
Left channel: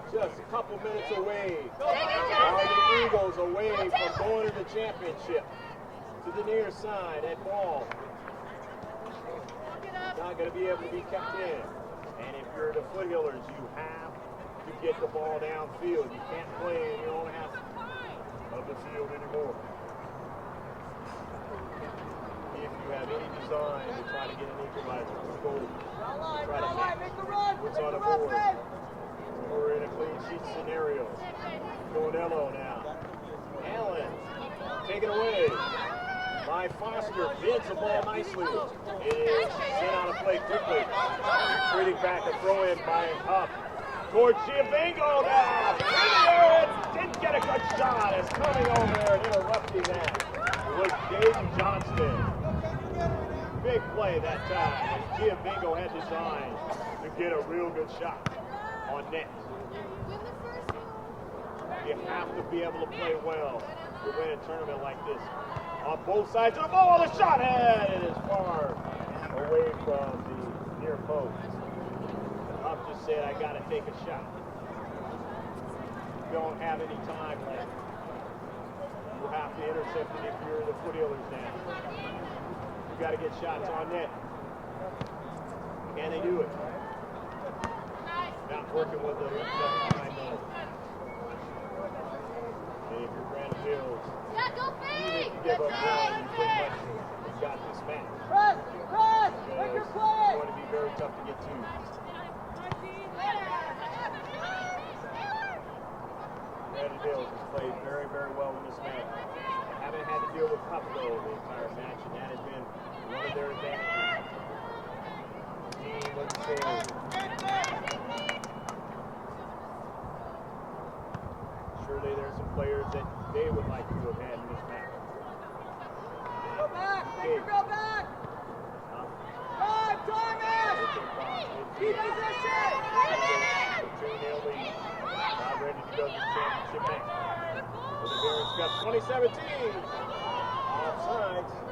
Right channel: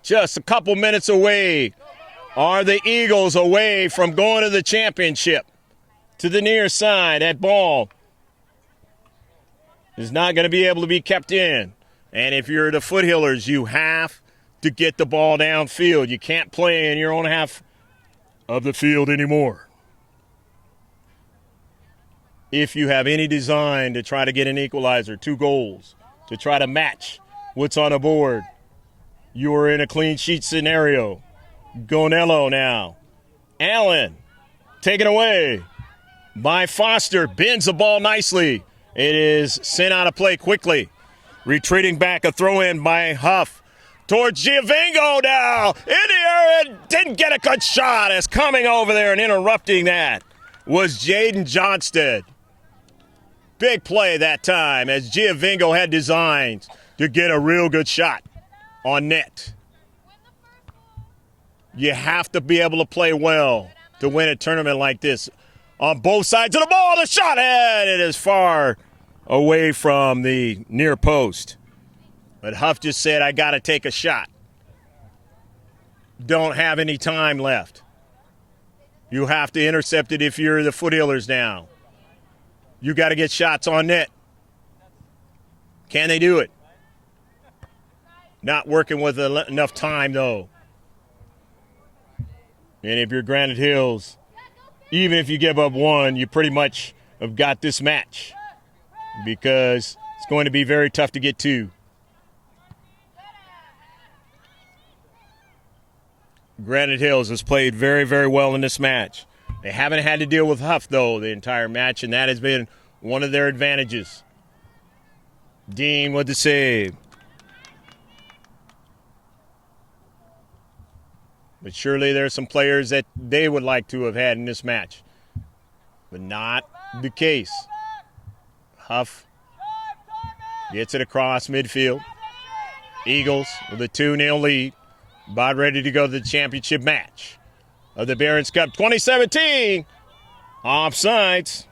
Just a couple minutes away are the Eagles away from going to the championship. To the near side, that ball is not going to be able to be kept in. And if you're the Foothillers, you have to get the ball downfield. You can't play in your own half of the field anymore. If you have any design to try to get an equalizer, 2 goals, to try to match what's on the board, you are in a clean sheet scenario. Gonello now. Allen taken away by Foster. Bends the ball nicely. It is sent out of play quickly. Retreating back, a throw in by Huff towards Giovingo now. In the area, didn't get a good shot. As coming over there and interrupting that was Jaden Johnston. Big play that time as Giovingo had designed to get a real good shot on net. You have to be able to play well to win a tournament like this. On both sides of the ball, the shot, and it is far away from the near post. But Huff just said, I got to take a shot. Don't have any time left. You have to intercept it if you're the Foothillers now. You got to get shots on net. Can they do it? Not working with enough time, though. And if you're Granite Hills, even if you give up one, you pretty much have got this match because it's going to be very tough to get two. Granite Hills has played very, very well in this match. They haven't had to deal with Huff, though, the entire match, and that has been one of their advantages. Dean with the save. But surely there's some players that they would like to have had in this match. But not the case. Huff gets it across midfield. Eagles with a 2-0 lead. About ready to go to the championship match of the Barron's Cup 2017. Offsides.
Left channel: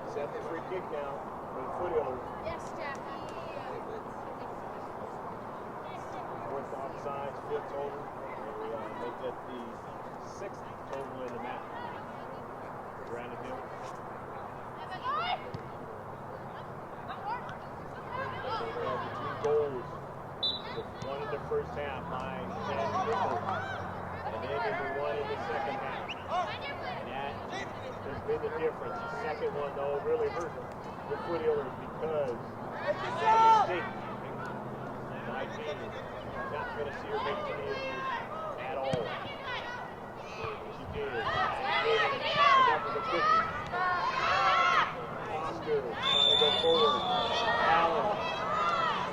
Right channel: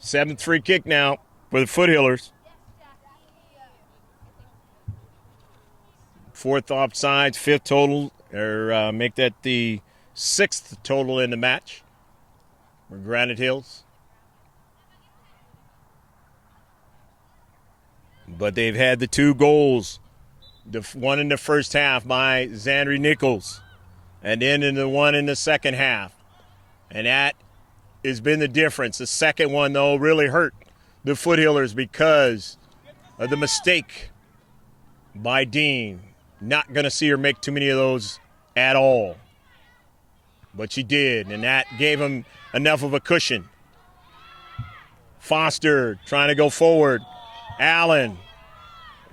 Seventh free kick now for the Foothillers. Fourth offsides, fifth total, or make that the sixth total in the match. Granite Hills. But they've had the two goals, the one in the first half by Zandri Nichols, and then in the one in the second half. And that has been the difference. The second one, though, really hurt the Foothillers because of the mistake by Dean. Not going to see her make too many of those at all. But she did, and that gave him enough of a cushion. Foster trying to go forward. Allen.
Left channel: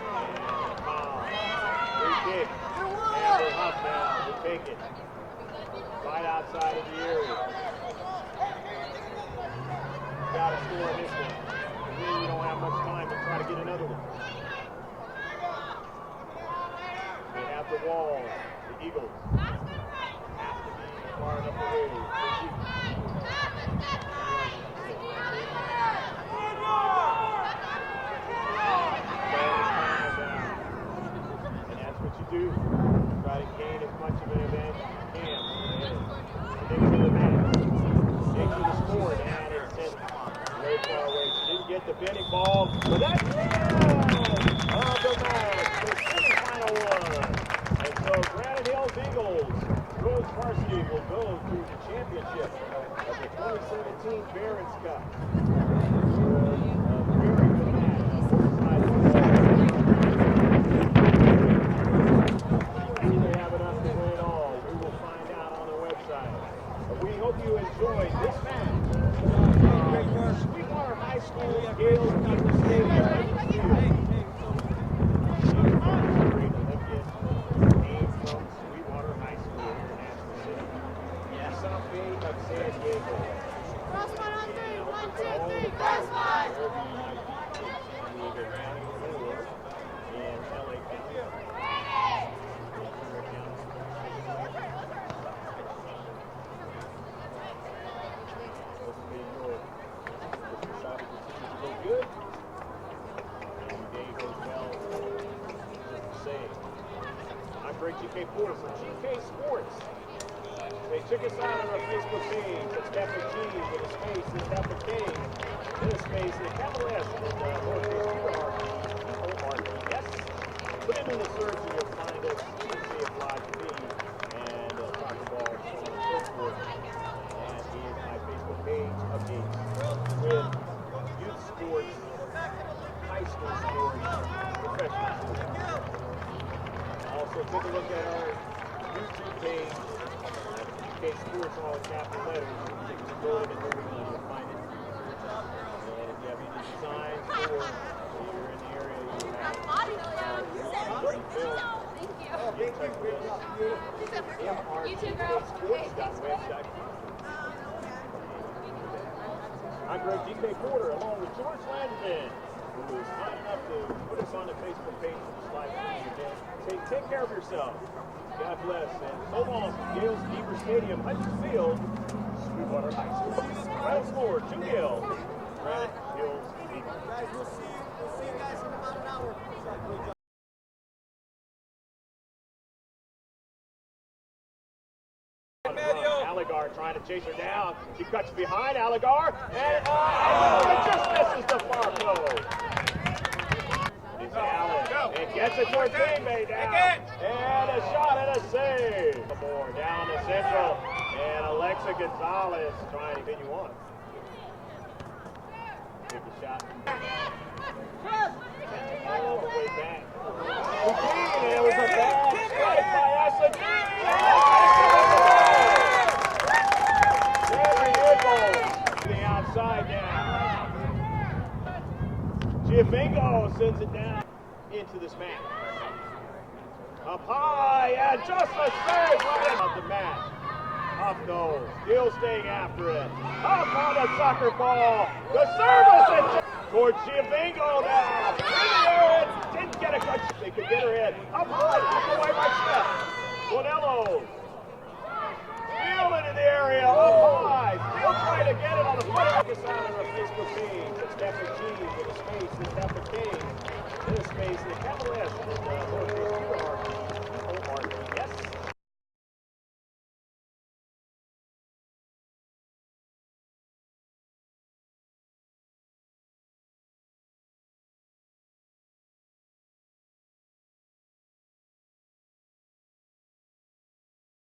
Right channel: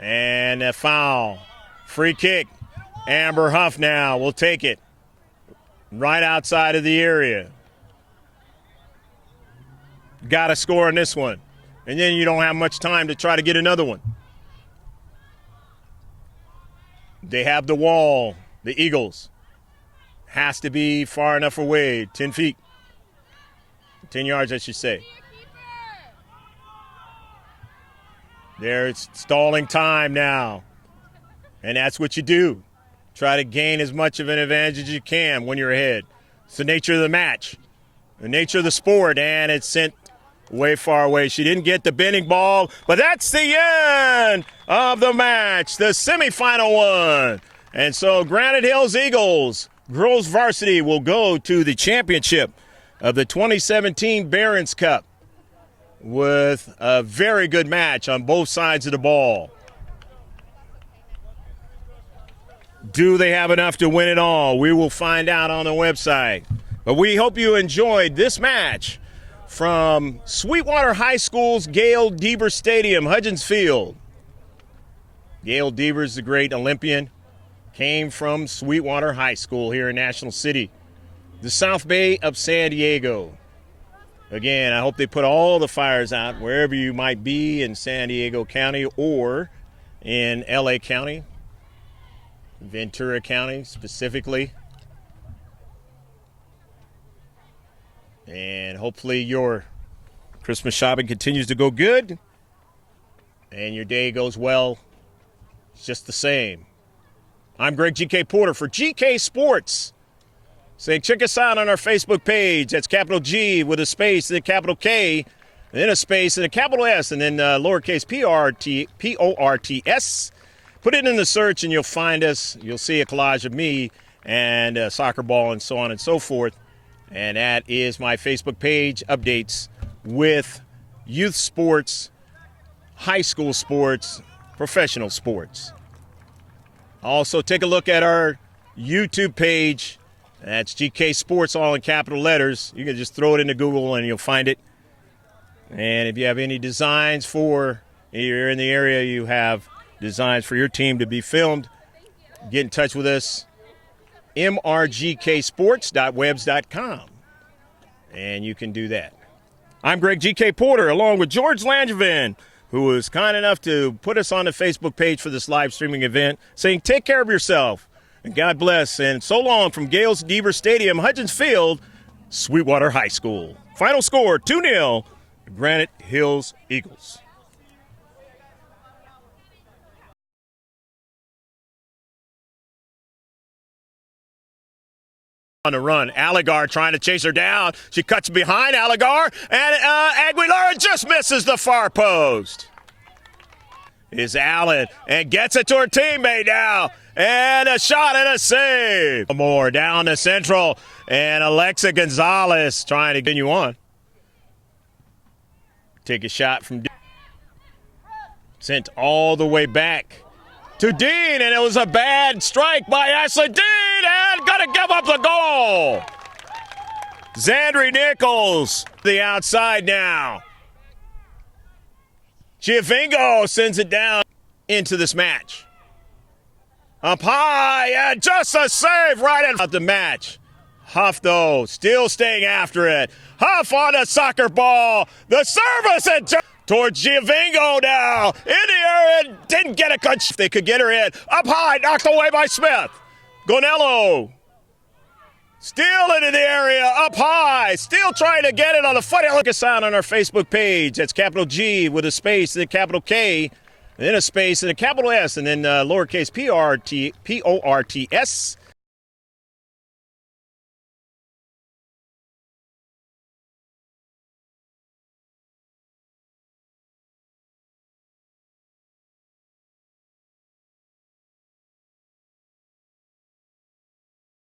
And a foul. Free kick. Amber Huff now will take it. Right outside of the area. Got to score on this one. And then you don't have much time to try to get another one. They have the wall, the Eagles. Has to be far enough away, 10 feet. 10 yards, I should say. There's stalling time now. And that's what you do. Try to gain as much of an advantage as you can when you're ahead. It's the nature of the match, the nature of the sport, and it's sent way far away. She didn't get the bending ball, but that's the end of the match, the semifinal one. And so Granite Hills Eagles, girls varsity, will go to the championship of the 2017 Barron's Cup with a very good match on both sides of the ball. Do they have enough to win it all? We will find out on the website. But we hope you enjoyed this match from Sweetwater High School's Gail Deaver Stadium, Hudgens Field. Gail Deaver is a great Olympian. Came from Sweetwater High School here in National City, the South Bay of San Diego. Again, I hope they put all the fires out wherever you might be in San Diego County or in LA County, Ventura County specifically. And hopefully your Christmas shopping continues to go good and your day goes well. It's just the same. I'm Greg GK Porter for GK Sports. Say, check us out on our Facebook page. That's capital G with a space, then capital K, then a space, and a capital S, and then lowercase P-O-R-T-S. Put it in the search and you'll find us. You'll see a collage of me and a soccer ball and so on and so forth. And that is my Facebook page updates with youth sports, high school sports, professional sports. Also, take a look at our YouTube page. That's GK Sports, all in capital letters. You can just throw it into Google and you'll find it. And if you have any designs for, you're in the area, you have designs for your team to be filmed, get in touch with us, mrgksports.webs.com, and you can do that. I'm Greg G.K. Porter, along with George Langevin, who was kind enough to put us on the Facebook page for this live streaming event, saying take care of yourself, and God bless, and so long from Gales Deaver Stadium, Hudgens Field, Sweetwater High School. Final score, 2-0, Granite Hills Eagles. On the run, Allegar trying to chase her down. She cuts behind Allegar, and Aguilar just misses the far post. Is Allen and gets it to her teammate now, and a shot and a save. More down to central, and Alexa Gonzalez trying to continue on. Take a shot from Dean. Sent all the way back to Dean, and it was a bad strike by Ashley Dean, and gonna give up the goal. Zandri Nichols, the outside now. Giovingo sends it down into this match. Up high, and just a save right out the match. Huff, though, still staying after it. Huff on the soccer ball. The service and towards Giovingo now. In the area, didn't get a good shot. They could get her in. Up high, knocked away by Smith. Gonello. Still into the area, up high. Still trying to get it on the foot. Look us out on our Facebook page. That's capital G with a space, then capital K, then a space, and a capital S, and then lowercase P-O-R-T-S.